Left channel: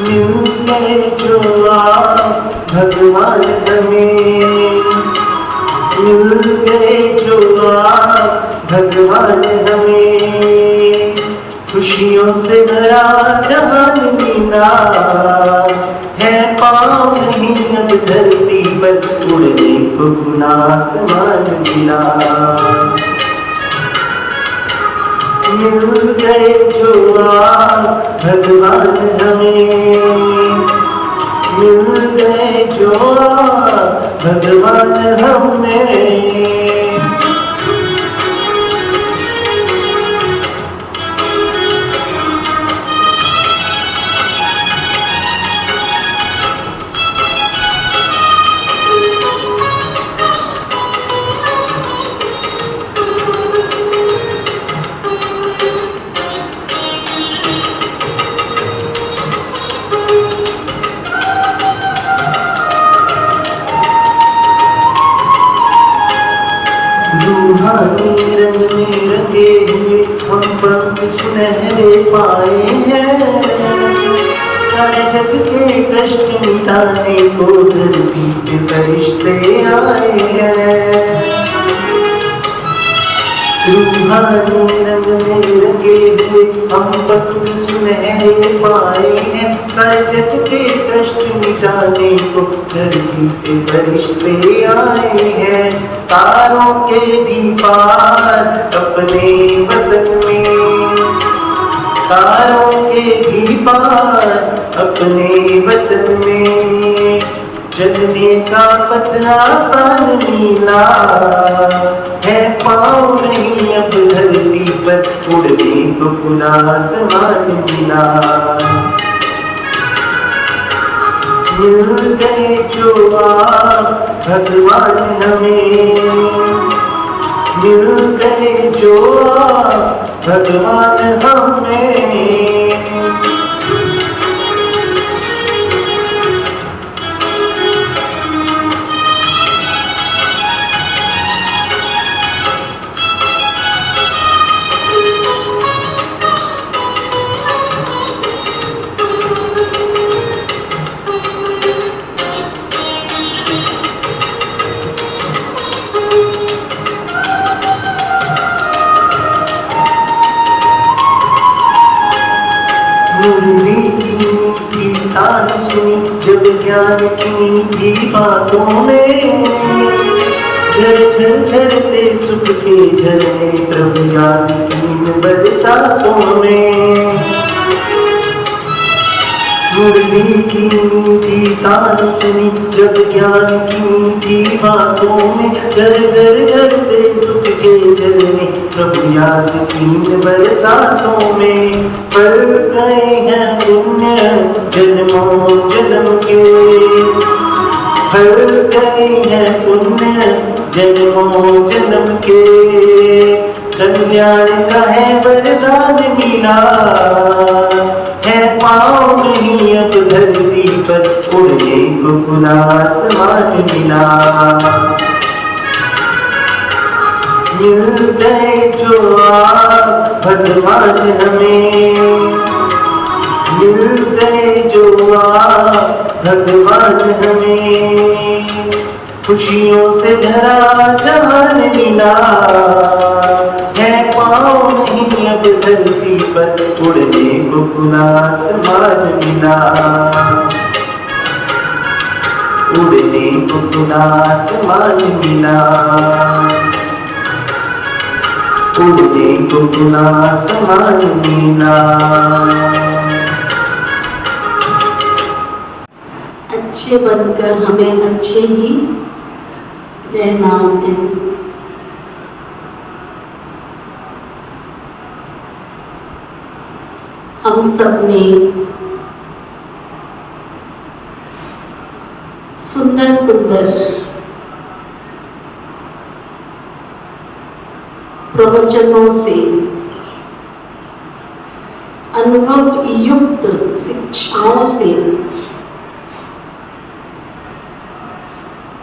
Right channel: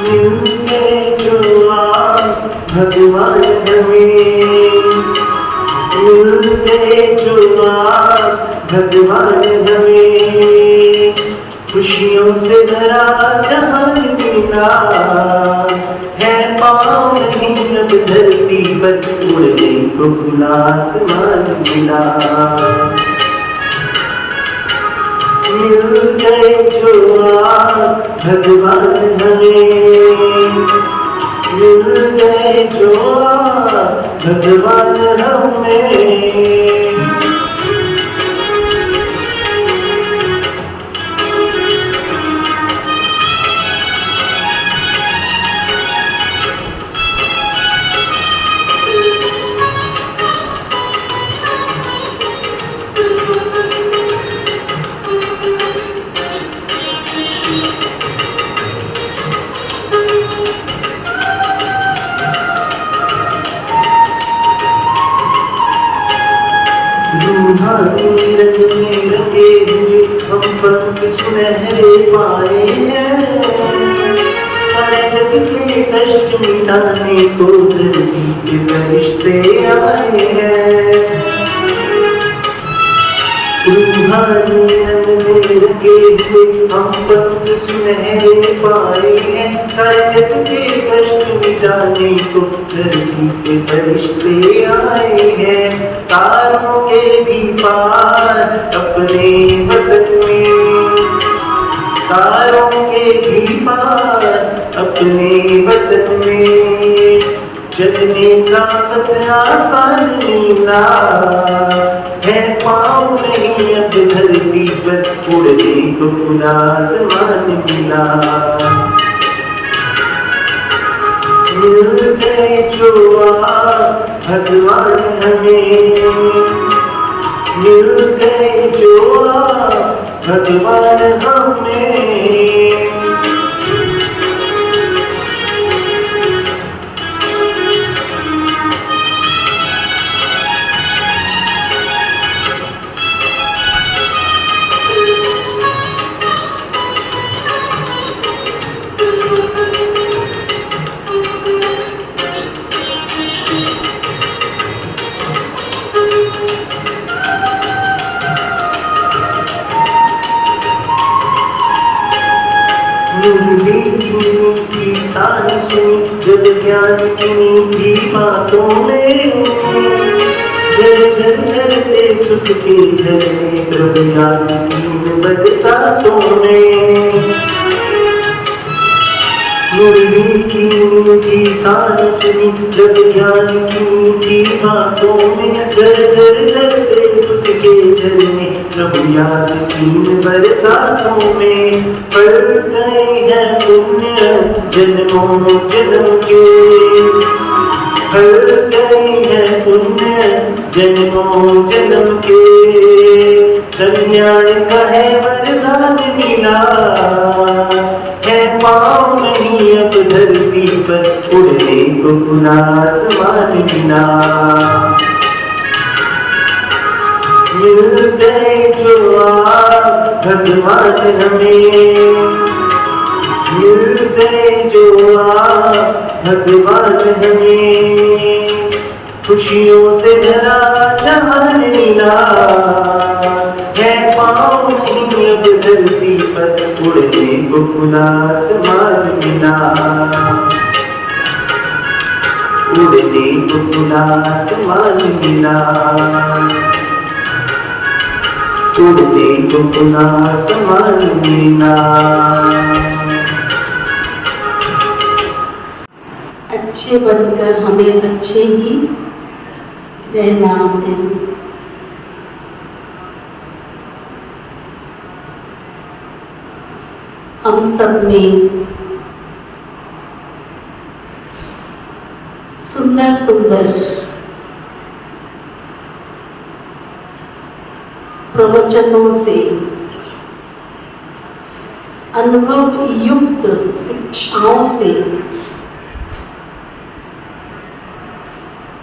मिल गए जो आप भगवान हमें, मिल गए जो आप भगवान हमें, खुशियों से भरा जहान मिला है, पाँव नहीं अब धरती पर उड़ने को खुला आसमान मिला। मिल गए जो आप भगवान हमें, मिल गए जो आप भगवान हमें। रूहानी रंग में रंगे हुए हम पंख सुनहरे पाए हैं, सारे जग के कष्ट मिटाने को धरती पे फरिश्ते आए हैं। रूहानी रंग में रंगे हुए हम पंख सुनहरे पाए हैं, सारे जग के कष्ट मिटाने को धरती पे फरिश्ते आए हैं। तारों के भी पार अपने वतन में, तारों के भी पार अपने वतन में, चलने का पथ आसान नीला है, पाँव नहीं अब धरती पर उड़ने को खुला आसमान मिला। मिल गए जो आप भगवान हमें, मिल गए जो आप भगवान हमें। मुरली की मीठी तान सुनी जब ज्ञान की मीठी बातों में, झर झर झरते सुख के झरने प्रभु ज्ञान की बरसातों में। मुरली की मीठी तान सुनी जब ज्ञान की मीठी बातों में, झर झर झरते सुख के झरने प्रभु याद की बरसातों में। पल गए हैं पुण्य जन्मों जन्म के, पल गए हैं पुण्य जन्मों जन्म के, कल्याण का है वरदान मिला है, पाँव नहीं अब धरती पर उड़ने को खुला आसमान मिला। मिल गए जो आप भगवान हमें, मिल गए जो आप भगवान हमें, खुशियों से भरा जहान मिला है, पाँव नहीं अब धरती पर उड़ने को खुला आसमान मिला। उड़ने को खुला आसमान मिला, उड़ने को खुला आसमान मिला। अच्छे बनकर हमें अच्छे ही रहना है। हम सब में सुंदर सुंदर प्रवचनों से अनुभव युक्त शिक्षाओं से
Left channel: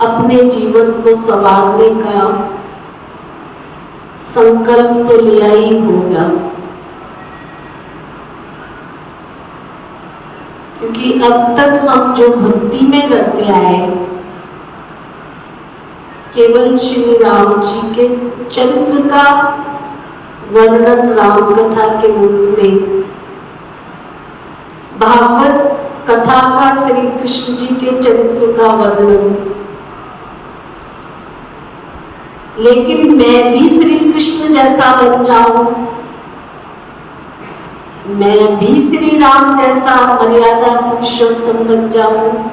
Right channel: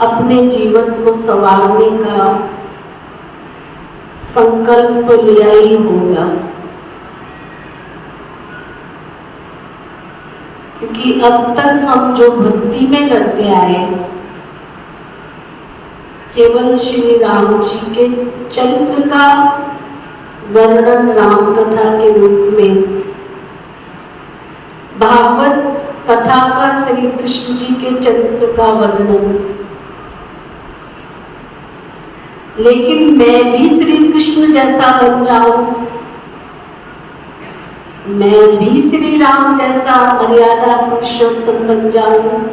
अपने जीवन को संवारने का संकल्प तो लिया ही होगा। क्योंकि अब तक हम जो भक्ति में करते आए, केवल श्री राम जी के चरित्र का वर्णन राम कथा के रूप में, भागवत कथा का श्री कृष्ण जी के चरित्र का वर्णन, लेकिन मैं भी श्री कृष्ण जैसा बन जाऊं, मैं भी श्री राम जैसा मर्यादा पुरुषोत्तम बन जाऊं,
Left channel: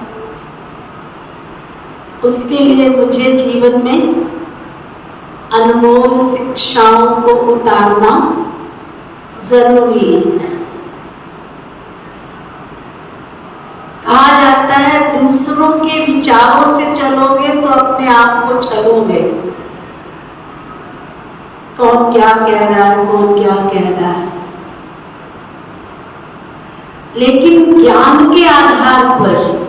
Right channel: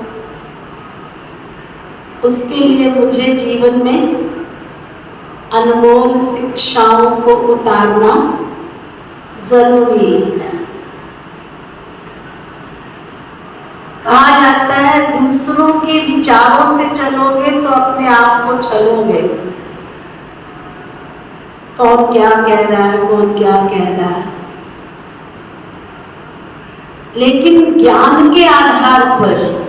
उसके लिए मुझे जीवन में अनमोल शिक्षाओं को उतारना जरूरी है। कहा जाता है दूसरों के विचारों से चलोगे तो अपने आप को छलोगे। कौन क्या कह रहा है, कौन क्या कह रहा है, लेकिन ज्ञान के आधार पर,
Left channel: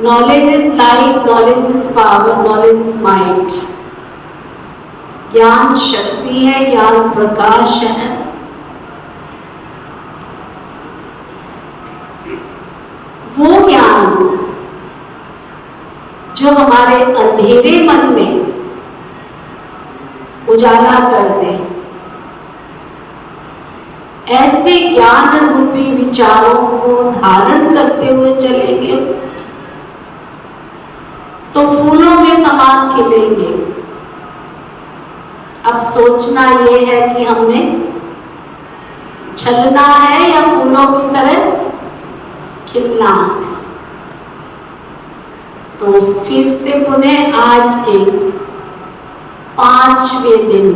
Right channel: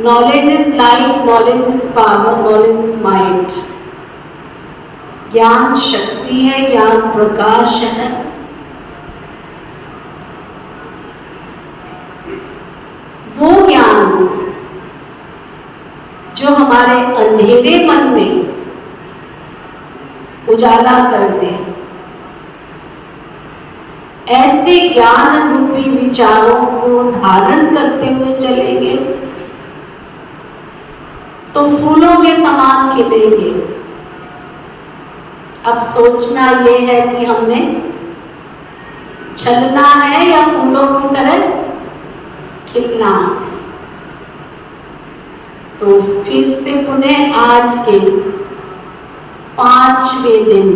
knowledge is light, knowledge is power, knowledge is mind, ज्ञान शक्ति है, ज्ञान प्रकाश है। वो ज्ञान जो हमारे अंधेरे मन में उजाला कर दे, ऐसे ज्ञान रूपी विचारों को धारण करते हुए चलेंगे तो फूलों के समान खिलेंगे। अब सोचना ये है कि हमने छलना है या फूलों की तरह खिलना है। तो फिर से पुनः आज के 5वें दिन,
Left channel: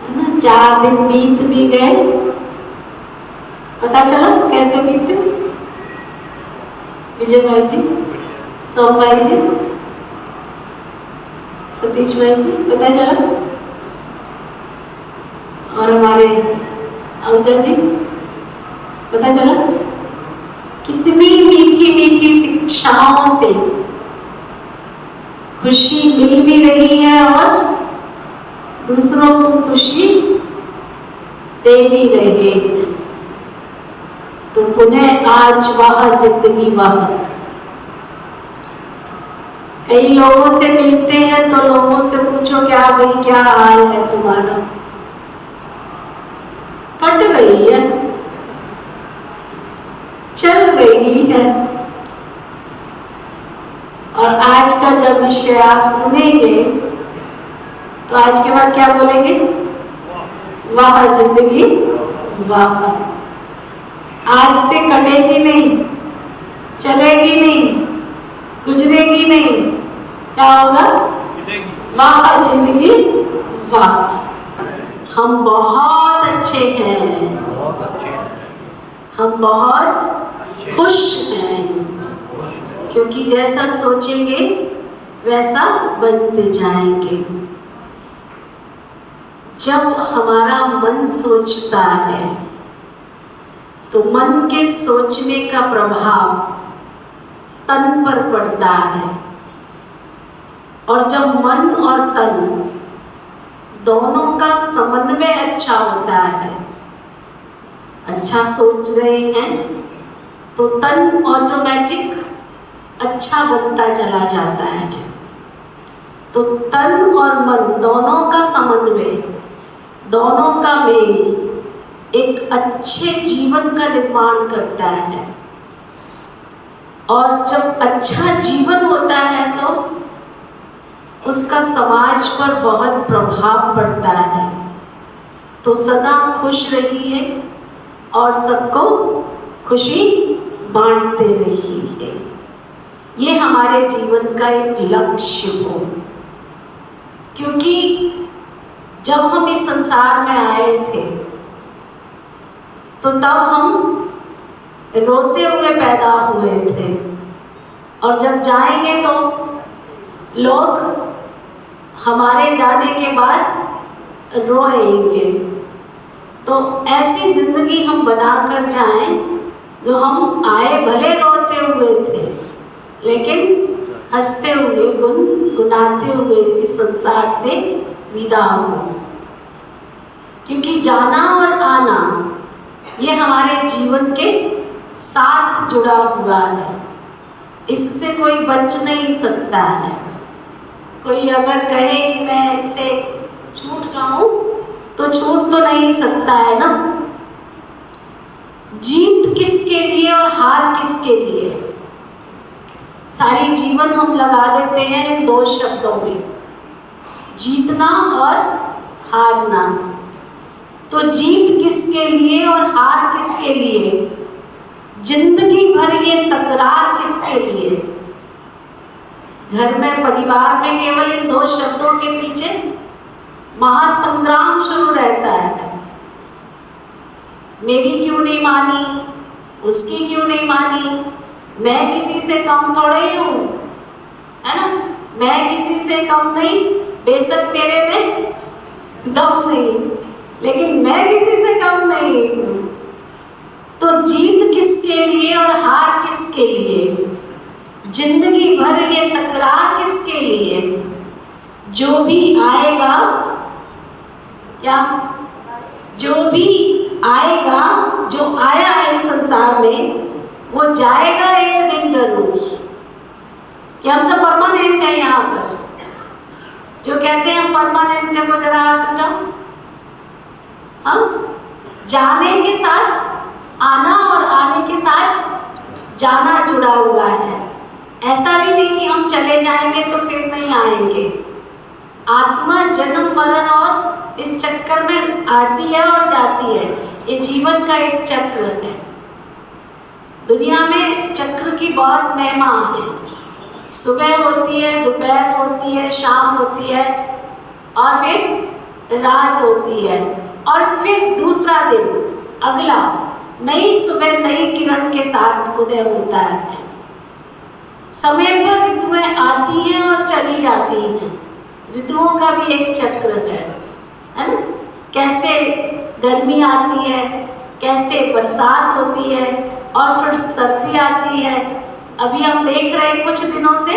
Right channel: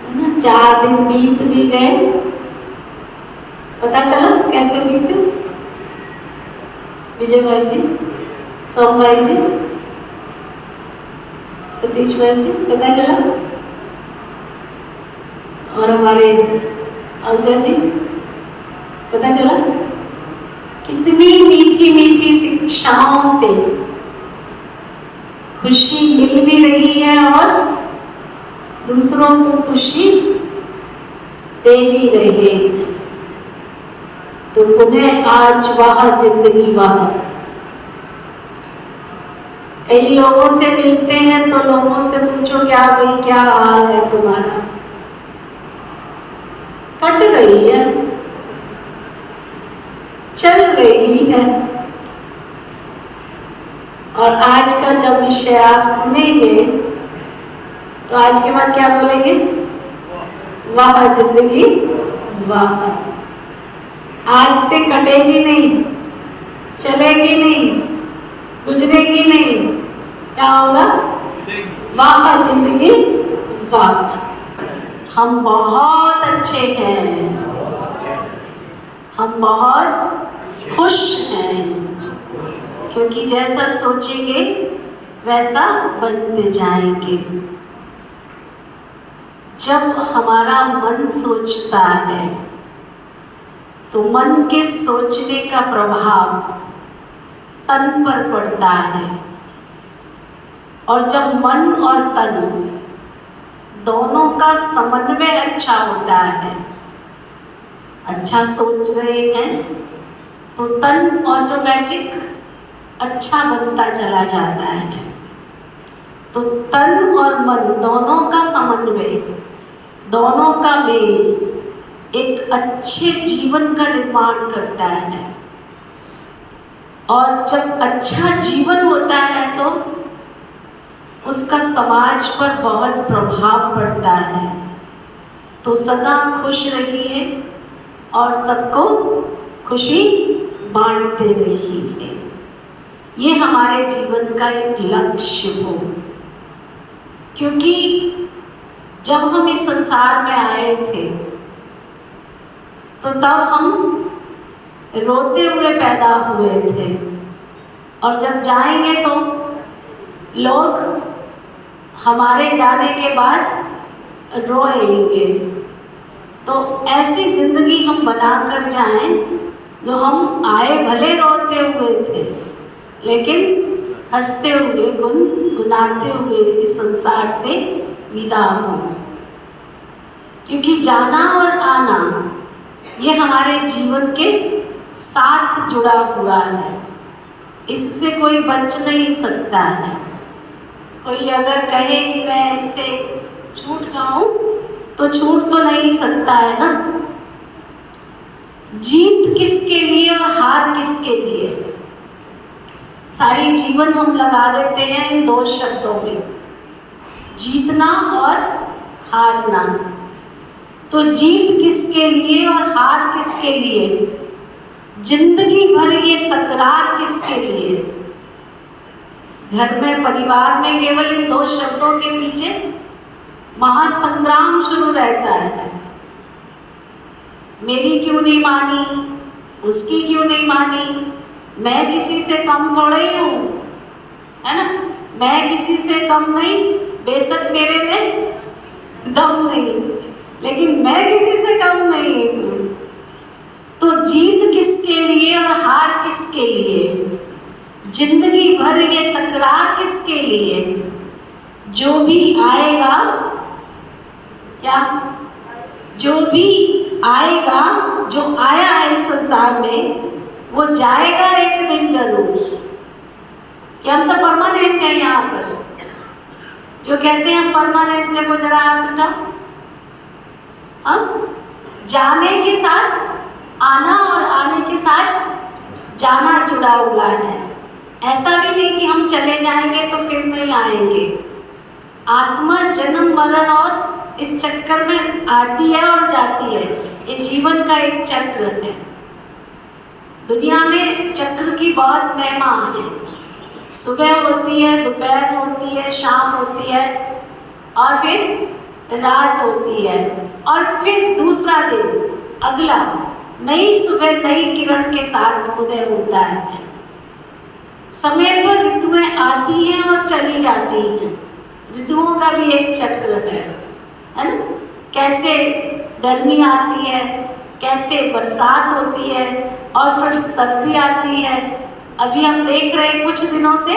है ना, 4 दिन बीत भी गए, पता चला कैसे बीते? विजय भाई जी, सोम भाई जी, सतीश भाई जी, पता चला? और हमारे अवजा जी, पता चला? कितनी मीठी मीठी शिक्षाओं से खुशी मिल भी रही है और दूसरों को खुशी दे भी रहे हैं। तो पुनः आज वह जिंदगी वह, कई लोगों से मिलते हैं तो लोगों से पूछो क्या भाई क्या हाल है तुम्हारा, कट रही है, चल रही है। और आज का जब विषय आप सुनेंगे तो आज के बाद क्या बोलेंगे? वाह जिंदगी वाह। आज से कटेगी नहीं, चलेगी नहीं, गुजरेगी नहीं, क्या होगा? वाह जिंदगी वाह। हम बहुत अच्छे हैं, हम बहुत खुश हैं, क्योंकि जैसा सोचेंगे वैसा बनते जाएंगे। जब हमारा मन सोचता है तो मन के सोचने का प्रभाव तन पर पड़ता है, और जब मन और तन दोनों का समन्वय अच्छा होता है, अच्छा सोच रहे हैं तो तन ऑटोमेटिक अच्छा बनता चला जाता है। तो तन और मन दोनों का समन्वय, दोनों का मेल एक अच्छे जीवन का निर्माण करता है। और जब अच्छा जीवन होता है तो उसका समाज पर बहुत प्रभाव पड़ता है। तो सदा खुश रहिए और सबको खुशी बांटते रहिए, ये हमारे जीवन का एक लक्ष्य हो। क्योंकि जब हम इस संसार में आए थे तो तब हम रोते हुए पैदा हुए थे, और जब जाएंगे तो लोग हमारे जाने के बाद रोएंगे। तो ऐसी जिंदगी हम बनाकर जाएं जो हम आए भले रोते हुए थे लेकिन हंसते हुए गुनगुनाते हुए इस संसार से विदा हो। क्योंकि जाना और आना ये हमारे जीवन के साथ जुड़ा हुआ है, इससे कोई बच नहीं सकता है। कोई अगर कहे कि मैं इससे छूट जाऊं तो छूट तो नहीं सकता है ना। जीत किसके लिए और हार किसके लिए? सारी जीवन हम लगा देते हैं इन दो शब्दों में, जीतना और हारना। तो जीत किसके लिए और हार किसके लिए? जिंदगी भर ये तकरार किसके लिए? घर में, परिवार में केवल इन दो शब्दों के पीछे महासंग्राम शुरू रहता है। मेरी क्यों नहीं मानी, उसकी क्यों नहीं मानी, मैं किसी से कम थोड़े ही हूँ, है ना। मैं किसी से कम नहीं, बेशक मेरे में दम नहीं, लेकिन मैं किसी से कम नहीं हूँ। तो जीत किसके लिए और हार किसके लिए? जिंदगी भर ये तकरार किसके लिए? जो भी आएगा, क्या जो भी आएगा, जो आया है संसार में, वो जाएगा एक दिन जरूर। क्या हम सब परमानेंट है यहाँ पर? जो कहते हैं हम परमानेंट है, वो जरा हाथ उठाओ। हम जाने के साथ आना और आने के साथ जाना जुड़ा हुआ है। ऐसा भी नहीं कि हम चले जाएंगे तो फिर नहीं आएंगे। आत्मा जन्म मरण और इस चक्कर में आती है और जाती है। ये जीवन का एक चक्र है। दुनिया में चक्र की बहुत महिमा है। सुबह होती है, दोपहर होती है, शाम होती है और फिर रात होती है, और फिर दूसरा दिन, अगला नई सुबह नई किरण के साथ उदय होता है। समय पर ऋतुएं आती हैं और चली जाती हैं। ऋतुओं का भी एक चक्र है ना। कैसे गर्मी आती है, कैसे बरसात होती है और फिर सर्दी आती है। अभी हम देख रहे हैं कुछ दिनों से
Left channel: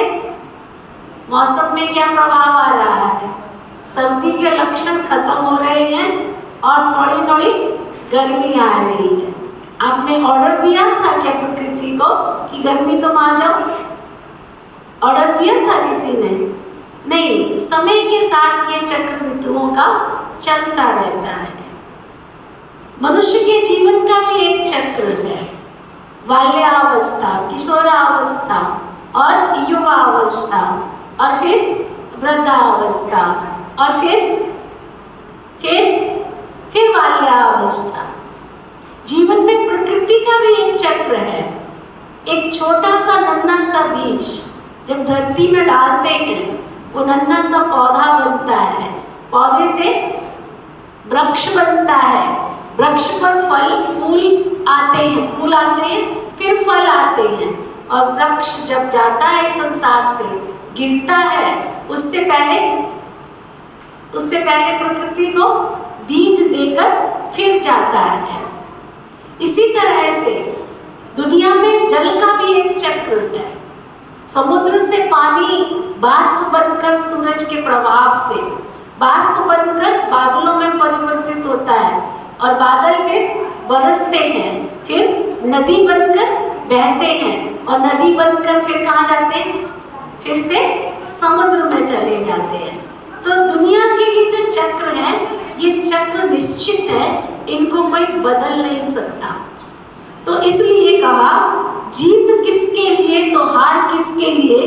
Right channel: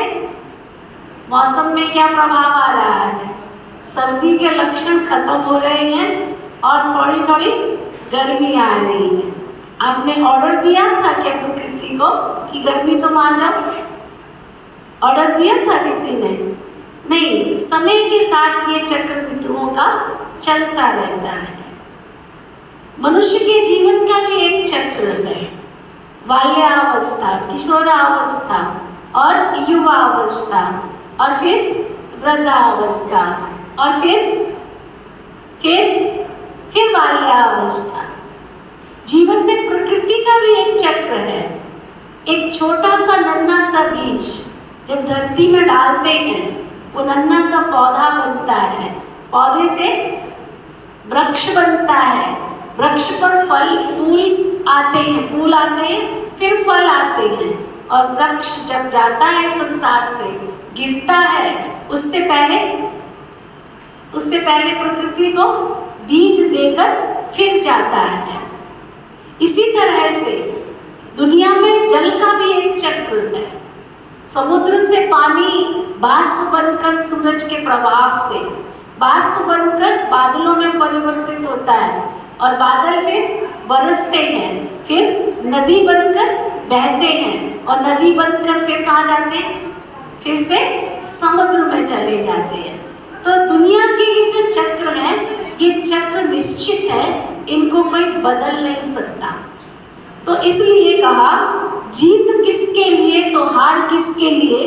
मौसम में क्या प्रभाव आ रहा है। सर्दी के लक्षण खत्म हो रहे हैं और थोड़ी थोड़ी गर्मी आ रही है। आपने ऑर्डर दिया था क्या प्रकृति को कि गर्मी तुम आ जाओ? ऑर्डर दिया था किसी ने? नहीं। समय के साथ ये चक्र ऋतुओं का चलता रहता है। मनुष्य के जीवन का भी एक चक्र है। बाल्यावस्था, किशोरावस्था और युवावस्था, और फिर वृद्धावस्था, और फिर बाल्यावस्था। जीवन में प्रकृति का भी एक चक्र है। एक छोटा सा नन्हा सा बीज जब धरती में डालते हैं, वो नन्हा सा पौधा बनता है, पौधे से वृक्ष बनता है, वृक्ष पर फल फूल आते हैं, फूल आते हैं, फिर फल आते हैं, और वृक्ष जब जाता है संसार से, गिरता है, उससे पहले प्रकृति को बीज देकर फिर जाता है। इसी तरह से दुनिया में जल का भी एक चक्र है। समुद्र से पानी बाष्प बनकर सूरज के प्रभाव से बाष्प बनकर बादलों में परिवर्तित होता है, और बादल फिर बरसते हैं, फिर नदी बनकर बहते हैं, और नदी बनकर फिर कहाँ जाते हैं? फिर से समुद्र में चले जाते हैं। तो दुनिया के ये जो चक्र हैं, ये चक्र निश्चित है, इनको कोई बदल नहीं सकता। तो इसलिए कहा, जीत किसके लिए तो हार किसके लिए?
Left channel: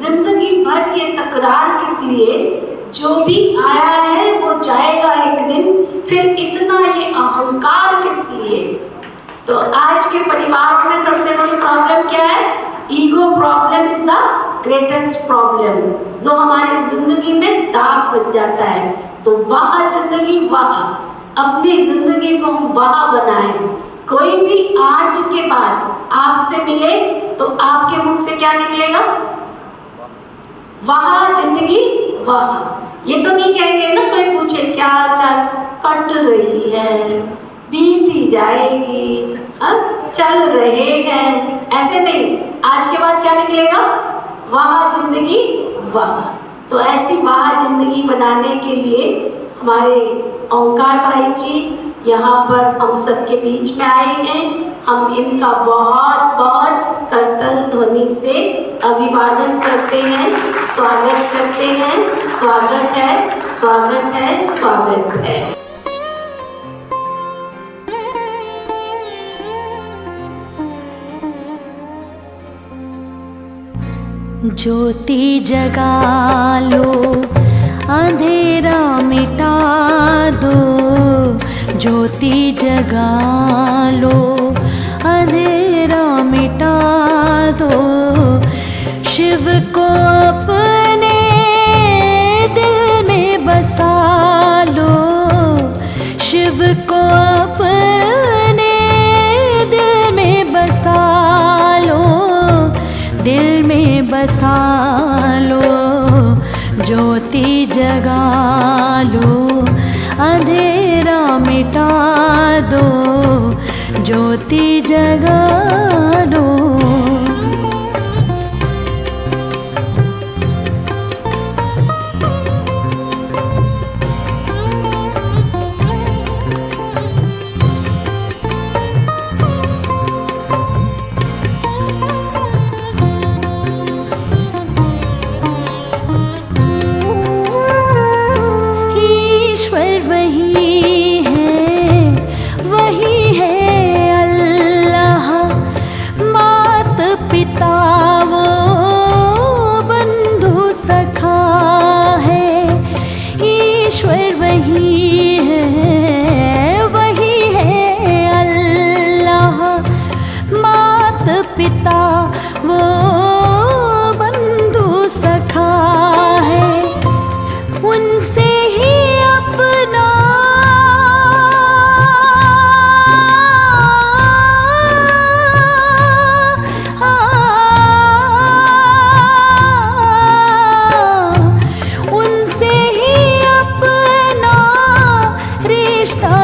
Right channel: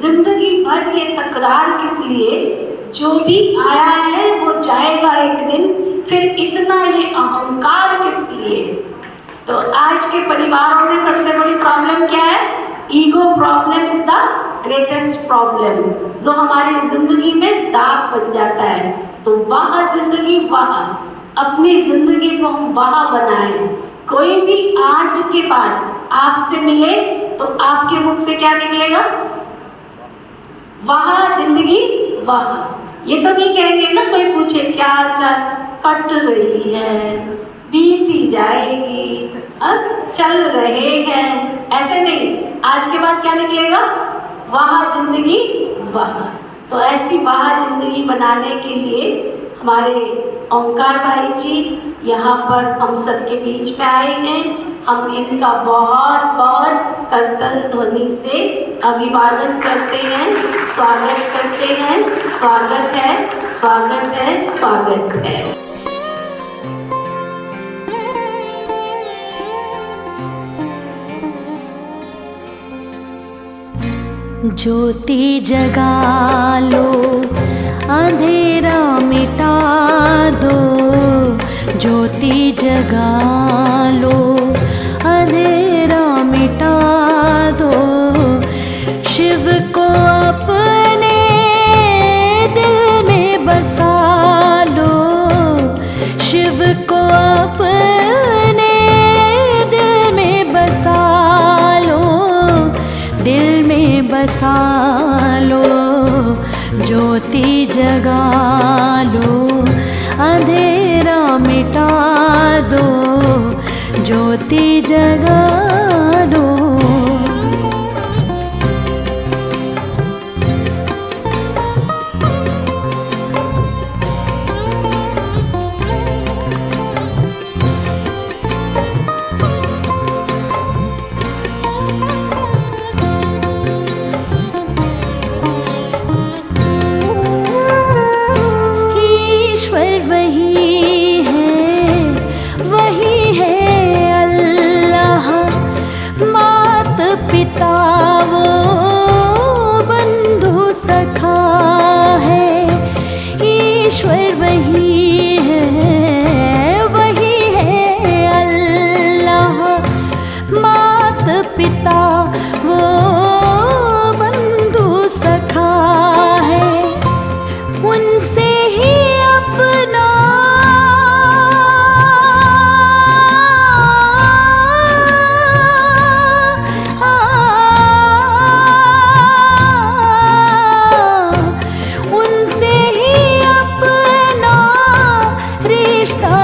जिंदगी भर ये तकरार किस लिए? जो भी आया है वो जाएगा एक दिन, फिर इतना ये अहंकार किस लिए? तो आज के परिवार में सबसे बड़ी प्रॉब्लम क्या है? Ego problem is the greatest problem, जो हमारी जिंदगी में दाग बन जाता है। तो वह जिंदगी, वह अपनी जिंदगी को हम वह बनाएं। कोई भी आज के बाद आपसे मिले तो आपके मुख से क्या निकलेगा? वह जिंदगी वह। ये तो नहीं कहेंगे ना, कोई पूछे क्या हाल चाल, कट रही है, बीती जाएगी, अब चल रहे हैं, ऐसे नहीं। आज के बाद क्या निकलेगा? वह जिंदगी वह। तो ऐसी वह जिंदगी बनाने के लिए हमारे ओंकार भाई जी यहाँ पर हम सबके बीच में आए हैं। हम इनका बहुत बहुत करतल ध्वनि से अभिवादन करते हैं, स्वागत करते हैं। स्वागत है, स्वागत है, स्वागत है। ज्योति जगा लो, अंधेरा मिटा दो। ज्योति जगा लो, अंधेरा मिटा दो। शिव को अपने दिल में बसा लो। शिव को अपने दिल में बसा लो। दिल में बसा लो। ज्योति जगा लो, अंधेरा मिटा दो। ज्योति जगा लो। पिता वो बंधु सखा है। ईश्वर वही है, वही है अल्लाह। मात पिता वो बंधु सखा है। उनसे ही अपना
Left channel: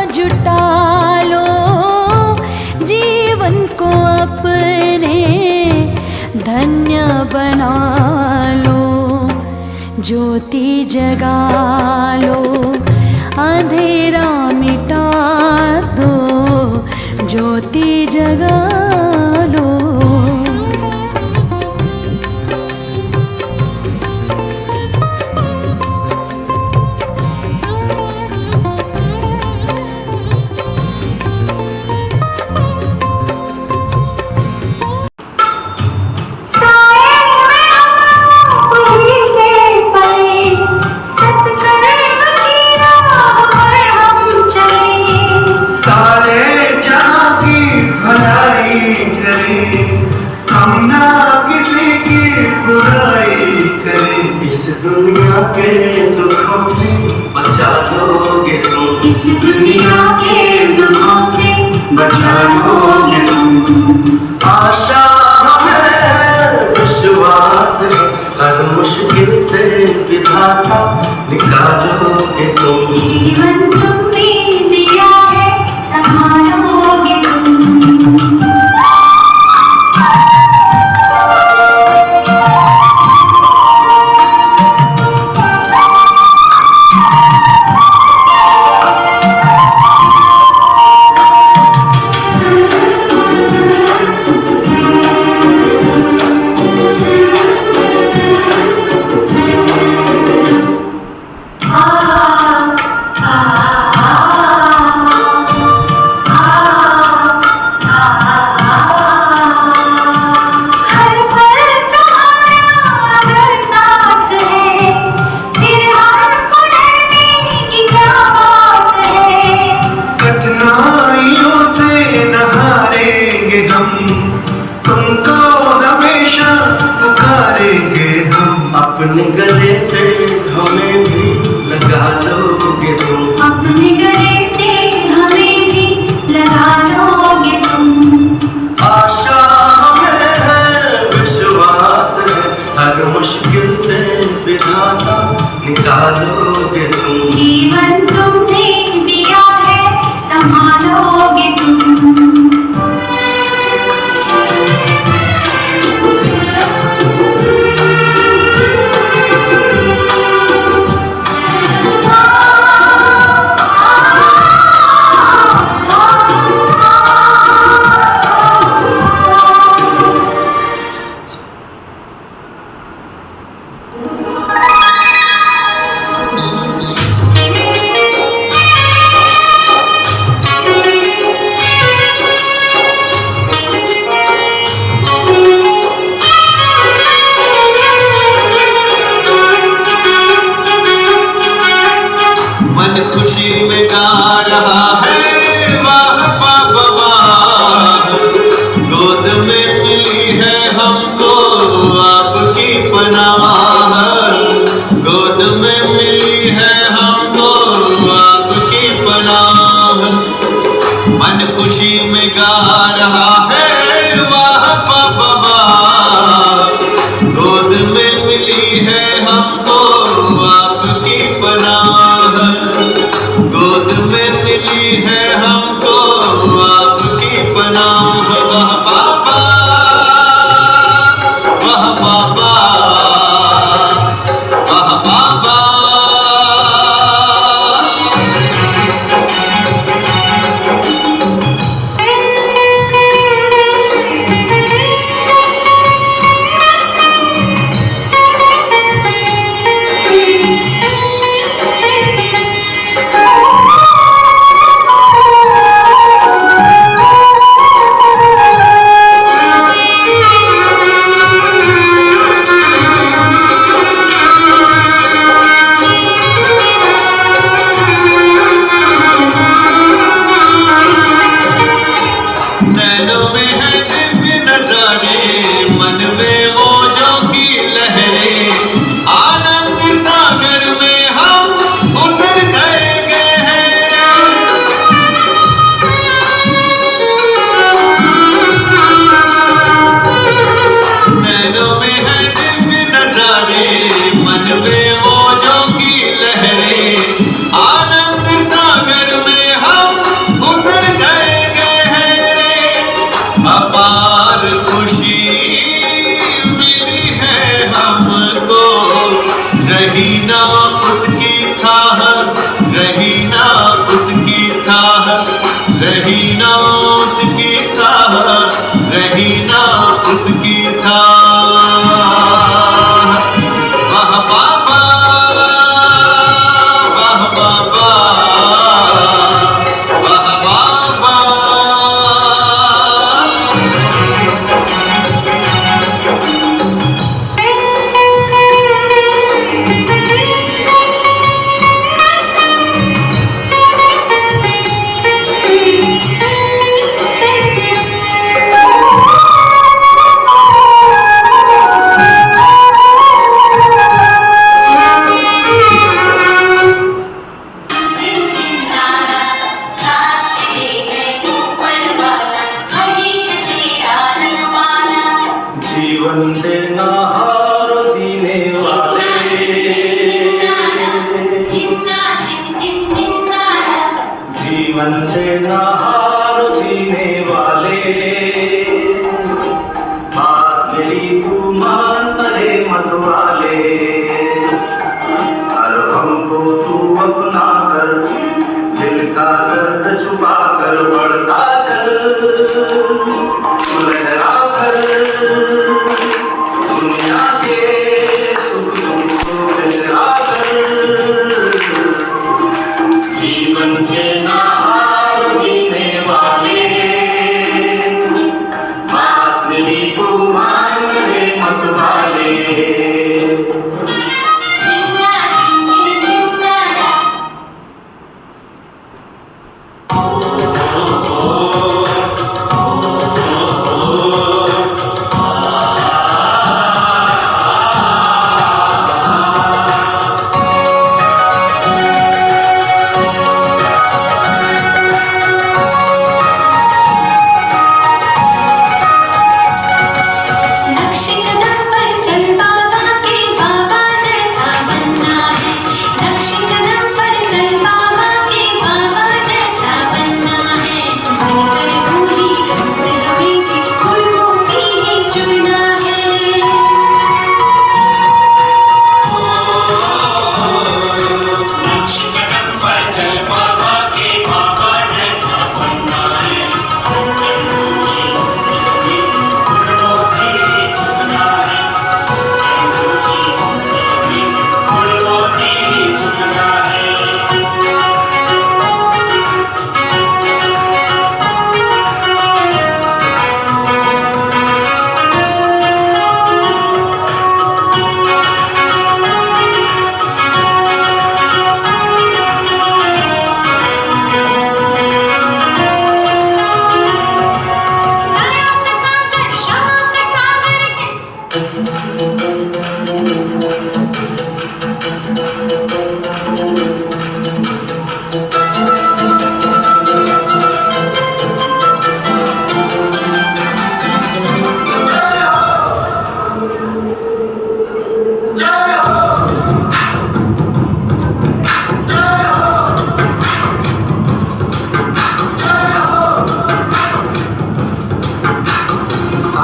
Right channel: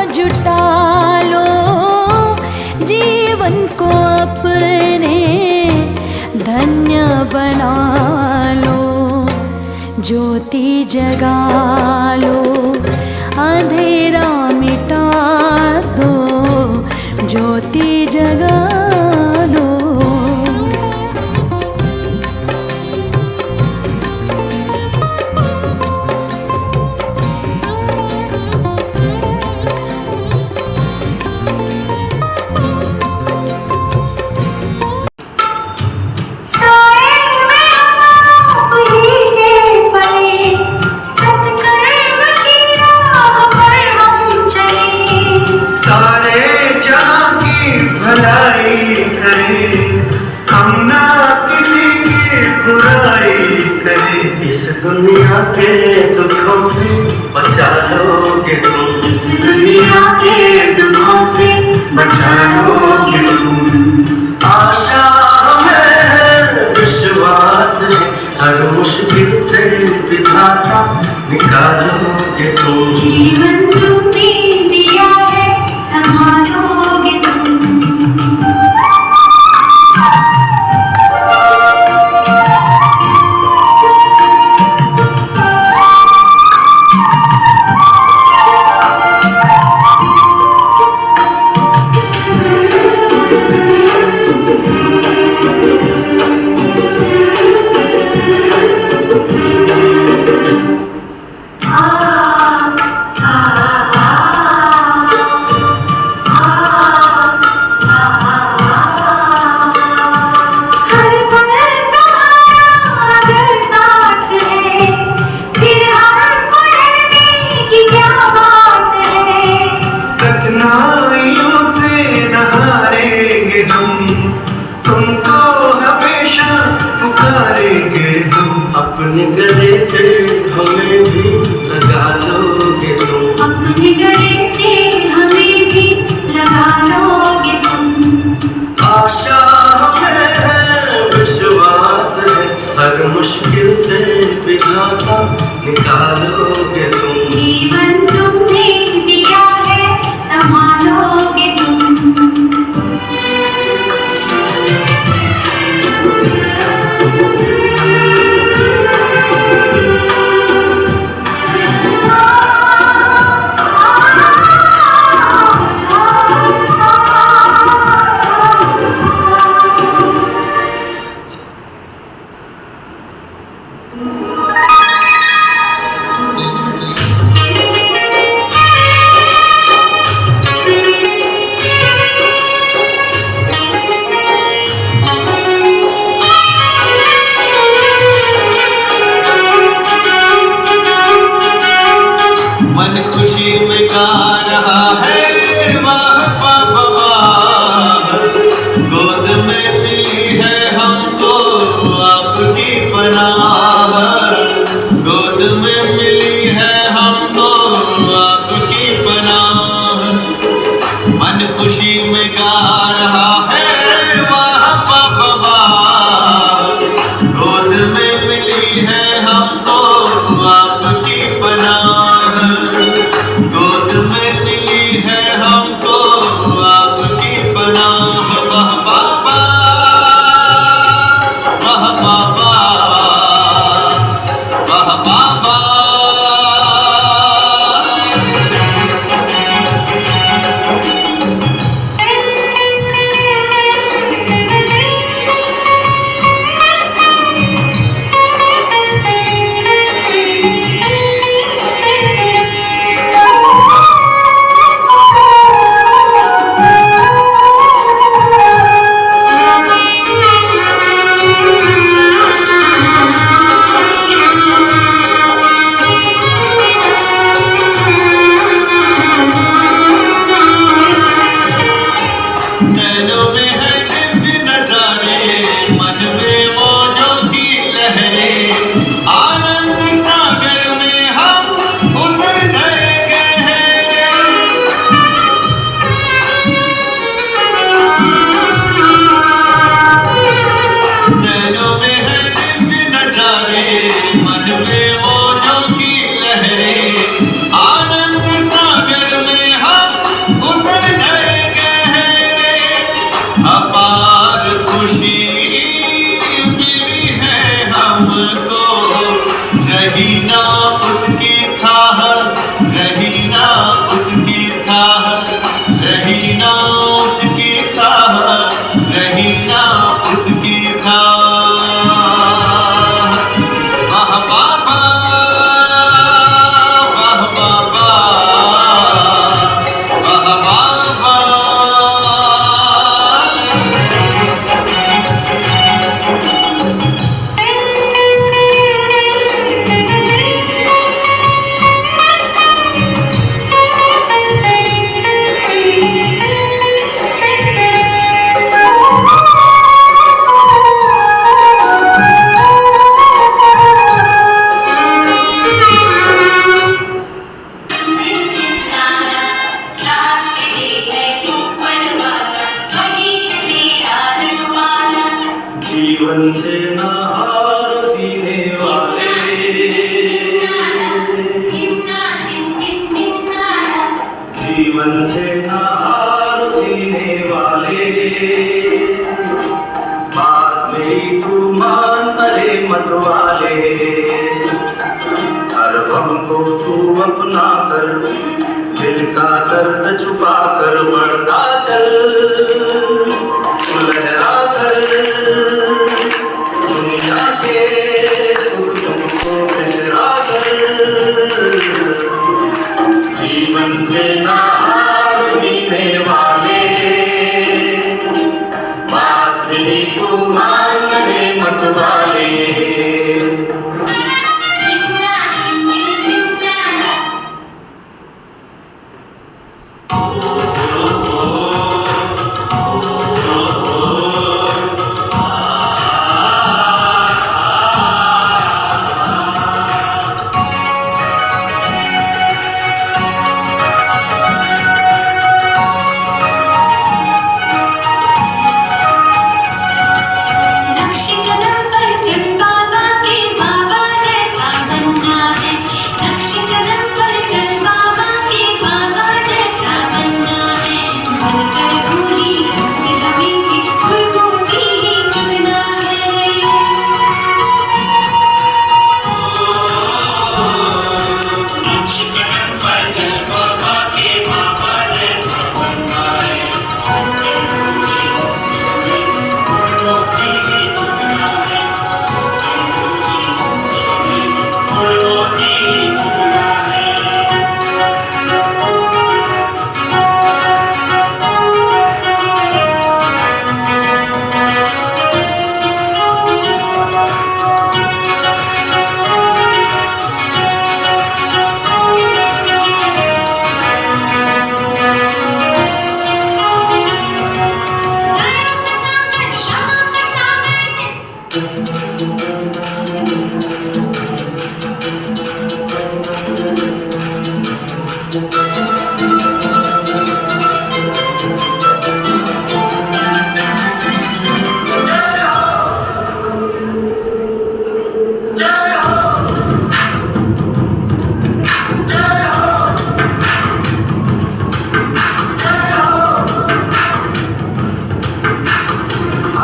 जुटा लो। जीवन को अपने धन्य बना लो। ज्योति जगा लो, अंधेरा मिटा दो। ज्योति जगा लो। दुनिया के दुखों से बचा लोगे तुम। इस दुनिया के दुखों से बचा लोगे तुम। आशा हमें विश्वास है, हर मुश्किल से विधाता निकालोगे तुम। जीवन तुमने दिया है, संभालोगे तुम। तुमको हमेशा पुकारेंगे हम। अपने गले से हमें भी लगा लोगे तुम। अपने गले से हमें भी लगा लोगे तुम। आशा हमें है, विश्वास है, हर मुश्किल से विधाता निकालोगे तुम। जीवन तुमने दिया है, संभालोगे तुम। कहा है वाह बाबा, गोद में मिली है हमको आपकी पनाह, गोद में मिली है हमको आपकी पनाह। वाह बाबा, वाह बाबा, वाह बाबा। नैनों में है दिव्य नजारे, मन में मौजों की लहरें, आनंद सागर में हम उतर गए हैं। नैनों में है दिव्य नजारे, मन में मौजों की लहरें, आनंद सागर में हम उतर गए हैं। अपार खुशी मिली है हमको, रही ना उसकी थाह, रही ना उसकी थाह, रही ना उसकी थाह, रही ना उसकी थाह। वाह बाबा, वाह बाबा, वाह बाबा। जीवन से ना हारो जीने वाले, जीवन से ना हारो जीने वाले, बात मेरी तू मान अरे मत वाले, हर हमको तू अपना कर, दिल का दर्द छुपा कर बढ़ता चल, लहरा कर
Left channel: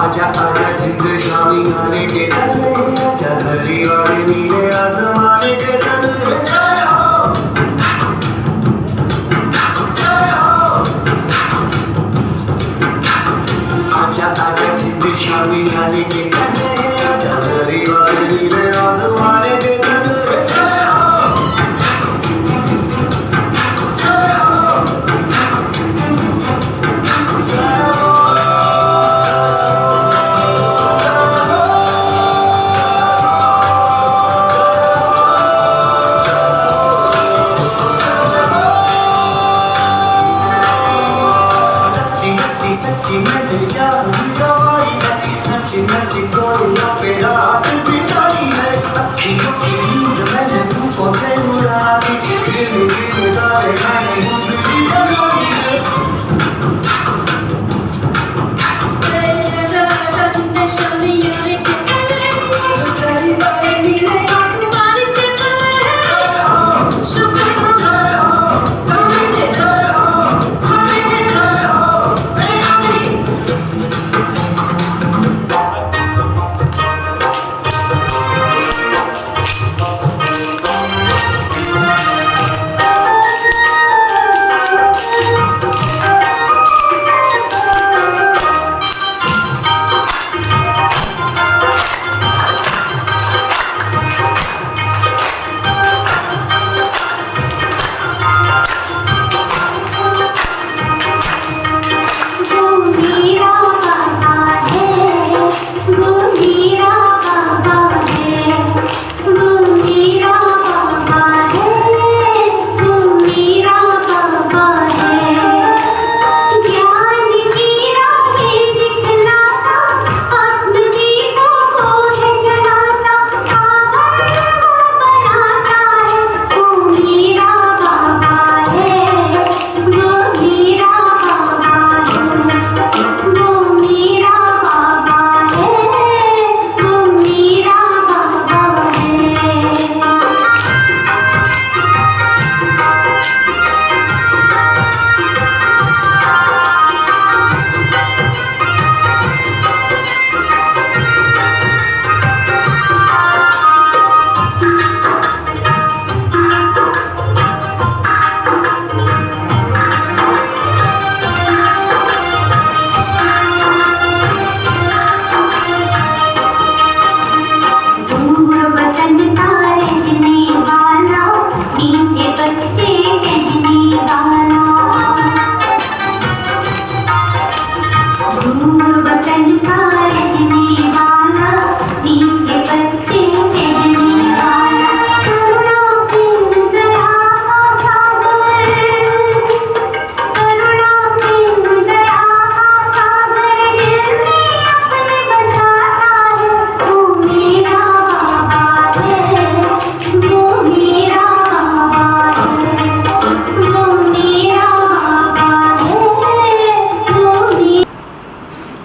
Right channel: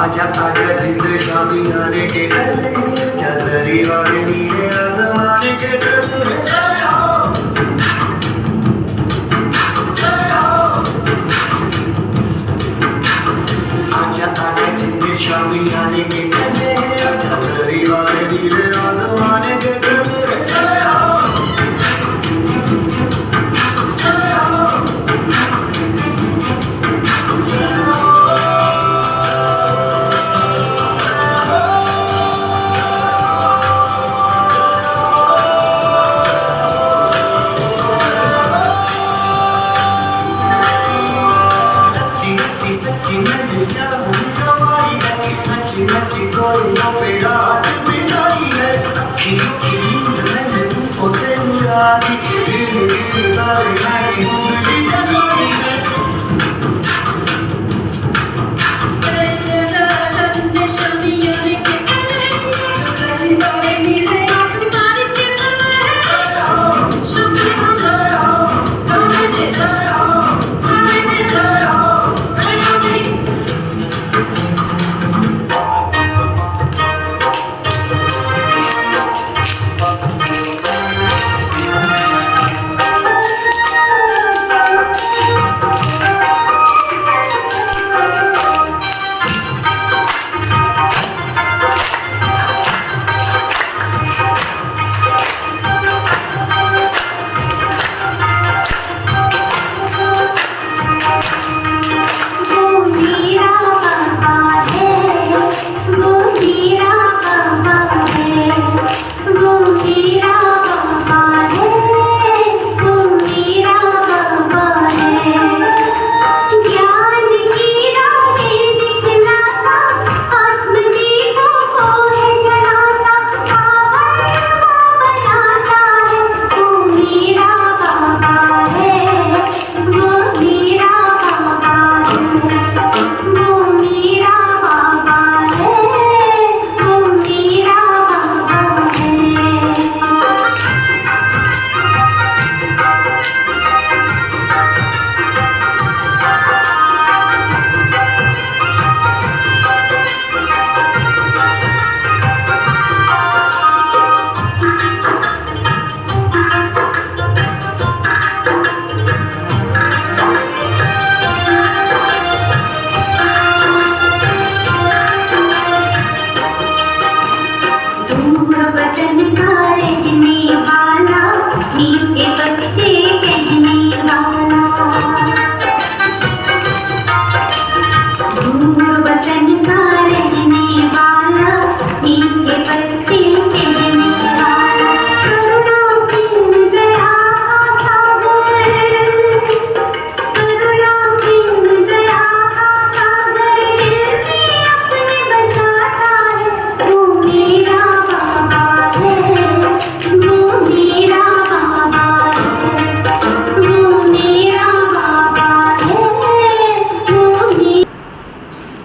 आजा आजा जिंद शामी आने के कल्ले आजा सजी वाले नीले आसमाने के कल्ले जय हो आजा आजा जिंद शामी आने के कल्ले आजा सजी वाले नीले आसमाने के कल्ले जय हो सच्ची में दिल जाऊं गवाई है नच्ची नच्ची गोरियों पे रात बिताई है अखियों की नींद मैंने तुमको से उड़ा दी धीरे धीरे तारे मैंने उंगली जगाई है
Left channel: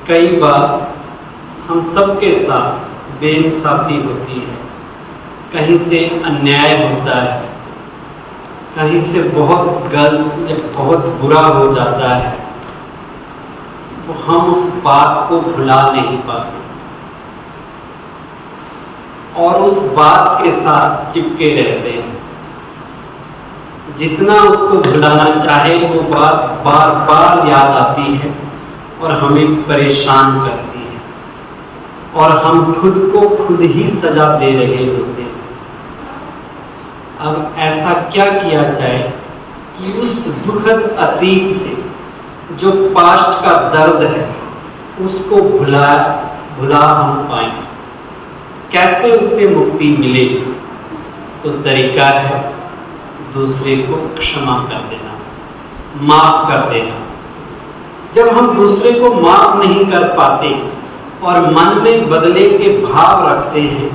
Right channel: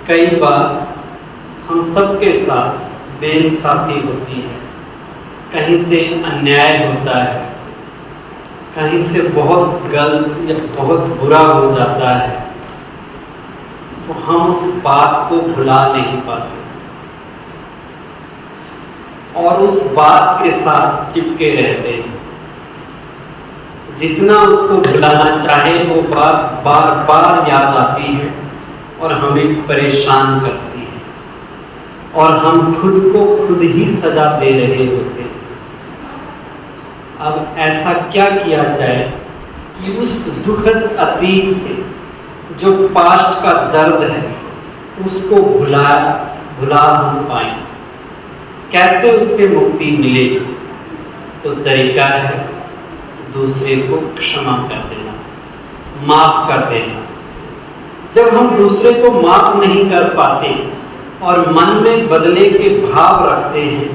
कई बार हम सबके साथ बेइंसाफी होती है, कहीं से अन्याय होता है, कहीं से बहुत गलत या बहुत बुरा हो जाता है, तो हम उस बात को भुला नहीं पाते और उस बात के साथ चिपके रहते हैं। जितना उसको भुलाना चाहे वो बात बार बार याद आती है और हमें परेशान करती है और हम खुद को खुद ही सजा दे रहे होते हैं। अब ऐसा क्या किया जाए कि उस दुखद अतीत से जो पास्ट का दर्द है उसको भुला हम पाएं। कैसे उससे मुक्ति मिले? तो तरीका है दूसरे को क्षमा कर देना, माफ कर देना। जब हम दूसरे को माफ नहीं कर पाते और मन में बदले के भाव रखते हैं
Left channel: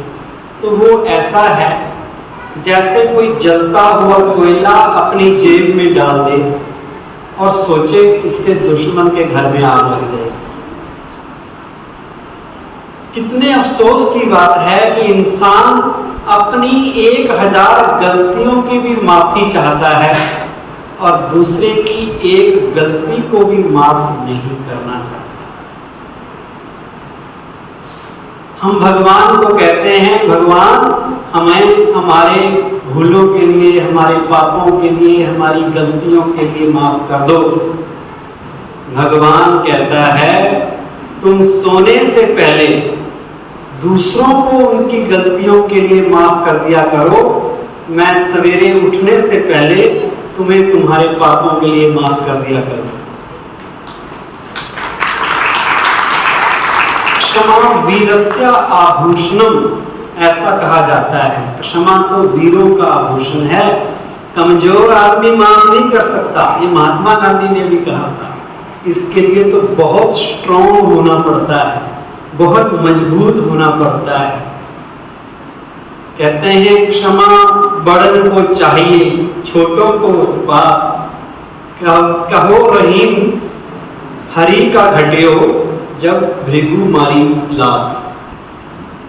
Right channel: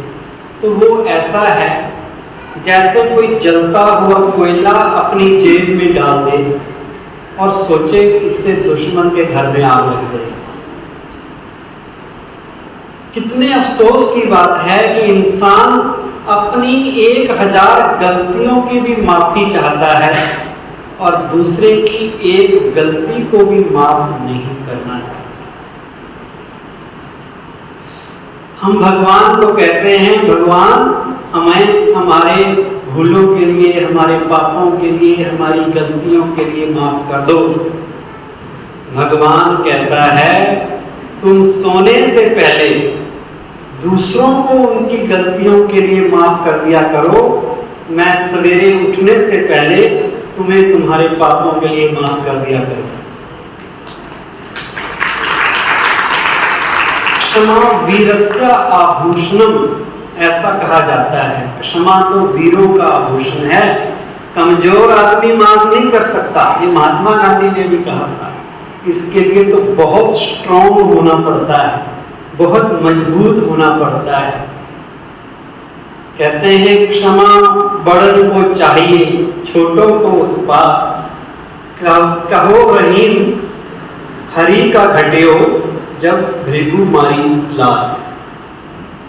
तो वो ऐसा है जैसे कोई जलता हुआ कोयला अपनी जेब में डाल दे और सोचे इससे दुश्मन के घर में आग लग जाए। कितने अफसोस की बात है कि इंसान अपनी 1000 गलतियों की भी माफी चाहता है और दूसरे की एक गलती को भी माफ नहीं करना चाहता। हम भगवान को कहते हैं, भगवान हमें हमारे भूलों के लिए, हमारे पापों के लिए, हमारी गलतियों के लिए माफ कर दो। भगवान कहता है तुम सोने से पहले दूसरों को उनकी गलतियों के लिए माफ कर दिया करो, मैं सवेरे उठने से पहले तुम्हें तुम्हारे पापों के लिए माफ कर दिया करो। क्षमा वीरस्य आभूषणम, ऐसा कहा जाता है। क्षमा तो वीरों का आभूषण है, कमजोर आदमी माफ नहीं कर सकता। ये महात्मा गांधी ने भी कहा था। इसके लिए तो बहुत स्ट्रॉन्ग होना पड़ता है, बहुत मजबूत होना पड़ता है। कहते हैं क्षमा बड़न को चाहिए, छोटों को उत्पात। कहो रहीम हरि का घटियो, जब भृगु मारी लात।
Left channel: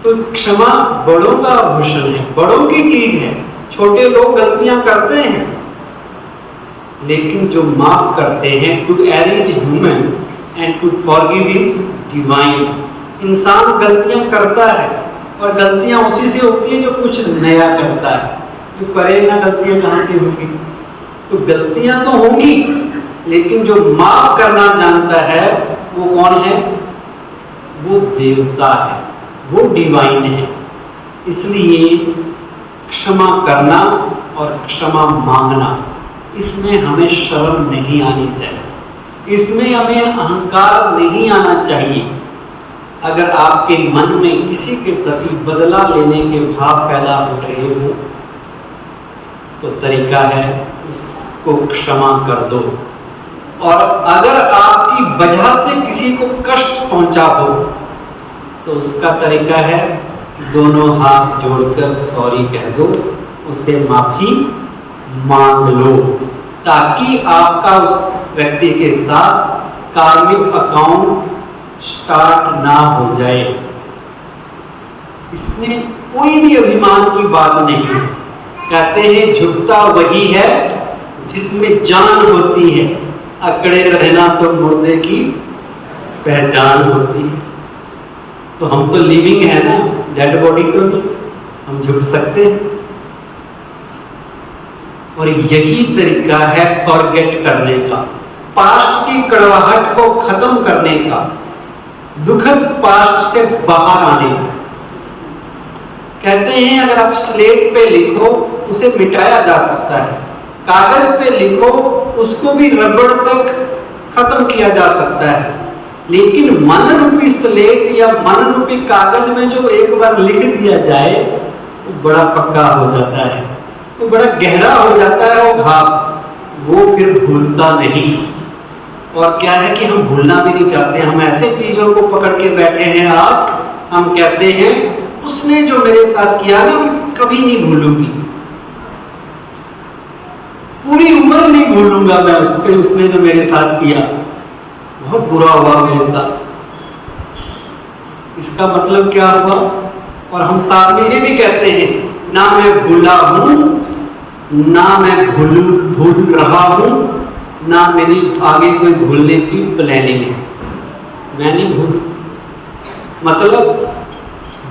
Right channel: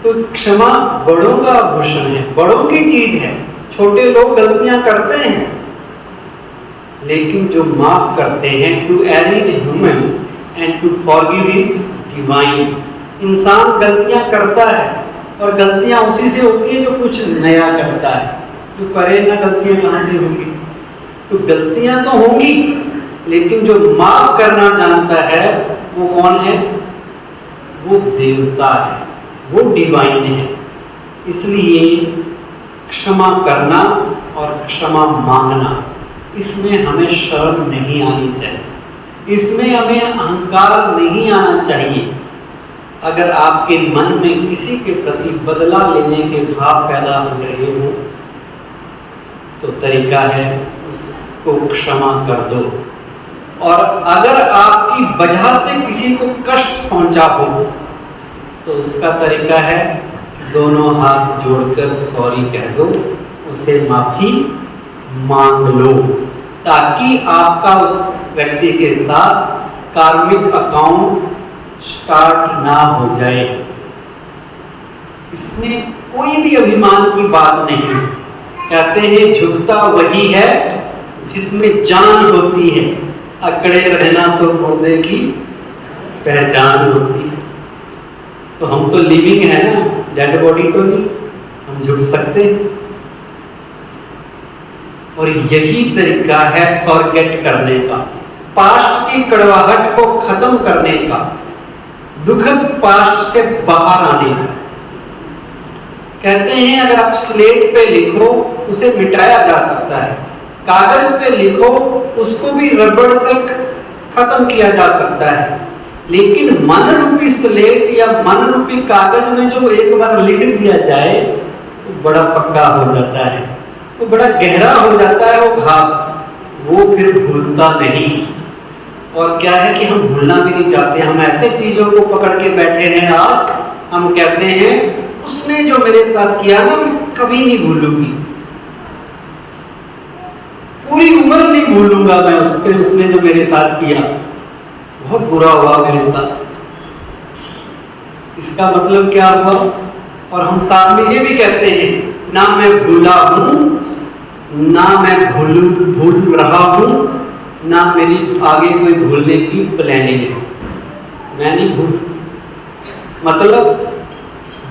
तो क्षमा बड़ों का आभूषण है, बड़ों की चीज है। छोटे लोग गलतियां करते हैं, लेकिन जो माफ करते हैं, to error is human and to forgive is divine. इंसान गलतियां करता है और गलतियां उसी से होती है जो कुछ नया करता है। जो करेगा गलतियां कहाँ से होंगी? तो गलतियां तो होंगी, लेकिन जो माफ करना जानता है वो कौन है? वो देवता है, वो डिवाइन है। इसलिए क्षमा करना और क्षमा मांगना, इसमें हमें शर्म नहीं आनी चाहिए, इसमें हमें अहंकार नहीं आना चाहिए। अगर आपके मन में किसी के प्रति बदला लेने के भाव पैदा हो रहे हो, तो तरीका है उसको क्षमा कर दो। और अगर आपकी वजह से किसी को कष्ट पहुंचा हो, तो उसका तरीका है दोनों हाथ जोड़कर सॉरी कह दो, उससे माफी मांग लो, ताकि आपका उस व्यक्ति के साथ कार्मिक अकाउंट स्टार्ट ना हो जाए। इसमें कोई भी अभिमान की बात नहीं है। कहते हैं झुकता वही है जिसमें जान होती है, अकड़े रहना तो मुर्दे की पहचान होती है। तो हम तो लिविंग है ना, डेड बॉडी तो नहीं, हम झुक सकते हैं। और यही तरीका है फॉरगेट करने का, पास्ट की कड़वाहट को खत्म करने का, दुखद पास्ट से बाहर आने का। कहते हैं अगर आप स्लेट पे लिखो उसे मिटाया जा सकता है, कागज पे लिखो उसको भी रबड़ से खत्म किया जा सकता है, लेकिन मन रूपी स्लेट या मन रूपी कागज में जो एक बार लिख दिया जाए वो बड़ा पक्का हो जाता है, वो बड़ा गहरा हो जाता है वो घाव, वो फिर भूलता नहीं। और क्या है कि हम भूलना भी नहीं चाहते, हम ऐसे चीजों को पकड़ के बैठे हैं। आज हम कहते हैं उसने जो मेरे साथ किया ना मैं कभी नहीं भूलूंगी, पूरी उम्र नहीं भूलूंगा मैं उसने जो मेरे साथ किया, बहुत बुरा हुआ मेरे साथ। इसका मतलब क्या हुआ? और हम साथ में ये भी कहते हैं ना मैं भूला हूं, ना मैं भूल रहा हूं, ना मेरी आगे कोई भूलने की प्लानिंग है, मैं नहीं भूल। मतलब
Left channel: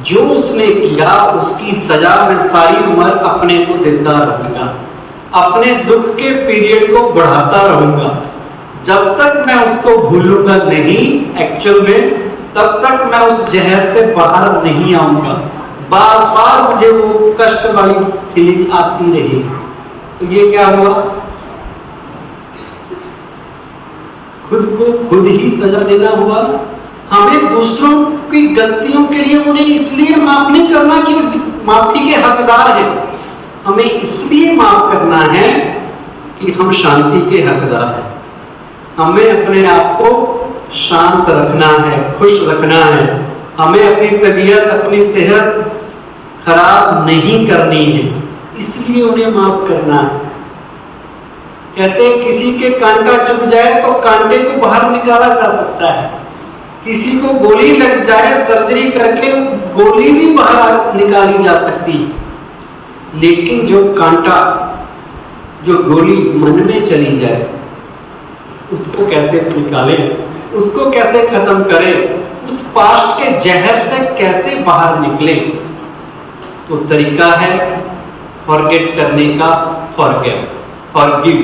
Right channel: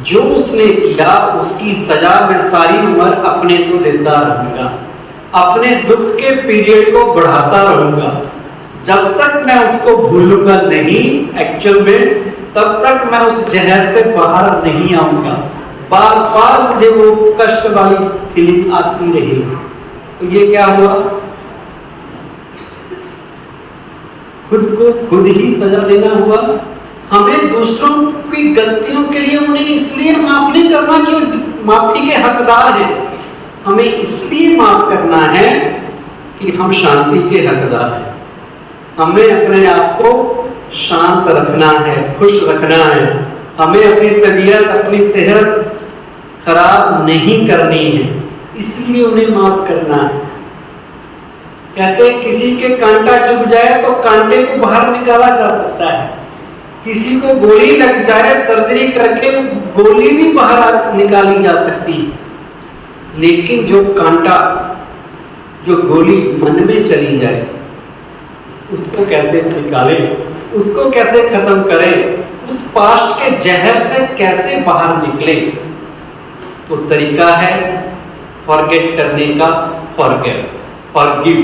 जो उसने किया उसकी सजा मैं सारी उम्र अपने को देता रहूंगा, अपने दुख के पीरियड को बढ़ाता रहूंगा, जब तक मैं उसको भूलूंगा नहीं एक्चुअल में, तब तक मैं उस जहर से बाहर नहीं आऊंगा। बार बार मुझे वो कष्ट वाली फीलिंग आती रहेगी। तो ये क्या हुआ? खुद को खुद ही सजा देना हुआ। हमें दूसरों की गलतियों के लिए उन्हें इसलिए माफ नहीं करना कि माफी के हकदार हैं, हमें इसलिए माफ करना है कि हम शांति के हकदार हैं। हमें अपने आप को शांत रखना है, खुश रखना है, हमें अपनी तबीयत अपनी सेहत खराब नहीं करनी है, इसलिए उन्हें माफ करना है। कहते हैं किसी के कांटा चुभ जाए तो कांटे को बाहर निकाला जा सकता है, किसी को गोली लग जाए सर्जरी करके गोली भी बाहर निकाली जा सकती है, लेकिन जो कांटा जो गोली मन में चली जाए उसको कैसे निकालें, उसको कैसे खत्म करें? उस पास्ट के जहर से कैसे बाहर निकले, तो तरीका है फॉरगेट करने का, फॉरगिव।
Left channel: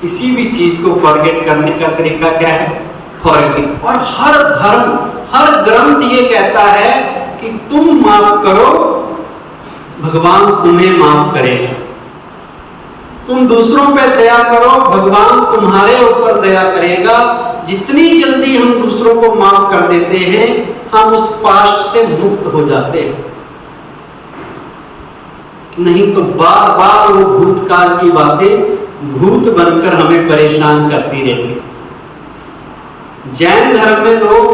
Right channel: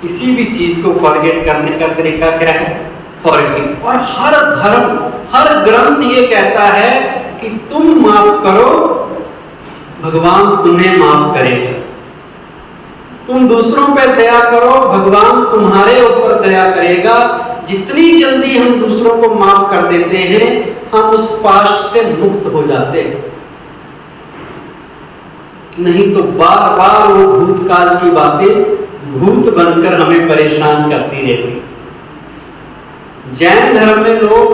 किसी भी चीज को फॉरगेट करने का तरीका क्या है? फॉरगिव। और हर धर्म, हर ग्रंथ ये कहता है कि तुम माफ करो, भगवान तुम्हें माफ करेगा। तुम दूसरों पे दया करो, भगवान तुम्हारे ऊपर दया करेगा। जितनी जल्दी हम दूसरों को माफ कर देते हैं, हम उस पास्ट से मुक्त हो जाते हैं। नहीं तो बार बार वो भूतकाल की बातें भूत बनकर हमें परेशान करती रहती। जैन धर्म में लोग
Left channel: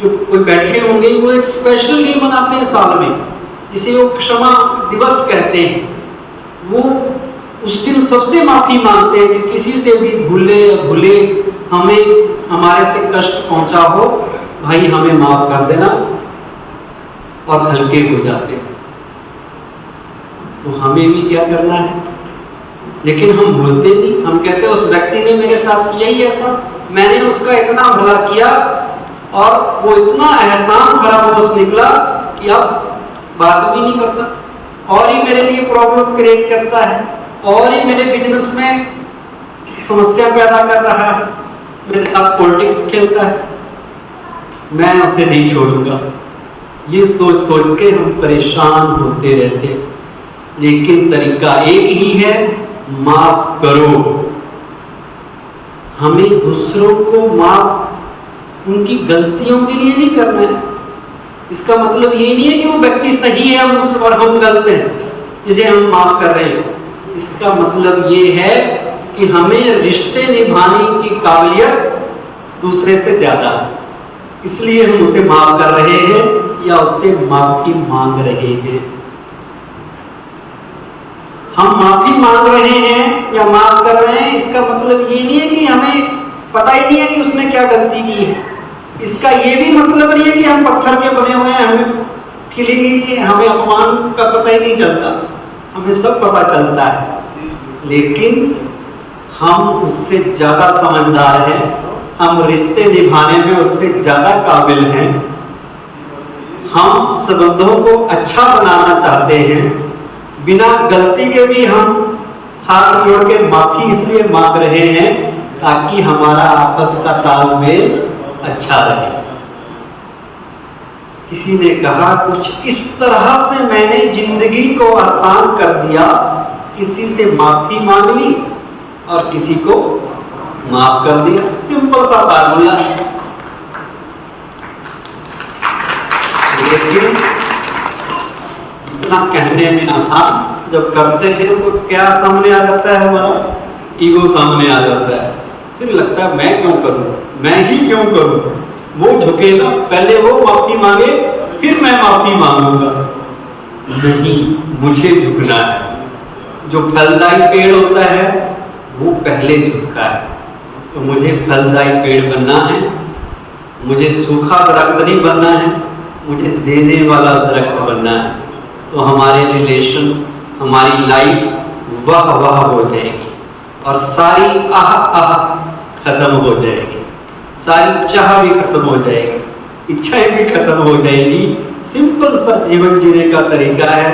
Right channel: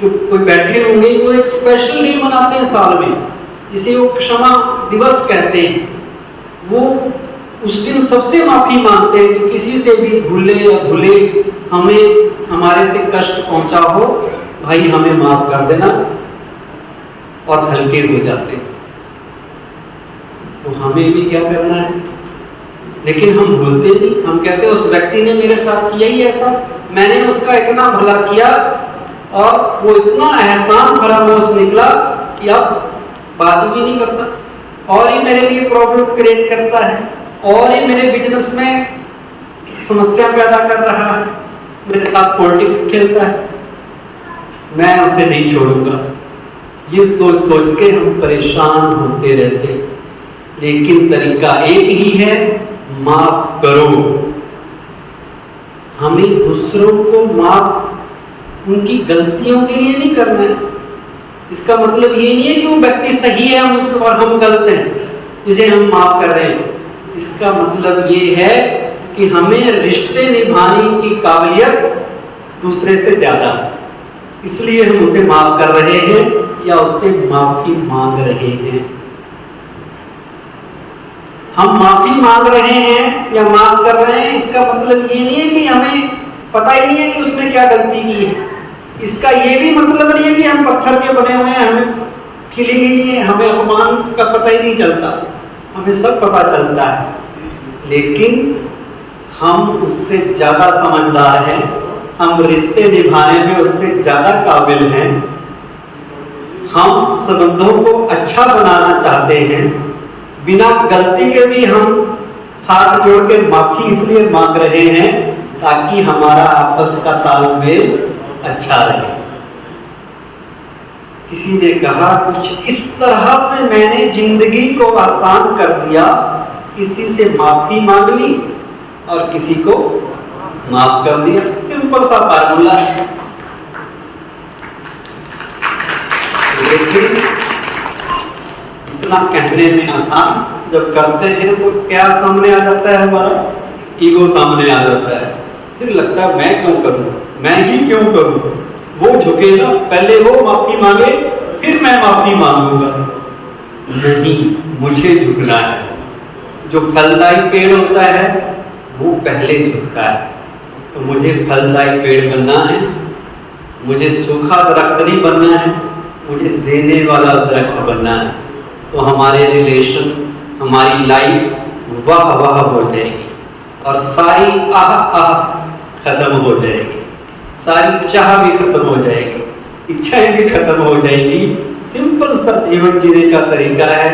जो कोई बैठे होंगे, वो एक स्पेशल डे मनाते हैं साल में, जिसे वो क्षमा दिवस कहते हैं। वो उस दिन सबसे माफी मांगते हैं कि किसी से भी भूले या भूले हमें हमारे से कष्ट पहुंचा हो, भाई हमें माफ कर देना, और हल्के हो जाते हैं। तो हमें भी क्या करना है? लेकिन हम भूलते नहीं। हम कहते हैं उस व्यक्ति ने मेरे साथ किया ही ऐसा, मैंने उसका इतना भला किया और वो इतना एहसान फरामोश निकला कि अब बात भी नहीं करता, और ही मेरे लिए प्रॉब्लम क्रिएट करता है, और ही मेरे बिजनेस में समस्या पैदा कर रहा है, मेरे साथ पॉलिटिक्स खेलता है, मैं उसे नहीं छोड़ूंगा। ये सोच सोच के हम परेशान होते रहते हैं। लेकिन तरीका एक ही है, माफ करो। हमें दूसरों को माफ उनकी गलतियों के लिए नहीं करना है। इसका मतलब ये नहीं है कि वो व्यक्ति सही है और हम गलत हैं जिसे हम माफ कर रहे हैं। इसका मतलब ये है कि हमें रिश्ते निभाने की काबिलियत दूसरे से ज्यादा है, इसलिए हम उसे माफ कर रहे हैं या उससे माफी मांग रहे हैं। हम माफी मांग रहे हैं या माफ कर रहे हैं, इसका मतलब ये नहीं है कि हमें पता ही नहीं है कि उसने क्या गलती की है। इसका ये भी मतलब नहीं है कि हम पत्थर के बने हुए हैं, हमें फीलिंग ही नहीं है, हमें अपमान का पता ही नहीं चलता। हमें सब पता चलता है, लेकिन हम उससे ज्यादा समझदार हैं, हम रिश्ते निभाने में उससे ज्यादा काबिल हैं, हम संबंधों को अच्छा बनाना चाहते हैं। बिना गलती के भी हम हाथ जोड़ के माफी इसलिए मांग रहे हैं ताकि हमारा आपस का तालमेल अच्छा रहे। किसी ने कहा कुछ इस तरह से मैंने जिंदगी को आसान कर दिया, किसी से माफी मांग ली और किसी को माफ कर दिया। सिंपल सा फार्मूला। लेकिन इतना कहने में आसान, जब करते हैं तो क्या सामने आ जाता है? हमारा ईगो सामने आ जाता है। फिर लगता है मैं क्यों करूं, मैं ही क्यों करूं। वो झुके ना, पहले वो माफी मांगे फिर मैं माफी मांगूंगा। नहीं, मुझे झुकना है। जो फलदायी पेड़ होता है वो पहले झुकता है। तो मुझे फलदायी पेड़ बनना है, मुझे सूखा दरख्त नहीं बनना है, मुझे देने वाला दरख्त बनना है। तो हमारे रिलेशन, हमारी लाइफ वाह वाह हो जाएगी और सारी आह आह खत्म हो जाएगी, सारी चाह भी खत्म हो जाएगी, इच्छाएं भी खत्म हो जाएंगी। सिंपल सा जीवन जीने का तरीका है,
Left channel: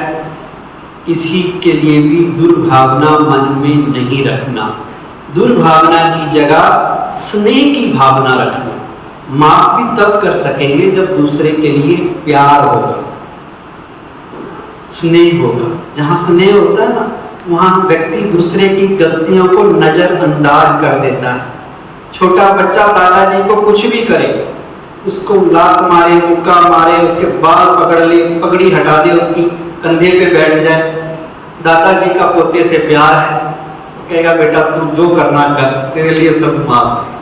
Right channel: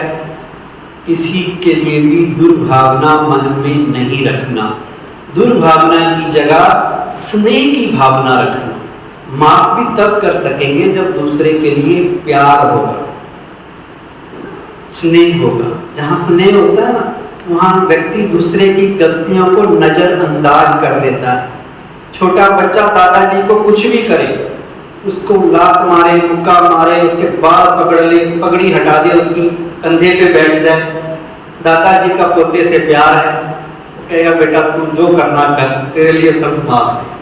किसी के लिए भी दुर्भावना मन में नहीं रखना। दुर्भावना की जगह स्नेह की भावना रखना। माफ भी तब कर सकेंगे जब दूसरे के लिए प्यार होगा, स्नेह होगा। जहां स्नेह होता है ना, वहां व्यक्ति दूसरे की गलतियों को नजरअंदाज कर देता है। छोटा बच्चा दादाजी को कुछ भी करे, उसको लात मारे, मुक्का मारे, उसके बाल पकड़ ले, पगड़ी हटा दे, उसकी कंधे पे बैठ जाए, दादाजी का पोते से प्यार है, तो कहेगा बेटा तू जो करना कर, तेरे लिए सब माफ है।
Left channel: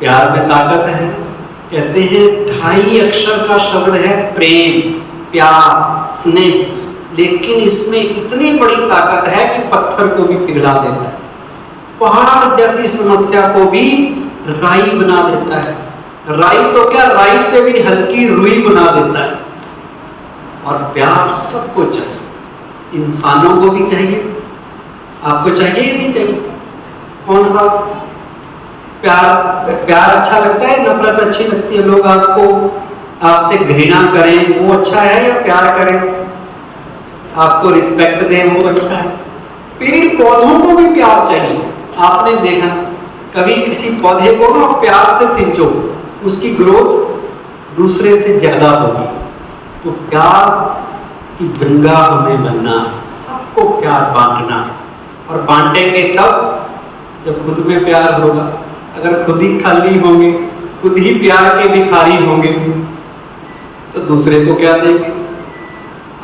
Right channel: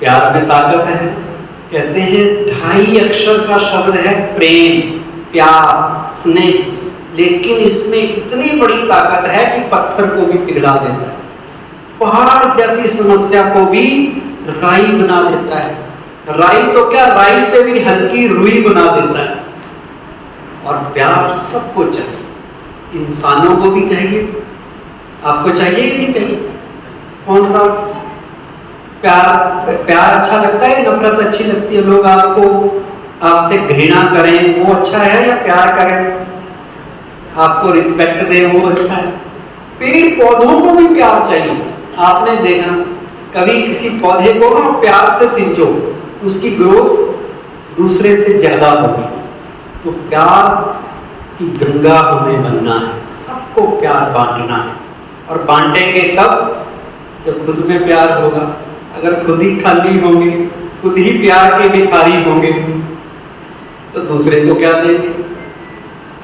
प्यार में ताकत है। कहते हैं 2.5 अक्षर का शब्द है प्रेम, प्यार, स्नेह, लेकिन इसमें इतनी बड़ी ताकत है कि पत्थर को भी पिघला देता है, पहाड़ जैसी समस्या को भी राई बना देता है। राई तो क्या, राई से भी हल्की रुई बना देता है। और प्यार सबको चाहिए, इंसानों को भी चाहिए। आपको चाहिए या नहीं चाहिए? कौन सा प्यार अच्छा लगता है, नफरत अच्छी लगती है? लोग आपसे घृणा करें वो अच्छा है, या प्यार करें आपको रिस्पेक्ट दें वो अच्छा है? पेड़ पौधों को भी प्यार चाहिए। आपने देखा कभी किसी पौधे को ना प्यार से सिंचो, उसकी ग्रोथ दूसरे से ज्यादा होगी। तो प्यार की गंगा हमें बनना है, सबको प्यार बांटना है, और बांटेंगे तब जब खुद में प्यार होगा। अगर खुद ही खाली होंगे, खुद ही प्यार के भिखारी होंगे, तो दूसरे को क्या देंगे?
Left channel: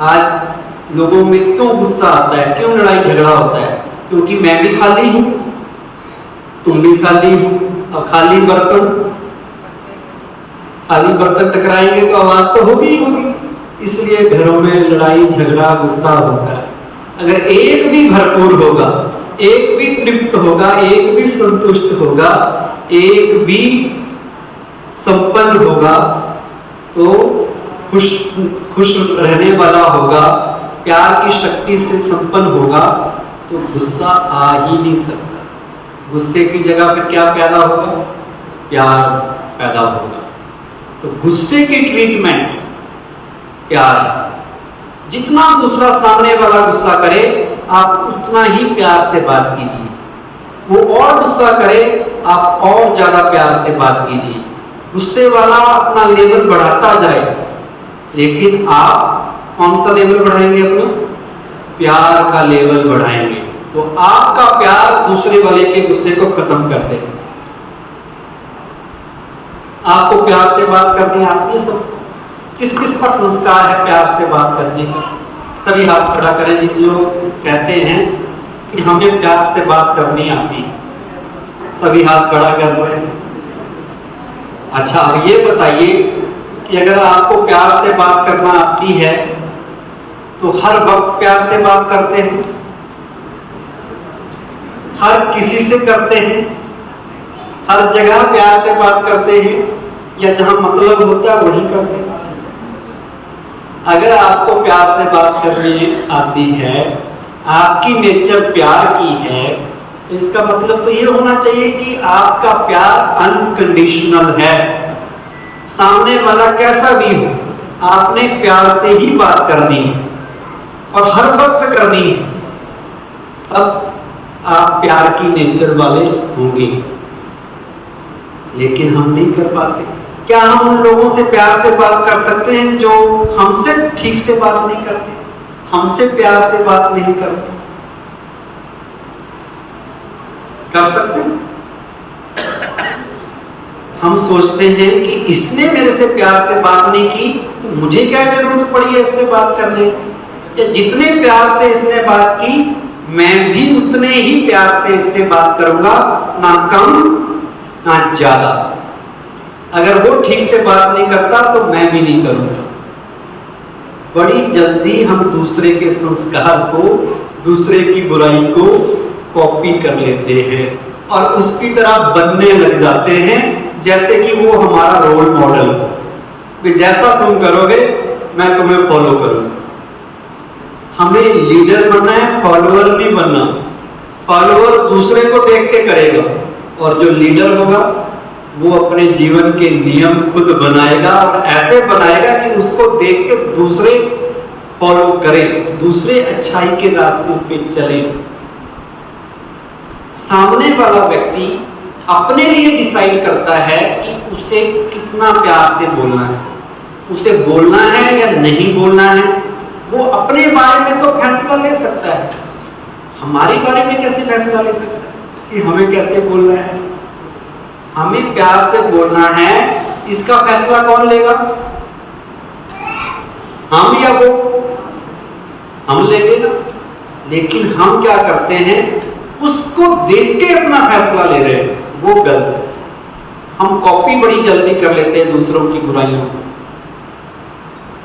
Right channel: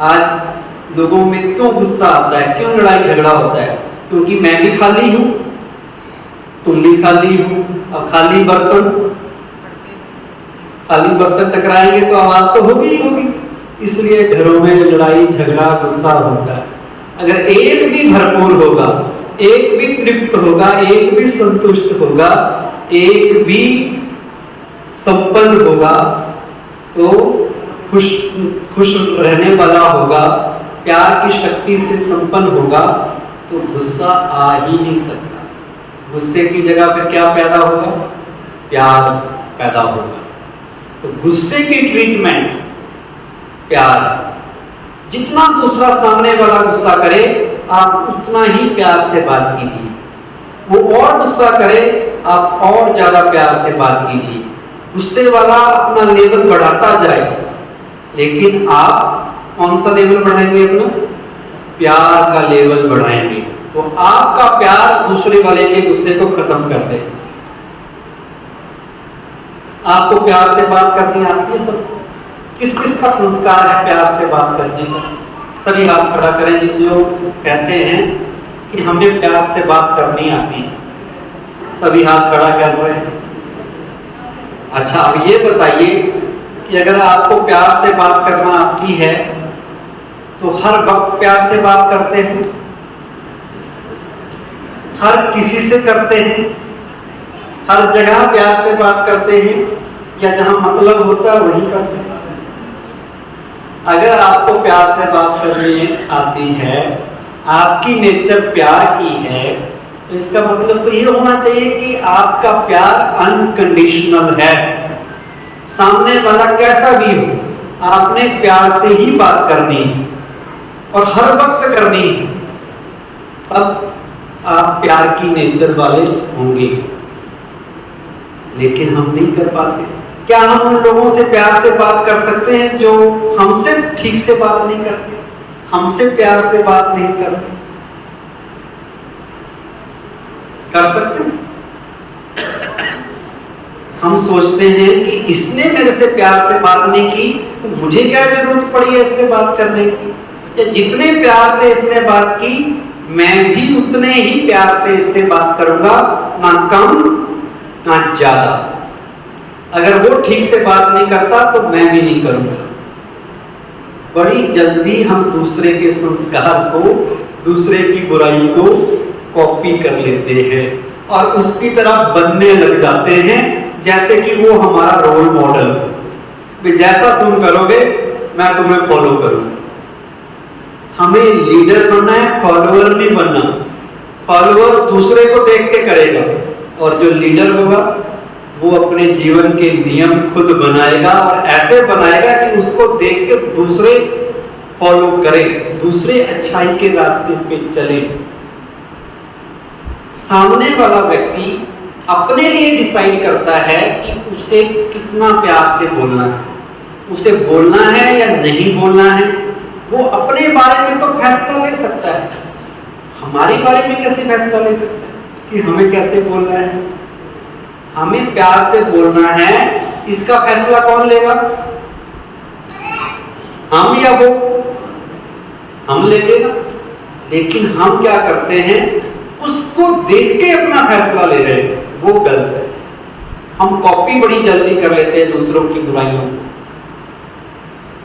आज लोगों में क्यों गुस्सा आता है, क्यों लड़ाई झगड़ा होता है? क्योंकि मैं भी खाली हूं, तुम भी खाली हो। अब खाली बर्तन टकराएंगे तो आवाज तो होगी ही होगी। इसलिए घरों में लड़ाई झगड़ा गुस्सा होता है। अगर एक भी भरपूर होगा, एक भी तृप्त होगा, एक भी संतुष्ट होगा, एक भी संपन्न होगा, तो खुश रहने वाला होगा, प्यार की शक्ति से संपन्न होगा, तो गुस्सा आ ही नहीं सकता। गुस्से की जगह पे क्या पैदा होगा? प्यार पैदा होगा। तो गुस्से की ट्रीटमेंट प्यार है। जितना दूसरा सामने वाला गुस्सा करे, आप उतना ही प्यार से बात कीजिए। वो और गुस्सा करे, आप और ज्यादा प्यार से बात कीजिए। गुस्से वाला अपना लेवल बढ़ाता जाए, लेकिन आप कौन सा लेवल बढ़ाएंगे? अपना प्यार का लेवल बढ़ाएंगे। तो आपका प्यार दूसरे वाले के गुस्से को खत्म कर देगा। आपको प्यार से बात करनी आती है? सब किस किस का संस्कार है प्यार से बात करने का? सभी हाथ खड़ा करें जिन लोग कहते हैं कि हमें प्यार से बात करनी आती है। सभी हाथ खड़ा कर रहे हैं। अच्छा, अब ये बताइए कि अगर आपको प्यार से बात करना आती है तो हर वक्त प्यार से बात करते हैं? हर किसी से करते हैं? हर जगह प्यार से बात करते हैं, या जहां मतलब होता है वहीं करते हैं? अगर आपको प्यार से बात करनी आती है, आपकी नेचर प्यार की है, तो इसका मतलब तो ये होना चाहिए कि आपका प्यार अनकंडीशनल है। सामने वाला कैसा भी हो, आपने प्यार से ही बात करनी है और हर वक्त करनी है। तब आप प्यार की नेचर वाले होंगे। लेकिन हम नहीं कर पाते। क्या हम उन लोगों से प्यार से बात कर सकते हैं जो हमसे ठीक से बात नहीं करते, हमसे प्यार से बात नहीं करते? कर सकते हैं? हम सोचते हैं कि इसने मेरे से प्यार से बात नहीं की, तो मुझे क्या जरूरत पड़ी है इससे बात करने की? या जितने प्यार से इसने बात की, मैं भी उतने ही प्यार से इससे बात करूंगा, ना कम ना ज्यादा। अगर वो ठीक से बात नहीं करता तो मैं भी नहीं करूंगा। बड़ी जल्दी हम दूसरे के संस्कार को, दूसरे की बुराई को कॉपी कर लेते हैं और उसकी तरह बनने लग जाते हैं, जैसे कि वो हमारा रोल मॉडल हो। जैसा तुम करोगे मैं तुम्हें फॉलो करूंगा। हमें लीडर बनना है, फॉलोअर भी बनना। फॉलोअर दूसरे को देख के करेगा, और जो लीडर होगा वो अपने जीवन के नियम खुद बनाएगा, और ऐसे बनाएगा कि उसको देख के दूसरे फॉलो करें, दूसरे अच्छाई के रास्ते पे चलें। सामने वाला व्यक्ति अपने लिए डिसाइड करता है कि उसे कितना प्यार से बोलना है, उसे बोलना है या नहीं बोलना है। वो अपने बारे में तो फैसला ले सकता है, हमारे बारे में कैसे फैसला ले सकता है कि हमें कैसे बोलना है? हमें प्यार से बोलना है, इसका फैसला कौन लेगा? हम या वो? हम लेंगे ना। लेकिन हम क्या करते हैं, उसको देख के अपना फैसला ले रहे हैं, वो गलत है। हम कॉपी बड़ी जल्दी कर लेते हैं दूसरों की बुराइयों को,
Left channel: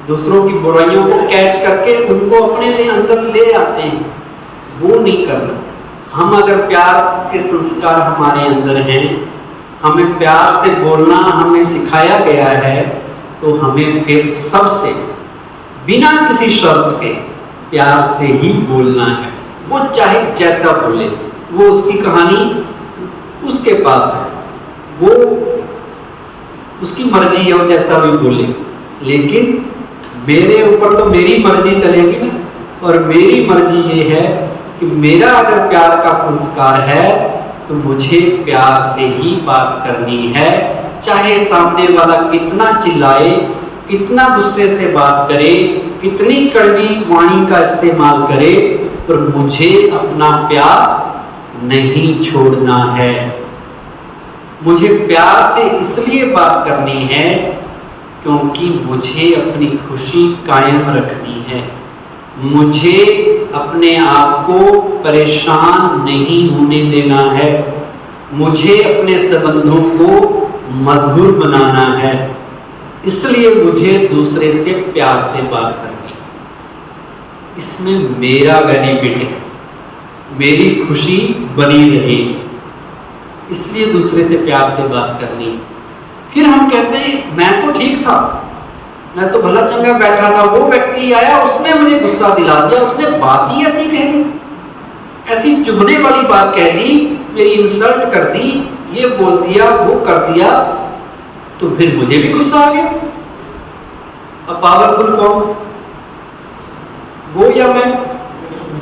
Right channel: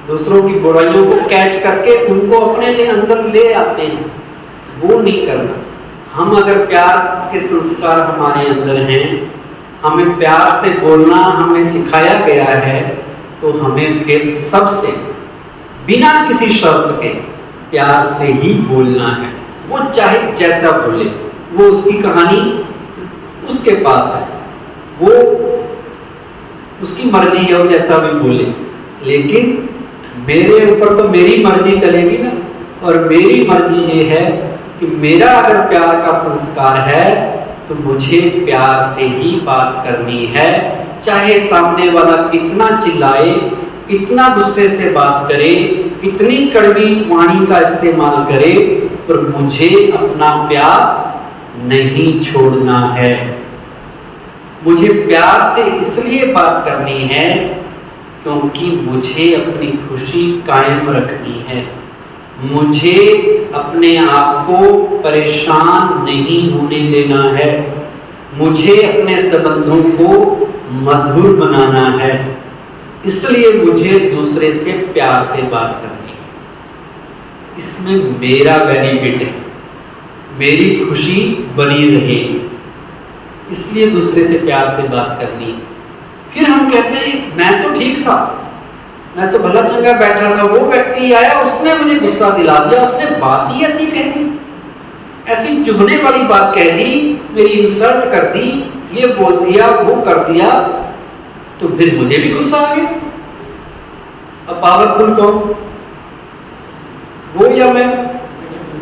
दूसरों की बुराइयों को कैच करके उनको अपने लिए अंदर ले आते हैं। वो नहीं करना। हम अगर प्यार के संस्कार हमारे अंदर हैं, हमें प्यार से बोलना हमें सिखाया गया है, तो हमें फिर सबसे बिना किसी शर्त के प्यार से ही बोलना है। वो चाहे जैसा बोले, वो उसकी कहानी उसके पास है। वो उसकी मर्जी है, वो जैसा भी बोले, लेकिन मेरे ऊपर तो मेरी मर्जी चलेगी ना। और मेरी मर्जी ये है कि मेरा अगर प्यार का संस्कार है तो मुझे प्यार से ही बात करनी है, चाहे सामने वाला कितना चिल्लाए, कितना गुस्से से बात करे, कितनी कड़वी वाणी का इस्तेमाल करे, पर मुझे अपना प्यार नहीं छोड़ना है। मुझे प्यार से इसलिए बात करनी है क्योंकि मुझे अपनी खुशी कायम रखनी है, मुझे अपने आप को परेशान नहीं होने देना है, मुझे अपने संबंधों को मधुर बनाना है। इसलिए मुझे दूसरे से प्यार से बात करनी है। इसमें मेरा बेनिफिट है, मेरी खुशी बनी रहेगी, इसलिए दूसरे से प्यार से बात करनी है। फिर हम कहते हैं मैं तो ठीक था, मैं तो भला चंगा बैठा था, वो व्यक्ति आया, उसने मुझे गुस्सा दिला दिया, उसने बात ही ऐसी कह दी, ऐसी चुभने वाली बात कह दी, मेरी इंसल्ट कर दी, ये बोल दिया, वो कर दिया, तो फिर मुझे भी गुस्सा आ गया। अब पावरफुल कौन, वो या मैं?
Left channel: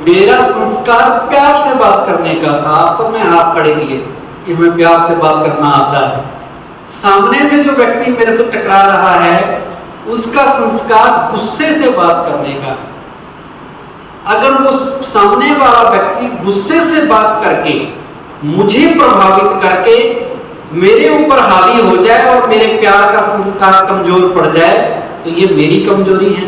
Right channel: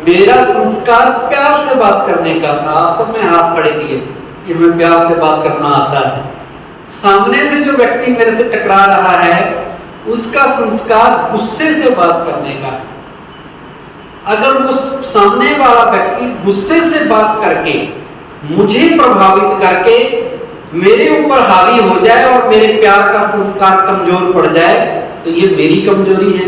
मेरा संस्कार प्यार से बात करने का था। आप सबने हाथ खड़े किए कि हमें प्यार से बात करना आता है। सामने से जो व्यक्ति मेरे से टकरा रहा है उसका संस्कार गुस्से से बात करने का। अगर वो सामने वाला व्यक्ति गुस्से से बात करके मुझे प्रभावित करके मेरे ऊपर हावी हो जाए और मेरे प्यार का संस्कार कमजोर पड़ जाए तो ये मेरी कमजोरी है।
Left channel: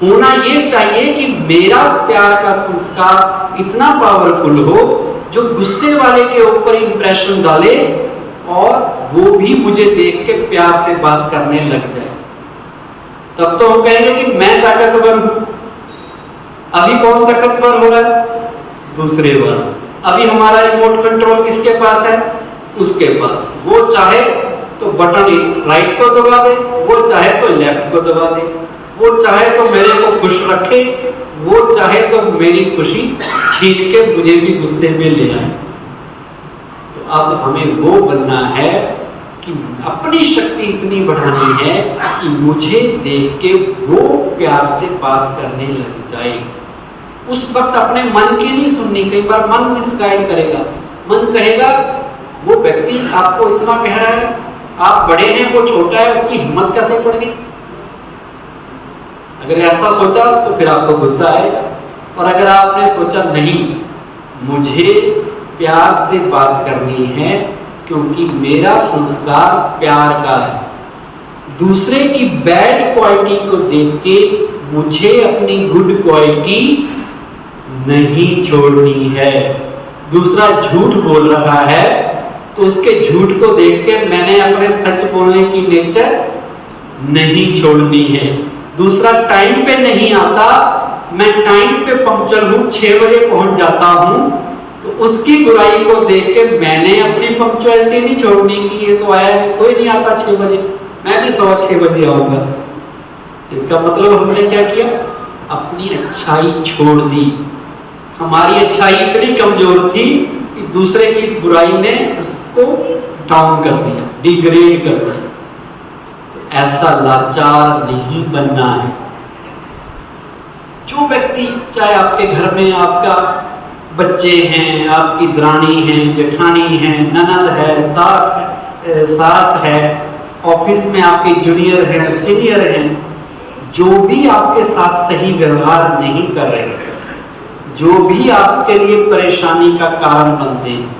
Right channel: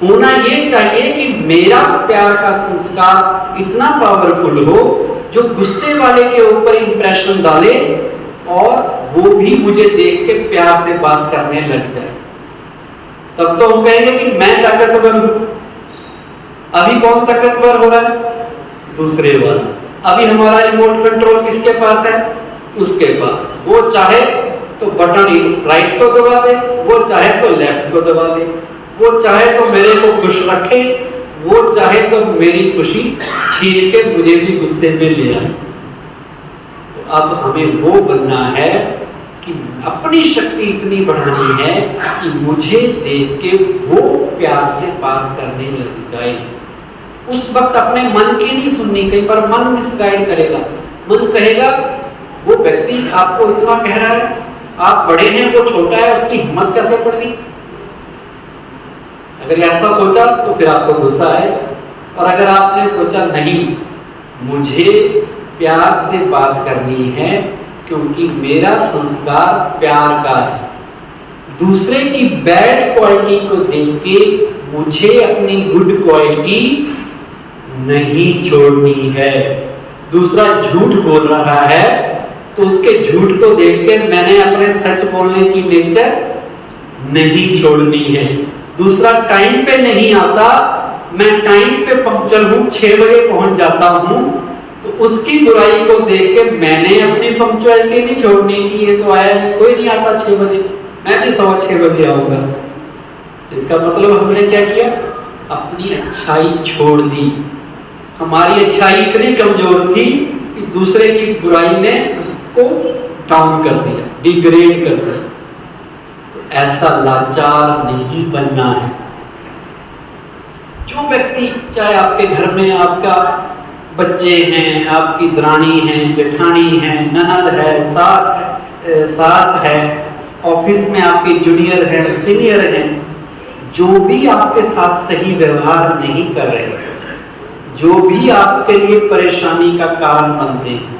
होना ये चाहिए कि मेरा प्यार का संस्कार इतना पावरफुल हो जो गुस्से वाले के ऊपर इंप्रेशन डाले और वो भी मुझे देख के प्यार से बात करने लग जाए। तब तो हम कहेंगे कि मैं ताकतवर हूं। अभी कौन ताकतवर हो रहा है? दूसरे वाला। अभी हमारा रिमोट कंट्रोल किसके पास है? उसके पास। वो चाहे तो बटन राइट को दबा दे, वो चाहे तो लेफ्ट को दबा दे, वो चाहे तो मेरे को खुश रखे, वो चाहे तो मेरी खुशी छीन के मुझे भी गुस्से में ले आए। तो अब हमें वो बनना है कि अपनी शक्ति इतनी बढ़ानी है कि मुझे देख के वो प्यार से बात करने लग जाए। उस वक्त अपने मन की नहीं सुननी। कई बार मन मिसगाइड करेगा। मन कहेगा वो व्यक्ति आपको इतना कह रहा है, आप बड़े हैं, वो छोटा है, उसकी हिम्मत कैसे पड़ गई? अगर ऐसा सोचा तो फिर आपको गुस्सा आएगा। और अगर आपने सोचा नहीं, मुझे प्यार से बात करनी है क्योंकि मेरा संस्कार प्यार का है, दूसरे की बैड क्वालिटी को देख के मुझे अपनी गुड क्वालिटी नहीं छोड़नी है। दूसरा झूठ बोल रहा है तो उसके झूठ को देख के मैंने अपने सच बोलने की नेचर नहीं छोड़नी है। दूसरा टाइम पे नहीं आता, मैं टाइम पे पंक्चर हूं, 6 बजे पहुंच जाता हूं, तो उसकी बुराई को देख के मैंने अपनी पंक्चुअलिटी नहीं छोड़नी की। ये तो आया नहीं, कोई नहीं आता 6 बजे, मैं भी 6:15 बजे आऊंगा। इसका मतलब हमने क्या किया? अपनी अच्छाई छोड़ दी। हमारी अच्छाई इतनी कमजोर थी कि दूसरे की बुराई ने उसको डाउन कर दिया, डिग्रेड कर दिया। तो ऐसा लाचार नहीं बनना है। जो व्यक्ति, चाहे आपके घर में आपका बच्चे हैं, आपकी दरानी है, जेठानी है, ननद है, सास है, ऑफिस में आपकी जूनियर है, सीनियर है, जो भी आपके साथ सही व्यवहार नहीं कर रहे हैं, जो भी आपके लिए परेशानी का कारण बनते हैं,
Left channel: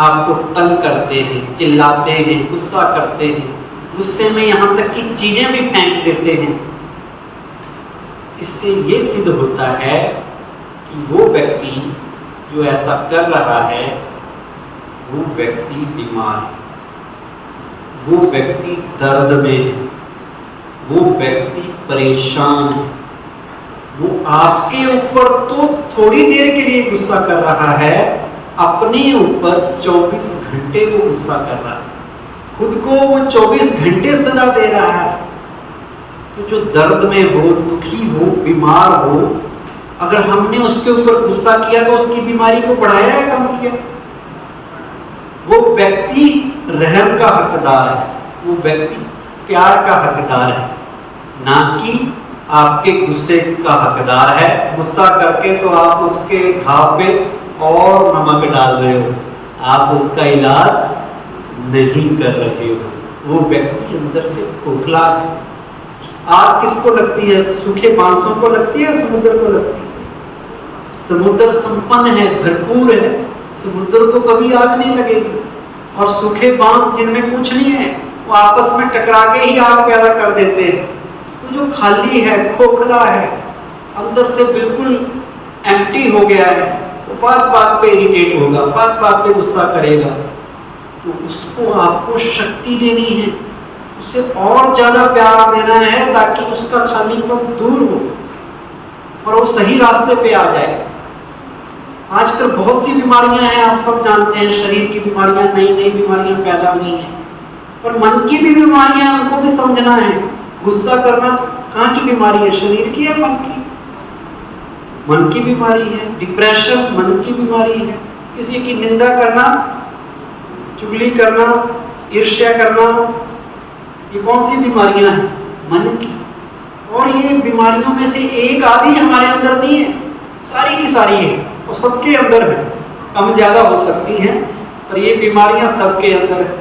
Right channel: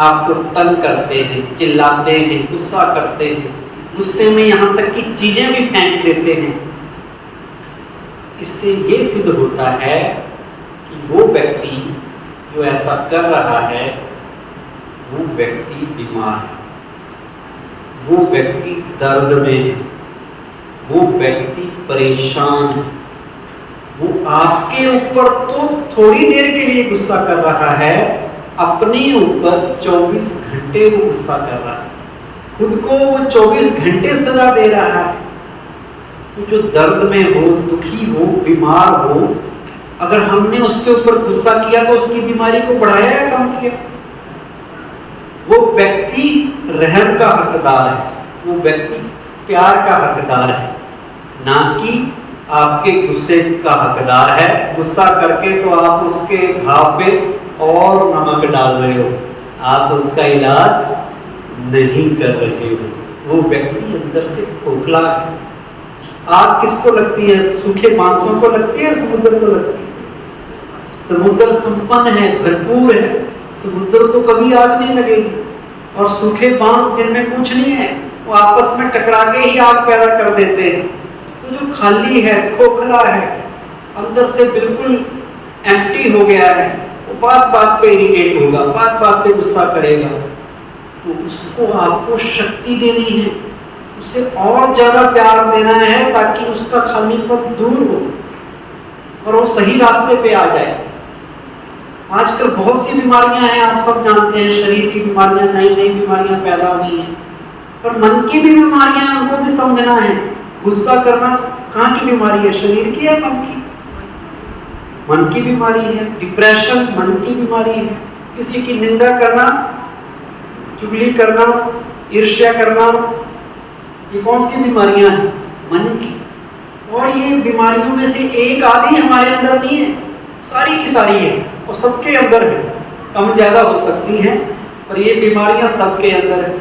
आपको तंग करते हैं, चिल्लाते हैं, गुस्सा करते हैं, गुस्से में यहाँ तक कि चीजें भी फेंक देते हैं, इससे ये सिद्ध होता है कि वो व्यक्ति जो ऐसा कर रहा है वो व्यक्ति बीमार है, वो व्यक्ति दर्द में है, वो व्यक्ति परेशान है। वो आपके ऊपर तो थोड़ी देर के लिए गुस्सा कर रहा है, अपने ऊपर 24 घंटे वो गुस्सा कर रहा है, खुद को वो 24 घंटे सजा दे रहा है। तो जो दर्द में हो, दुखी हो, बीमार हो, अगर हमने उसके ऊपर गुस्सा किया तो उसकी बीमारी को बढ़ाया या कम किया? वो व्यक्ति रहम का हकदार है, वो व्यक्ति प्यार का हकदार है, ना कि आपके गुस्से का हकदार है। गुस्सा करके तो आप उसके घाव पे और नमक डाल रहे हो, आप उसका इलाज नहीं कर रहे हो। वो व्यक्ति अंदर से खोखला है। आग किसको लगती है? सूखे बांसों को लगती है, समुद्र को लगती है? समुद्र संपन्न है, भरपूर है, समुद्र को कभी आग नहीं लगेगी। और सूखे बांस जिनमें कुछ नहीं है, वो आपस में टकरा के ही आग पैदा कर देते हैं। तो जो खाली है, खोखला है, अंदर से बिल्कुल एम्प्टी हो गया है, वो बात बात पे इरिटेट होगा, बात बात पे गुस्सा करेगा, तो उसको आपको शक्ति देनी है, उसे और ज्यादा प्यार देना है ताकि उसका खालीपन दूर हो और वो सही रास्ते पे आ जाए। आजकल बहुत सी बीमारियां हैं, आप सब जानते हैं, शरीर की बीमारियां, नई नई बीमारियां पैदा हुई हैं, पर मन की भी बीमारियां हैं, उनको भी समझना है। गुस्सा करना कहाँ की बीमारी है? शरीर की है, मन की? मन की बीमारी है। डिप्रेशन मन की बीमारी है। किसी की निंदा करना, चुगली करना, ईर्ष्या करना, ये कौन सी बीमारियां हैं? मन की। और ये बीमारियों में से एक आधी हमारे अंदर नहीं है, सारी की सारी है, और सबके अंदर है। कम ज्यादा हो सकती हैं, पर ये बीमारियां सबके अंदर है।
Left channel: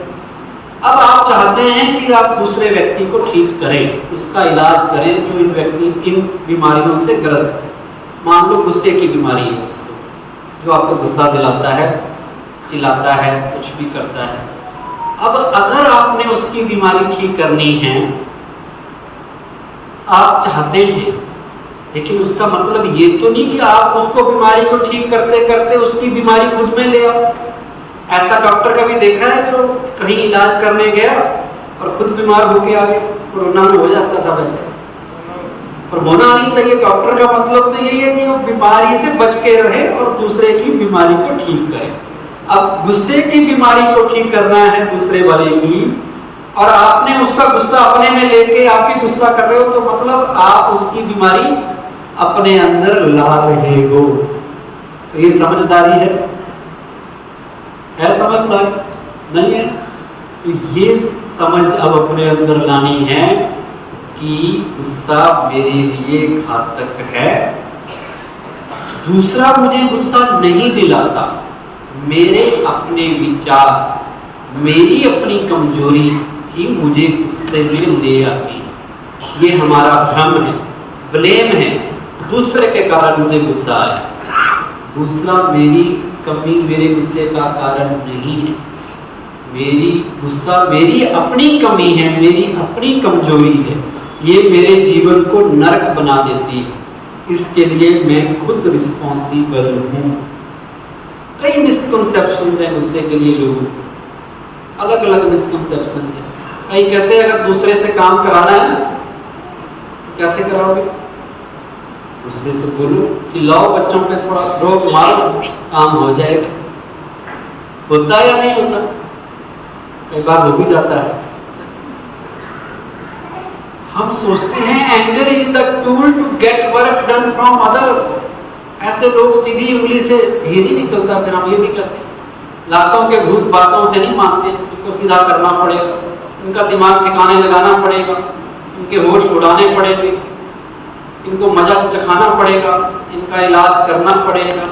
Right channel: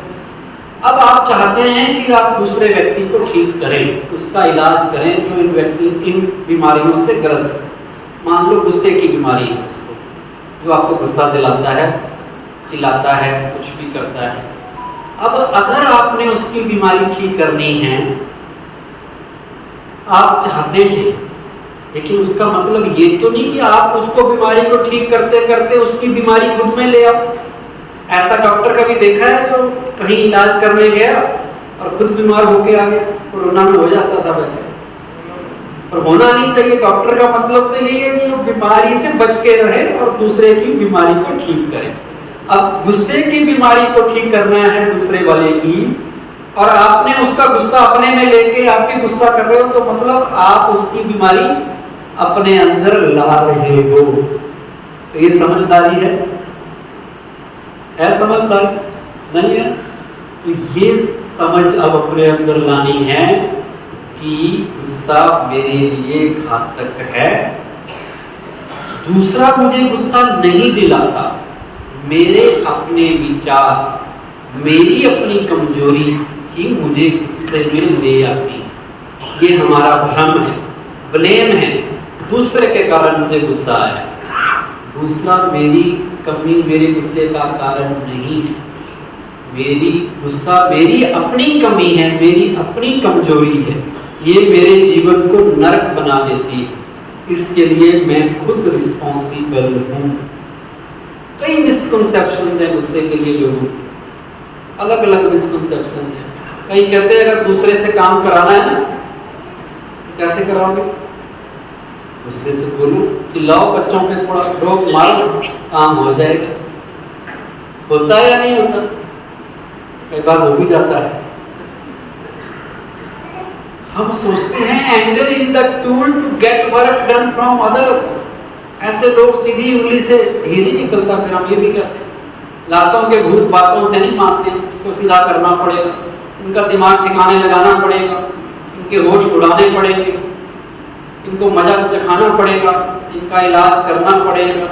अब आप चाहते हैं कि आप दूसरे व्यक्ति को ठीक करें, उसका इलाज करें जो इन बीमारियों से ग्रस्त है। मान लो गुस्से की बीमारी है उसको, जो आपको गुस्सा दिलाता है, चिल्लाता है, कुछ भी करता है। अब अगर आपने उसकी बीमारी ठीक करनी है, आप चाहते हैं, लेकिन उसका मतलब ये तो नहीं कि आप उसको बीमारी को ठीक करते करते उसकी बीमारी खुद में ले आओ। ऐसा डॉक्टर कभी देखा है जो कहीं इलाज करने गया और खुद बीमार होके आ गया? कोरोना में हो जाता था वैसे, पर होना नहीं चाहिए। डॉक्टर का मतलब तो यही है कि वो बीमारी से बच के रहे और दूसरे की बीमारी को ठीक करे। अब गुस्से की बीमारी को ठीक करना है दूसरे वाले की, और आपने उसका गुस्सा अपने में लेके आप ही गुस्सा कर रहे हो, तो मतलब आप उसकी बीमारी अपने अंदर ला रहे हो। तो ये समझदारी है समझदारी? नहीं है। तो ये समझ अब अपने अंदर लानी है कि गुस्सा मेरे लिए घातक है। दूसरा मुझे गुस्सा नहीं दिलाता, मेरे अपने विचार, मेरी अपनी कमजोरी ही मुझे गुस्से में ले आती है। ये हमारा भ्रम है, ब्लेम है, दूसरे के कारण मुझे गुस्सा आया। दूसरा मेरी कमी मेरे गुस्से का कारण नहीं है। मेरी गुस्सा मेरी अपनी कमी है, मेरी अपनी कमजोरी है। ये मेरे जीवन को नरक बना देती है। इसके लिए मैं खुद रिस्पॉन्सिबल हूँ। कई मिसकंसेप्शन है गुस्से के लिए लोगों को, अलग अलग मिसकंसेप्शन है। कई कहते हैं अगर दूसरे से काम कराना है ना तो कैसे कराओगे? गुस्से से बोलो कि लाओ बच्चों पे थोड़ा रोक मारो, काम हो जाएगा। होता या नहीं होता? कई बार हो भी जाता है। हम सोचते हैं anger is the tool to get work done from others. ऐसे लोग सीधी उंगली से घी नहीं निकलता, फिर हम ये भी कहते हैं लातों के भूत बातों से नहीं मानते, इनको सीधा करना पड़ेगा, इनका दिमाग ठिकाने लगाना पड़ेगा, इनके होश उड़ाने पड़ेंगे, इनको मजा चखाना पड़ेगा, इनका इलाज करना पड़ेगा,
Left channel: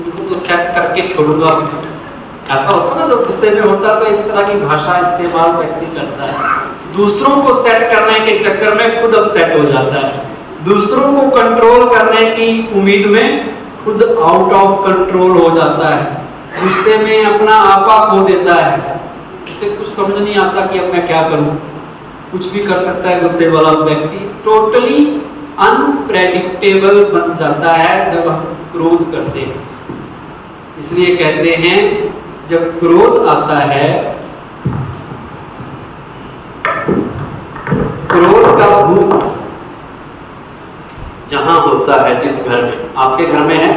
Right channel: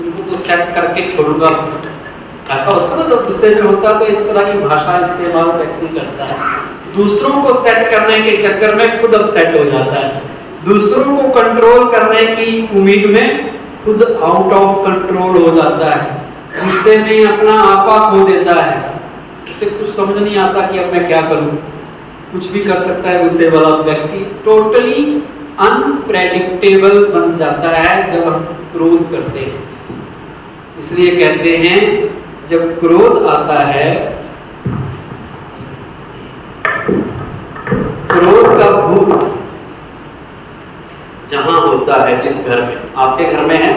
इनको तो सेट करके छोड़ूंगा। ऐसा होता ना, जब गुस्से में होता तो इस तरह की भाषा इस्तेमाल व्यक्ति करता है। दूसरों को सेट करने के चक्कर में खुद अपसेट हो जाता है। दूसरों को कंट्रोल करने की उम्मीद में खुद आउट ऑफ कंट्रोल हो जाता है। गुस्से में अपना आपा खो देता है। उसे कुछ समझ नहीं आता कि अब मैं क्या करूं। कुछ भी कर सकता है गुस्से वाला व्यक्ति। टोटली अनप्रेडिक्टेबल बन जाता है जब हम क्रोध करते हैं। इसलिए कहते हैं जब क्रोध आता है, क्रोध का भूत जहां होता है, जिस घर में, आपके घर में है,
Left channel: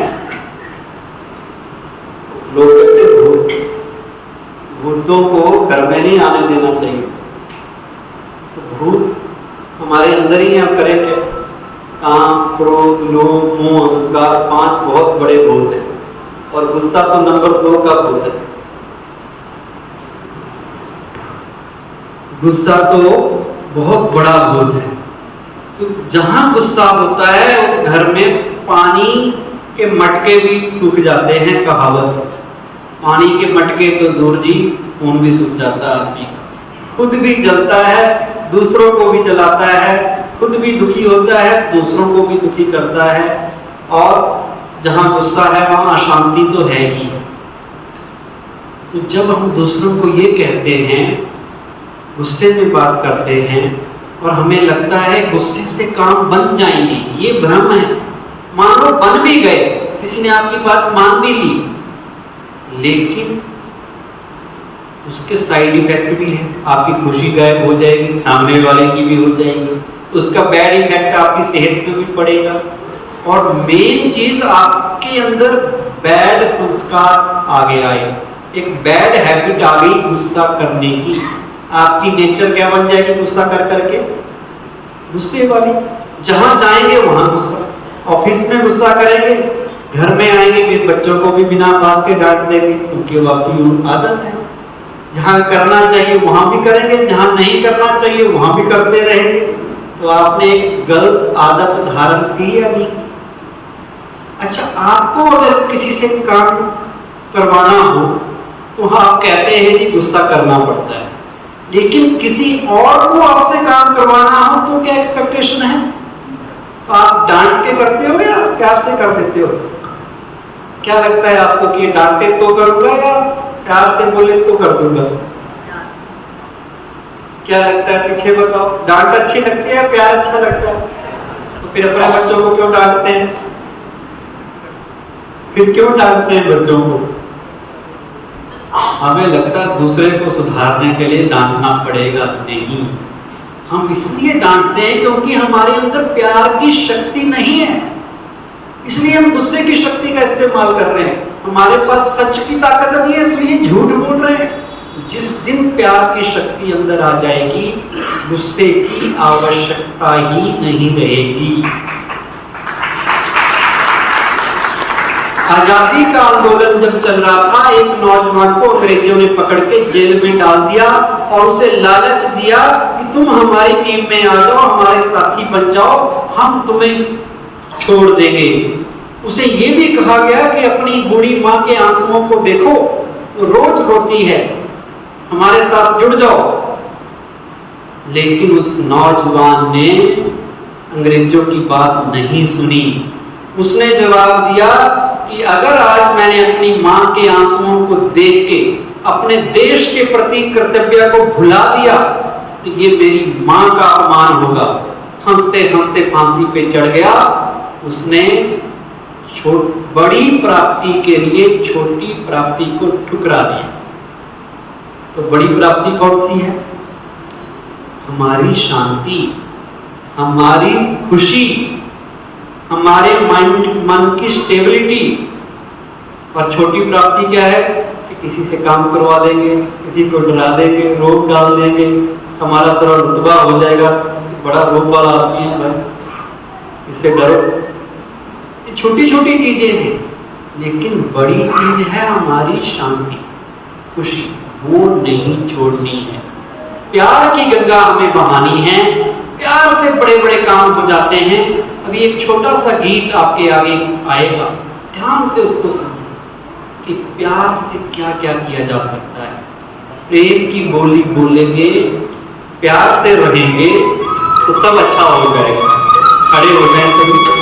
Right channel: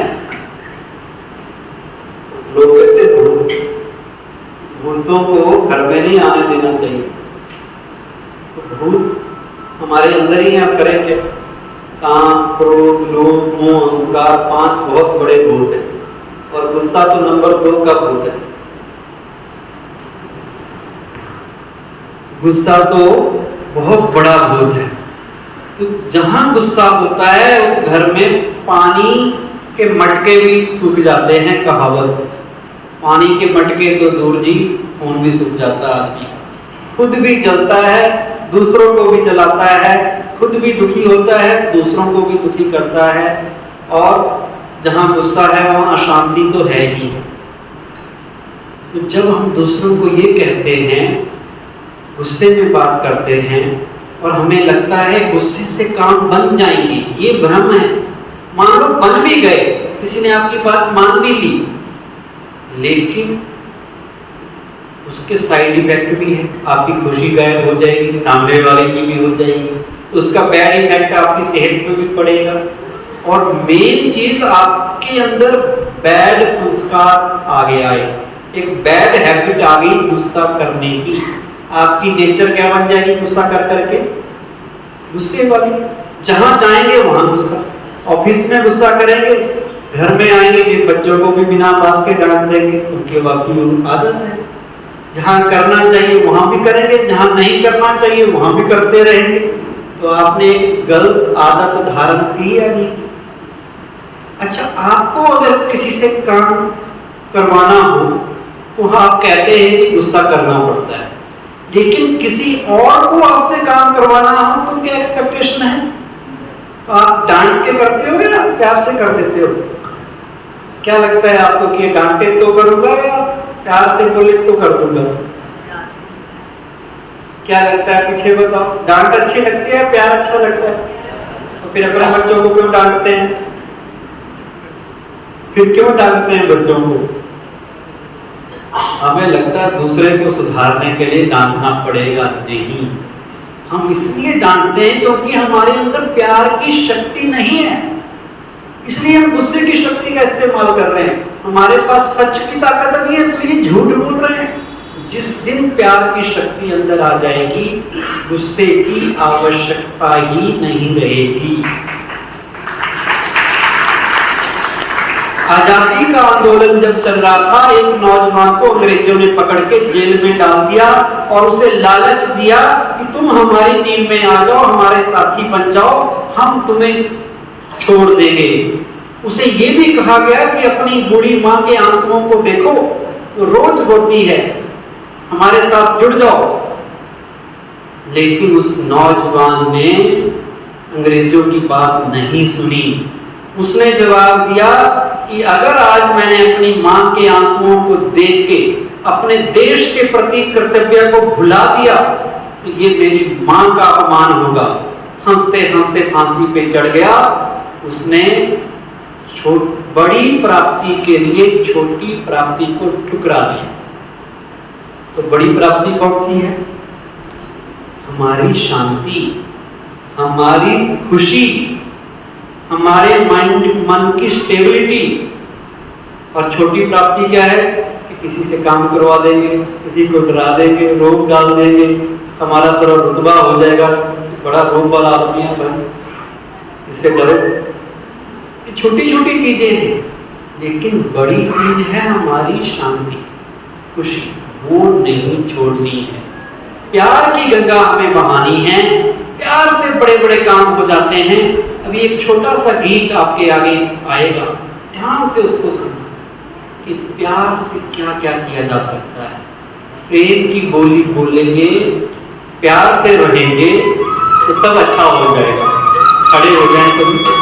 लोग कहते हैं भूत, भूतों को घर में नहीं आने देना चाहिए। तो भूत हमारे अंदर ही है, आप करें क्या? काम, क्रोध, लोभ, मोह, अहंकार, 5 बहुत बड़े भूत हैं, और गुस्सा तो नंबर 2 का भूत है। गुस्सा तो बहुत बड़ा भूत है। तो जहां गुस्सा होता है उस घर में पानी के मटके भी सूख जाते हैं। कहावत, पानी के मटके तो दूर जी, खून भी सूख जाता है आदमी, खुद भी जलता है, दूसरों को भी जलाता है, खुद भी दुखी होता है, दूसरों को भी दुखी करता है। और जहां गुस्सा है वहां अशांति तो है ही। तो जब हम दूसरों को ये कहते हैं, गुस्से में बात करते हैं और हमें लगता है गुस्से से काम बन जाएंगे, ये भ्रम है। मान लो बन भी गए, किसी ने आपकी बात मान भी ली, लेकिन उसके साइड इफेक्ट भी है। आपकी खुशी गायब हो जाएगी, सामने वाले की भी हो जाएगी, उसका बैड इफेक्ट आपकी सेहत पे भी पड़ेगा। और मेन चीज, आपके अंदर बैड संस्कार आगे आए, एक बैड हैबिट आ गई गुस्सा करने की। आपकी नेचर क्या बन जाएगी गुस्सा कर करके? गुस्से वाली। जहां जाएंगे वहां गुस्सा, ऑफिस में गुस्सा करेंगे, घर में आएंगे कि बच्चों को भी बिना बात के डांट देंगे, उनकी वाकई आदत है। जहां करना चाहिए वहां भी करेंगे, जहां नहीं करना चाहिए वहां भी करते रहेंगे। तो आपने एक गलत आदत धारण की या नहीं? अच्छा, आपको अगर किसी से काम करवाना हो तो आप कहते हैं कि गुस्सा करना पड़ता है, लेकिन किसी और को आपसे काम करवाना हो तो क्या एक्सपेक्टेशन है? तो आप डांट के करते हो या प्यार से कर देते हो? क्या लगता है आपको कि डांटे तो करूंगा या प्यार से बोले तो कर दूंगा? क्या लगता है? पीछे बताओ। डांट अच्छी लगती है, प्यार अच्छा लगता है? तो फिर अपने बच्चों को क्यों डांटते हैं? फिर क्यों डांटते हैं बच्चों को? हमें लगता है दूसरे को सुधारने के लिए डांटना पड़ेगा। नहीं, हम इसलिए डांटते हैं क्योंकि हमारे अंदर प्यार की शक्ति नहीं है, इसलिए हम गुस्से की शक्ति का इस्तेमाल कर रहे हैं। हमारे पास सच की ताकत नहीं है, इसलिए झूठ बोल रहे हैं। जिस दिन प्यार की शक्ति अंदर आ जाएगी, गुस्से की आवश्यकता ही नहीं रहेगी। आजादी का आंदोलन जब चल रहा था, एक नौजवान को अंग्रेजों ने पकड़ के जेल में डाल दिया और उसे लालच दिया कि तुम हमारी टीम में आ जाओ, हमारे साथी बन जाओ, हम तुम्हें छोड़ देंगे। उसे ये भी कहा गया कि अपनी बूढ़ी माँ के आंसुओं को देखो, वो रोज रोती है, हमारे साथ जुड़ जाओ। लेकिन उस नौजवान ने अंग्रेजों की बात नहीं सुनी। उसने जवाब दिया कि अगर आज मैंने अपनी मां के आंसुओं को देख के अपने देश के प्रति कर्तव्य को भुला दिया तो ये मेरी मां का अपमान होगा। हंसते हंसते फांसी पे चढ़ गया। उसने बड़ी प्राप्ति के लिए छोटी प्राप्ति को ठुकरा दिया। तो बड़ी प्राप्ति कौन सी है? हमारी शांति, हमारी खुशी, हमारे मन की स्टेबिलिटी। और छोटी प्राप्ति क्या है कि किसी से काम करवा देंगे, किसी को डरा देंगे, रोक डाल देंगे, हमारा थोड़ा रुतबा हो जाएगा, बड़ा रोक वाला आदमी है भाई, इससे डरो। ये छोटी छोटी चीजें हैं, लेकिन बड़ी चीज है हमारी शांति, खुशी, वो नहीं छोड़नी है। प्यार की गंगा हमें बहानी है, प्यार से बड़े बड़े काम हो जाते हैं। अभी एक छोटा सा गीत आपके आगे आएगा, ध्यान से उसको सुनो कि प्यार से क्या क्या किया जा सकता है। प्रेम की बोली बोलेंगे, प्यार से रहेंगे तो सब अच्छा हो जाएगा। खड़े हो जाएं सभी।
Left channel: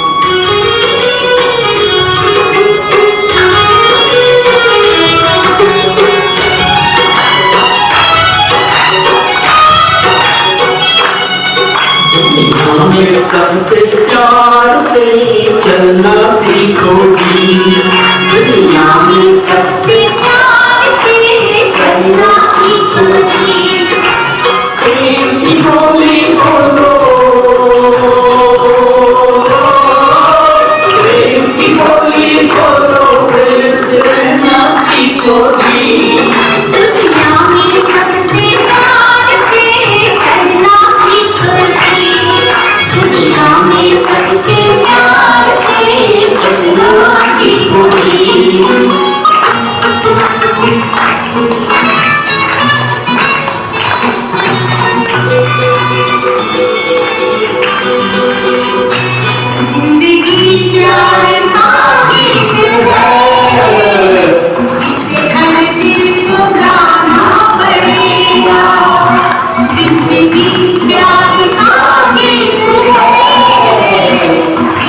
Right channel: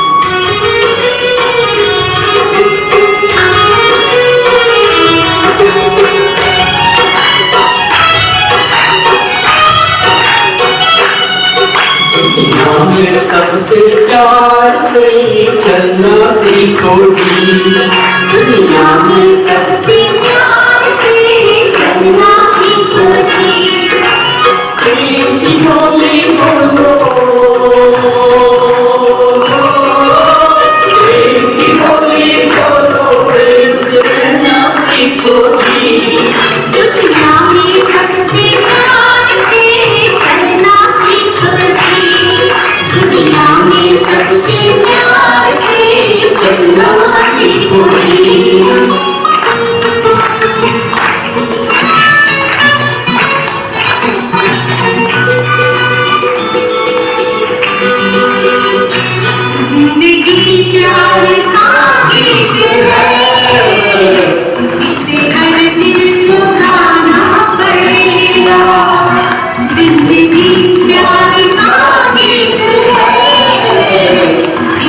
दुनिया में सबसे प्यार से चलना सीखो जी, दुनिया में सबसे प्यार से चलना सीखो जी। प्रेम की बोली बोलो, प्रेम की बोली बोलो, प्रेम से रहना सीखो जी। दुनिया में सबसे प्यार से चलना सीखो जी। दुनिया में सबसे प्यार से चलना सीखो जी। प्यार का गीत है, इसे हर दिल को गाना पड़ेगा। जिंदगी प्यार का गीत है,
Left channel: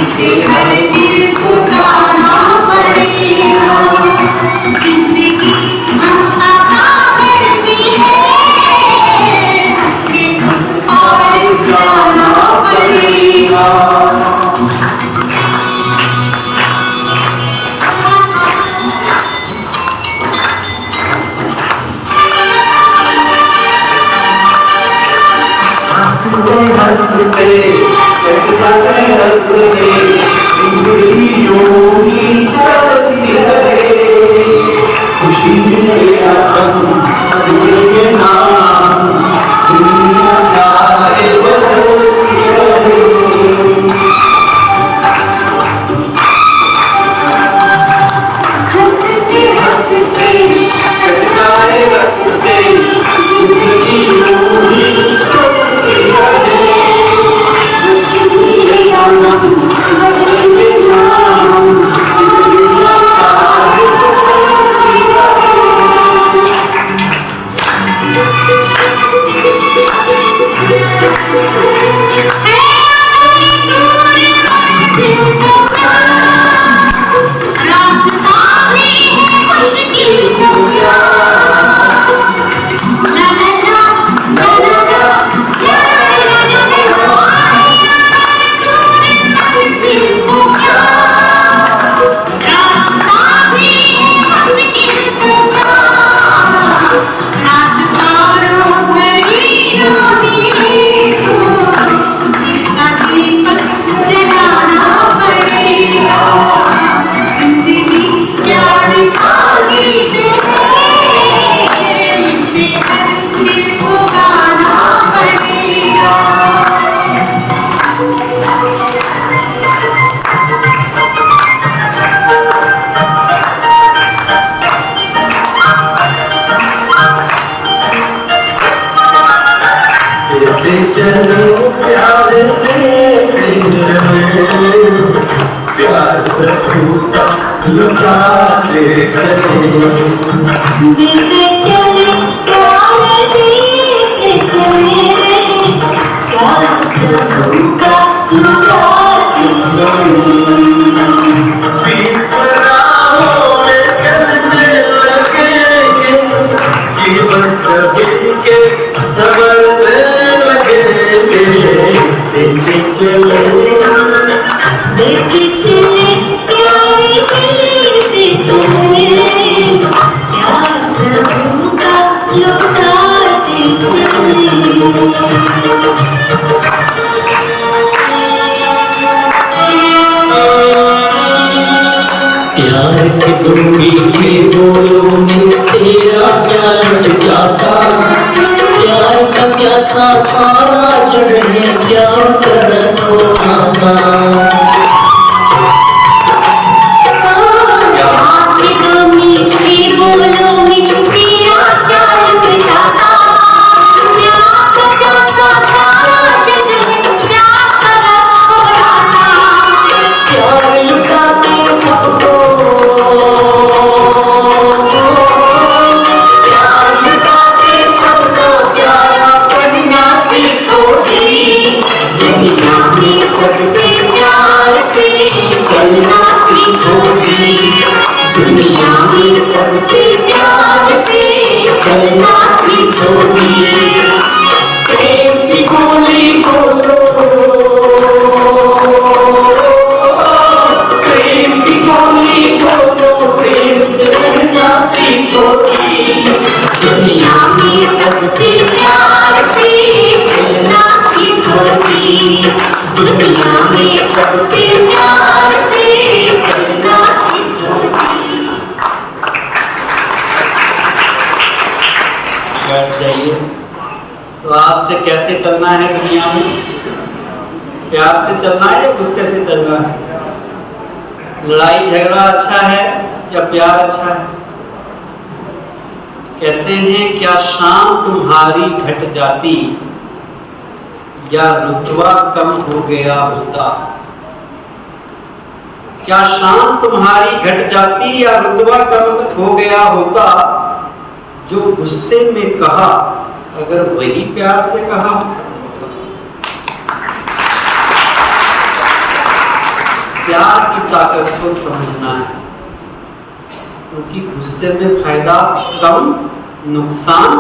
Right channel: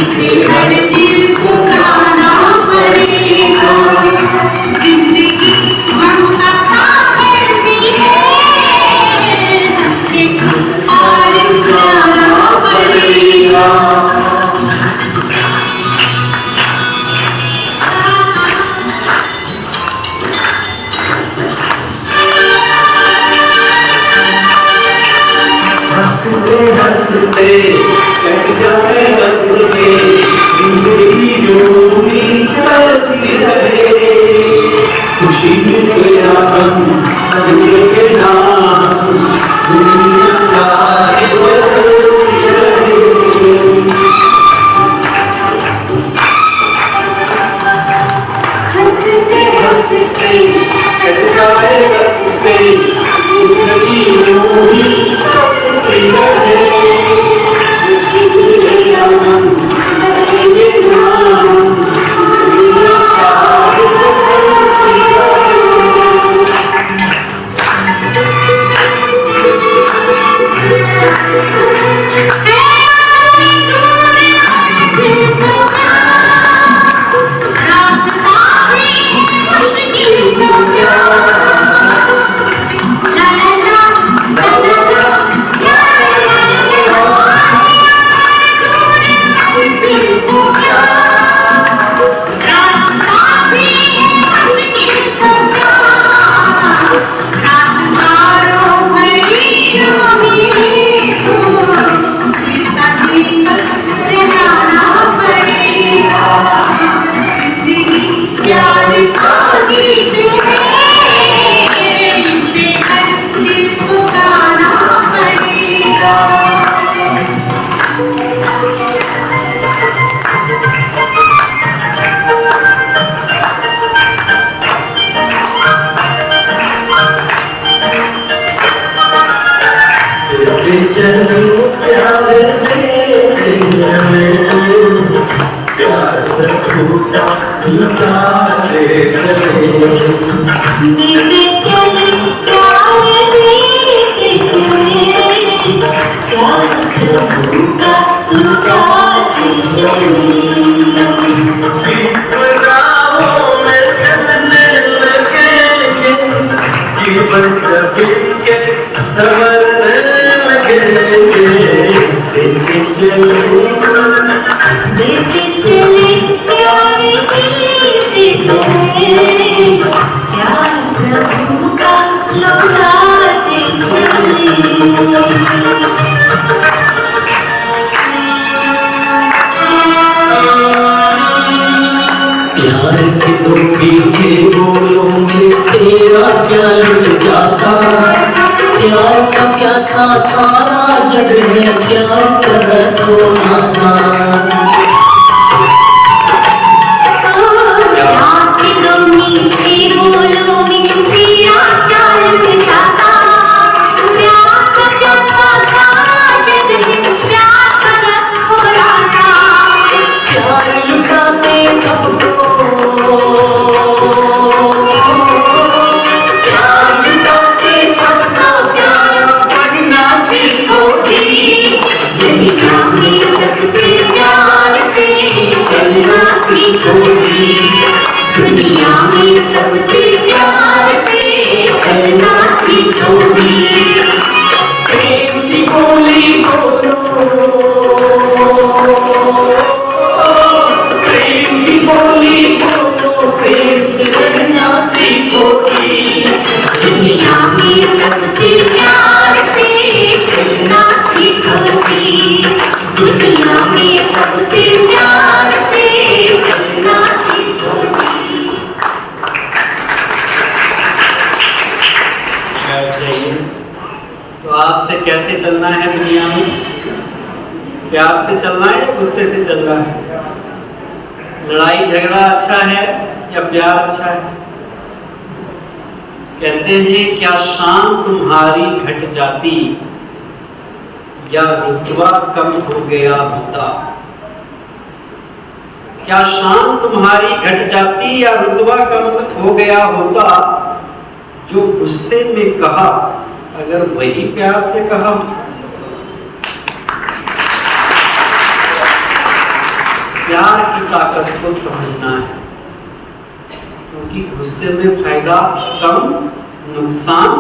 इसे हर दिल को गाना पड़ेगा। जिंदगी ममता सागर भी है, उसके उस पार जाना पड़ेगा। हंसते हंसते कट जाए रस्ते, जिंदगी यूं ही चलती रहे। खुशी मिले हम अगले के नाम, दुनिया चाहे बदलती रहे। हंसते हंसते कट जाए रस्ते, जिंदगी यूं ही चलती रहे। खुशी मिले हम बदलेंगे नाम, दुनिया चाहे बदलती रास्ता में मुश्किल तो क्या, ला ला ला ला ला ला, ला ला ला ला मंजिल तो क्या, रास्ता में मुश्किल तो क्या, रास्तारों बड़ी रानी को जितना दीपक जलाना पड़ेगा। जिंदगी प्यार का गीत है, इसे हर दिल को गाना पड़ेगा। देते चलो प्यार देते चलो, प्यार छूटा लुटाते चलो। देते चले प्यार देते चले, प्यार प्रभु का लुटाते चले। दीपराहों में चलने लगेंगे, जीवन सभी के संवरने लगेंगे। देते चलो देते चले प्यार देते चले, प्यार प्रभु का लुटाते चले। प्यार के तुम मीठे बोलों में तेरा क्या लुट जाता। प्यार का प्यासा सारा जग है, क्या कर रखो माता। आपके दो मीठे बोलों में तेरा क्या लुट जाता। प्यार का प्यासा सारा जग है, क्या कर रखो राता। प्यार लुटाते सबको, प्यार लुटाते सबको, प्यारा बनना सीखो जी। दुनिया में सबसे प्यार से चलना सीखो जी। दुनिया में सबसे प्यार से चलना सीखो जी। प्रेम की बोली बोलो, प्रेम की बोली बोलो, प्रेम से रहना सीखो जी। दुनिया में सबसे प्यार से चलना सीखो जी। दुनिया में सबसे प्यार से चलना सीखो जी। बैठ जाइए। तो आज से कैसे चलना है दुनिया में? प्यार से चलना है या गुस्से से चलना है? लड़ाई झगड़ा अच्छा है या प्यार अच्छा है? कहते हैं क्या शान तुम्हारी घट जाती या रुतबा कम हो गया होता। क्या शान तुम्हारी घट जाती या रुतबा कम हो गया होता? जो गुस्से में कहा अगर वही प्यार से कहा। प्यार की ताकत को समझना है, क्योंकि गुस्से में फायदा कम, नुकसान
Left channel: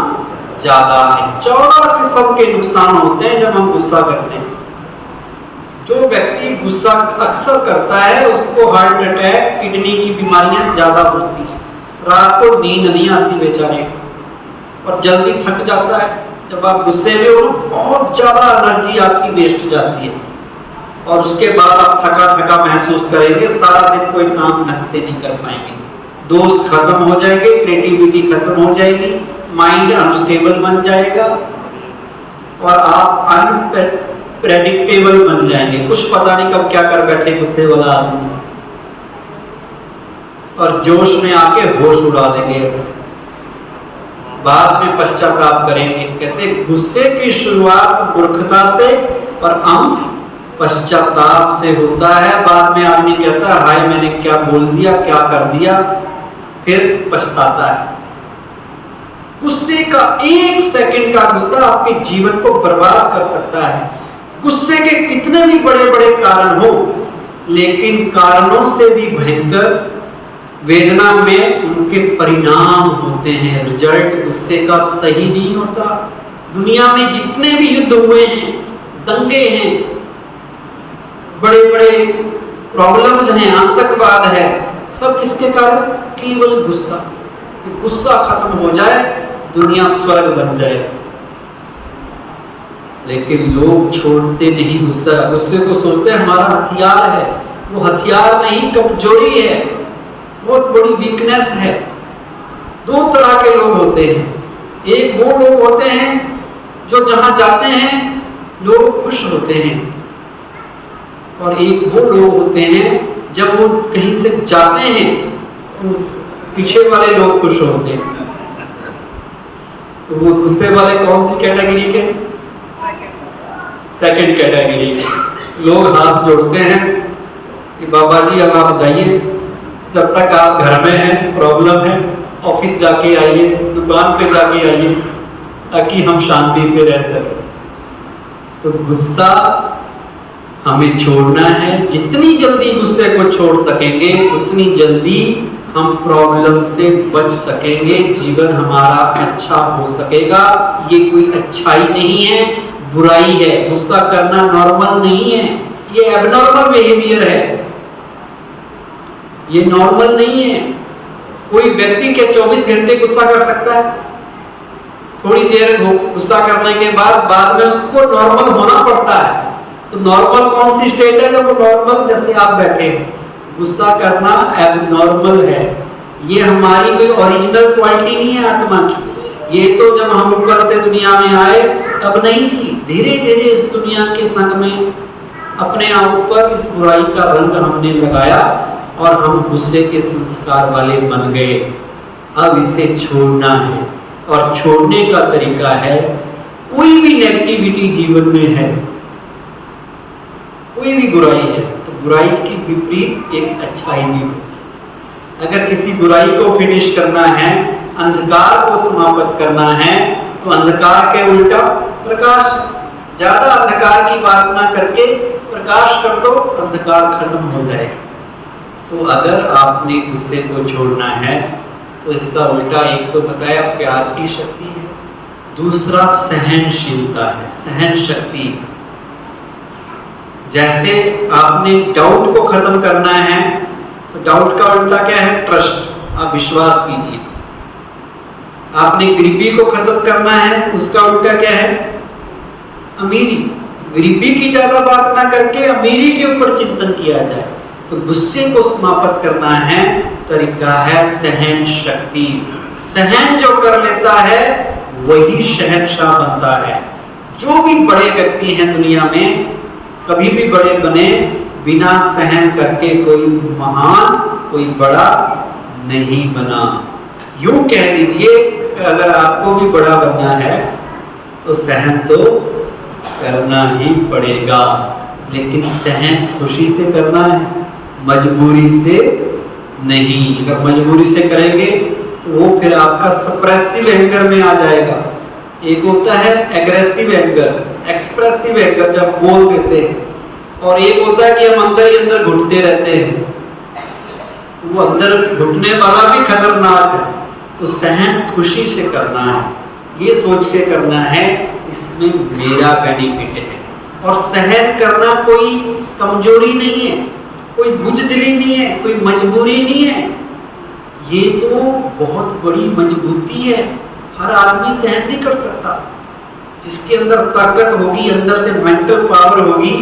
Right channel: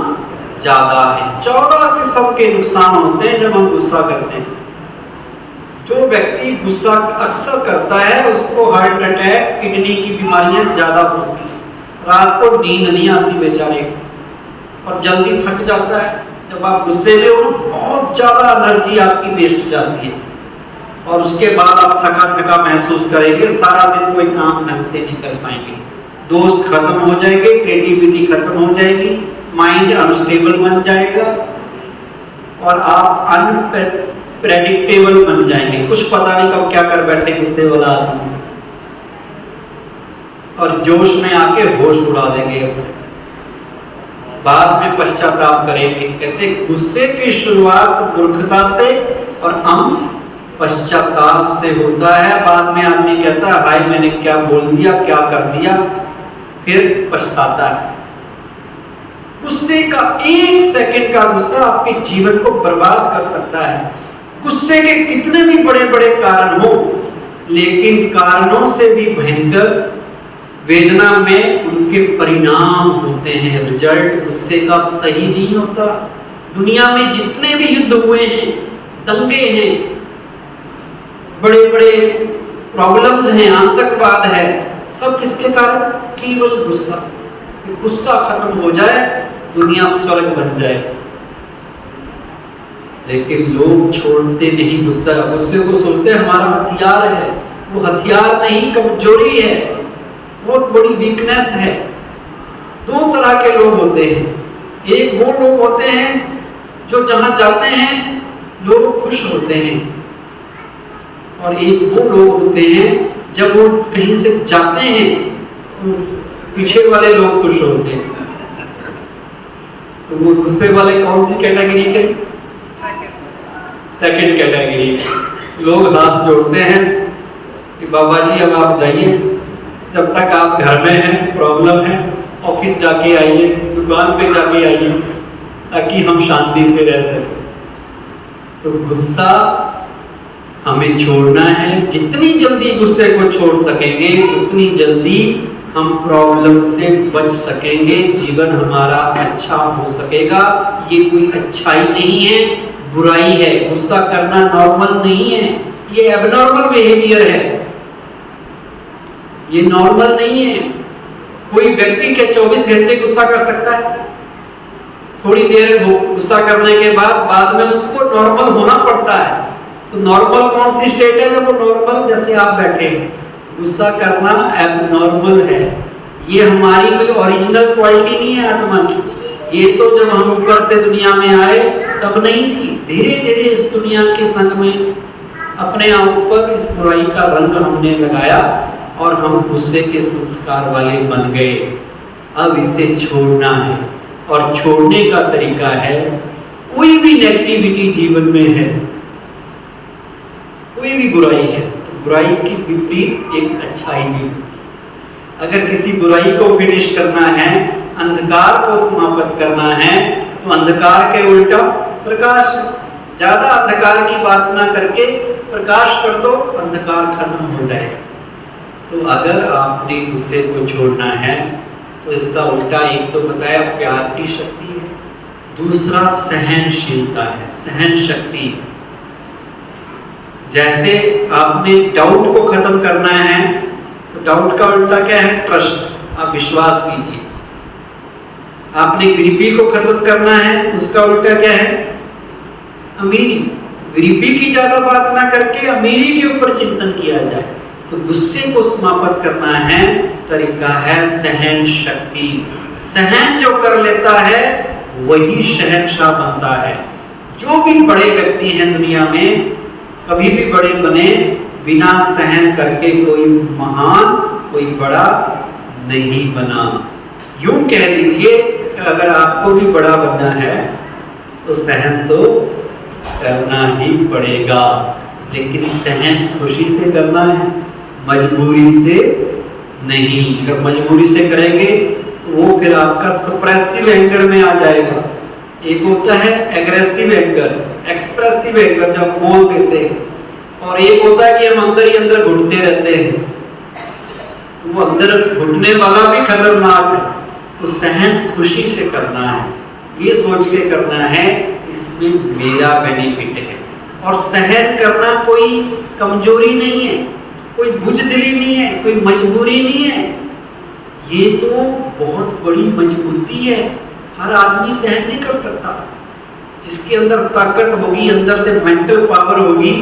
ज्यादा है। 14 किस्म के नुकसान होते हैं जब हम गुस्सा करते हैं। जो व्यक्ति गुस्सा अक्सर करता है उसको हार्ट अटैक, किडनी की बीमारियां ज्यादा होती हैं। रात को नींद नहीं आती बेचारे, और जल्दी थक जाता है। जब आप गुस्से में हो बहुत ज्यादा एनर्जी आपकी वेस्ट जाती है, और उसके बाद आप थका थका महसूस करेंगे, सारा दिन कोई काम ढंग से नहीं कर पाएंगे, दोस्त खत्म हो जाएंगे, क्रिएटिविटी खत्म हो जाएगी, माइंड अनस्टेबल बन जाएगा, और आप अनप्रेडिक्टेबल बन जाएंगे। कुछ पता नहीं कब क्या कर बैठे गुस्से वाला आदमी, और जोश में आके होश उड़ा देंगे, बाद में पश्चाताप करेंगे। कहते गुस्से की शुरुआत मूर्खता से और अंत पश्चाताप से होता है। बाद में आदमी कहता है हाय मैंने क्या बोल दिया, क्या कर दिया, फिर पछताता है। गुस्से का 1 सेकंड का गुस्सा आपके जीवन को बर्बाद कर सकता है। गुस्से के कितने भी बड़े बड़े कारण हो, लेकिन कारणों से भी भयंकर वेदना में उनके परिणाम होते हैं। रिजल्ट गुस्से का सही नहीं होता। दुनिया में जितने भी युद्ध हुए हैं, दंगे हैं, बड़े बड़े प्रॉब्लम्स हैं, आतंकवाद है, सब किसके कारण? केवल गुस्सा। गुस्सा खत्म हो जाए दुनिया स्वर्ग बन जाए। लेकिन लोग छोड़ते नहीं गुस्सा। गुस्से को सोचते हैं हमारा हथियार है। वो हथियार नहीं, कमजोरी है, बहुत बड़ी वीकनेस है। 2 तरह के लोग होते हैं। एक वो लोग होते हैं जो जहां जाते हैं लोग खुश होते हैं, और एक वो लोग होते हैं जब वो कहीं से जाते हैं तो पीछे वाले लोग खुश होते हैं। तो वो गुस्से वाले कौन सी कैटेगरी के? Second category. लोग हाथ जोड़ते हैं कि बाबा जी अब आप जाइए, जब तक आप घर में हैं प्रॉब्लम है, ऑफिस जाके आइए, दुकान पे जाके आइए, ताकि हम शांति से रह सकें। तो गुस्सा हमें छोड़ना है। जितनी जल्दी गुस्से को छोड़ सकेंगे उतनी जल्दी हम प्रॉब्लम से बच सकेंगे, जीवन हमारा अच्छा हो सकेगा। ये कोई अच्छाई नहीं है, बुराई है। गुस्सा करना नॉर्मल नहीं है, ये एबनॉर्मल बिहेवियर है, ये नॉर्मल नहीं है। कोई व्यक्ति के 24 घंटे गुस्सा कर सकता है, थोड़ी देर गुस्सा करने के बाद में उसको नॉर्मल होना पड़ता है। तो नॉर्मल कौन सी स्टेट है? जब नॉर्मल जैसे आप बैठे हैं। गुस्सा करना एबनॉर्मल है, ये हमारी कोई ओरिजिनल क्वालिटी नहीं है आत्मा की। ये तो जब हम ऊपर से दुनिया में आए तब नहीं थी। धीरे धीरे इस दुनिया के संग में अपने ऊपर इस बुराई का रंग हमने लगाया और हम गुस्से के संस्कार वाले बन गए। अब इसे छोड़ना है, और छोड़ने का तरीका है, कोई भी नेगेटिविटी जीवन में है, कोई भी बुराई है, तो बुराई की विपरीत एक अच्छाई भी होती है। अगर किसी बुराई को फिनिश करना है, अंधकार को समाप्त करना है, तो अंधकार के उल्टा प्रकाश। ज्यादा अंधकार की बात ना करके प्रकाश कर दो, अंधकार खत्म हो जाएगा। तो अगर आपने गुस्से को छोड़ना है तो इसका उल्टा एक तो बताया प्यार की शक्ति है, दूसरा सहनशीलता है, सहन शक्ति है। जैसे आपने डाउट को खत्म करना है तो डाउट का उल्टा क्या है? ट्रस्ट। आप विश्वास कीजिए। आपने गरीबी को खत्म करना है, उसका उल्टा क्या है? अमीरी। गरीबी की ज्यादा बात ना करके अमीरी के ऊपर चिंतन किया जाए। तो गुस्से को समाप्त करना है, तरीका है सहन शक्ति। सहन जो कर लेता है वही शहंशाह बनता है। जो भी बड़े व्यक्ति हैं दुनिया में, कभी भी बड़े बने बिना सहन करके कोई महान, कोई बड़ा नहीं बना। यूं कह लीजिए अगर आपको भी बड़ा बनना है तो सहन तो करना ही पड़ेगा, लेकिन सहन खुशी से करना है, मजबूरी से नहीं। अगर मजबूरी से करेंगे तो वो फिर आपका सप्रेसिव एंगर में आ जाएगा। एक होता है एग्रेसिव एंगर, एक्सप्रेसिव एंगर जब बोल देते हैं, और एक होता है कि हम अंदर ही अंदर घुटते रहते हैं, तो वो अंदर घुटने वाला भी खतरनाक है। तो सहन खुशी से करना है, ये सोच के करना है इसमें मेरा बेनिफिट है। और सहन करना कोई कमजोरी नहीं है, कोई बुजदिली नहीं है, कोई मजबूरी नहीं है, ये तो बहुत बड़ी मजबूती है। हर आदमी सहन नहीं कर सकता। जिसके अंदर ताकत होगी, अंदर से मेंटल पावर होगी,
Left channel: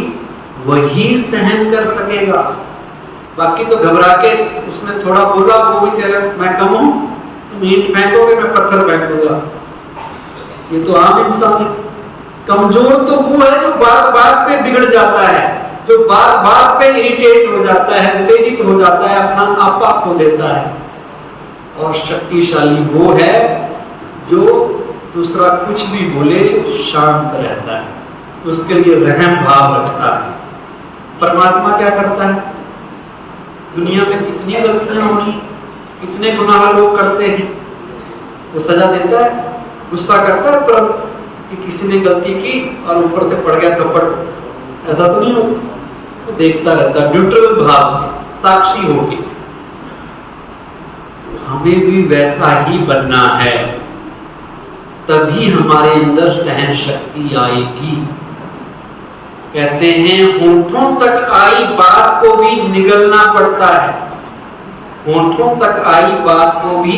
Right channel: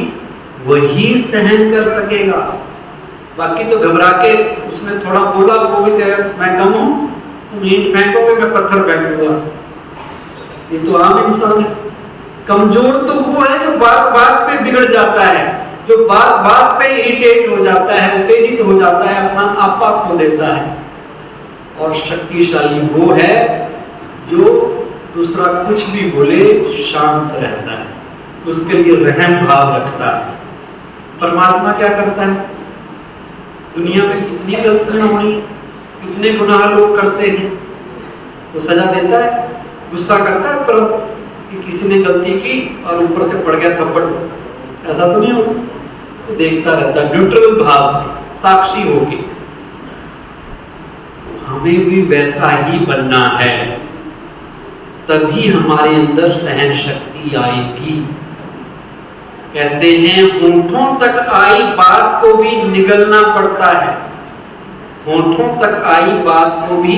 वही सहन कर सकेगा। बाकी तो घबरा के उसने थोड़ा बोला, वो भी कहेगा मैं कम हूं, तुम ईंट फेंकोगे मैं पत्थर फेंकूंगा। ये तो आम इंसान है। कमजोर तो वो है जो बात बात पे बिगड़ जाता है, जो बात बात पे इरिटेट हो जाता है, उत्तेजित हो जाता है, अपना आपा खो देता है। और शक्तिशाली वो है जो दूसरा कुछ भी बोले शांत रहता है, उसके लिए रहम भाव रखता है। परमात्मा क्या करता है? दुनिया में कितनी गलतियां हुई, कितने गुनाह लोग करते हैं, वो सजा देता है, गुस्सा करता है तुरंत कि किसी ने गलती की और ऊपर से पड़ गया थप्पड़, ऐसा तो नहीं होता। वो देखता रहता है न्यूट्रल भाव से, साक्षी होके। तो हमें भी वैसा ही बनना है, तभी हमारे अंदर सहन शक्ति आएगी। कहते हैं होठों तक आई बात को भी निगलना पड़ता है, होठों तक आई बात को भी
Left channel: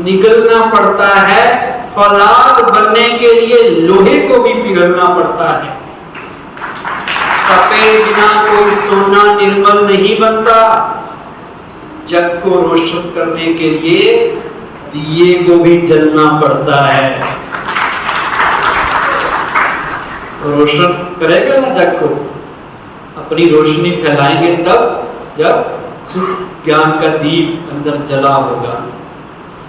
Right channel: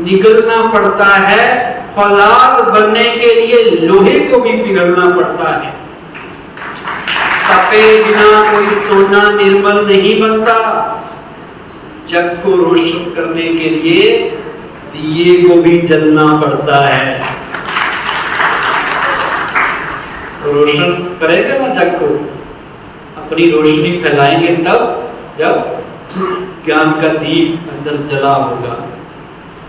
निगलना पड़ता है। फौलाद बनने के लिए लोहे को भी पिघलना पड़ता है। तपे बिना कोई सोना निर्मल नहीं बनता। जग को रोशन करने के लिए दिए को भी जलना पड़ता है। रोशन करेंगे ना जग को, अपनी रोशनी फैलाएंगे तब जब ज्ञान का दीप अंदर जला होगा।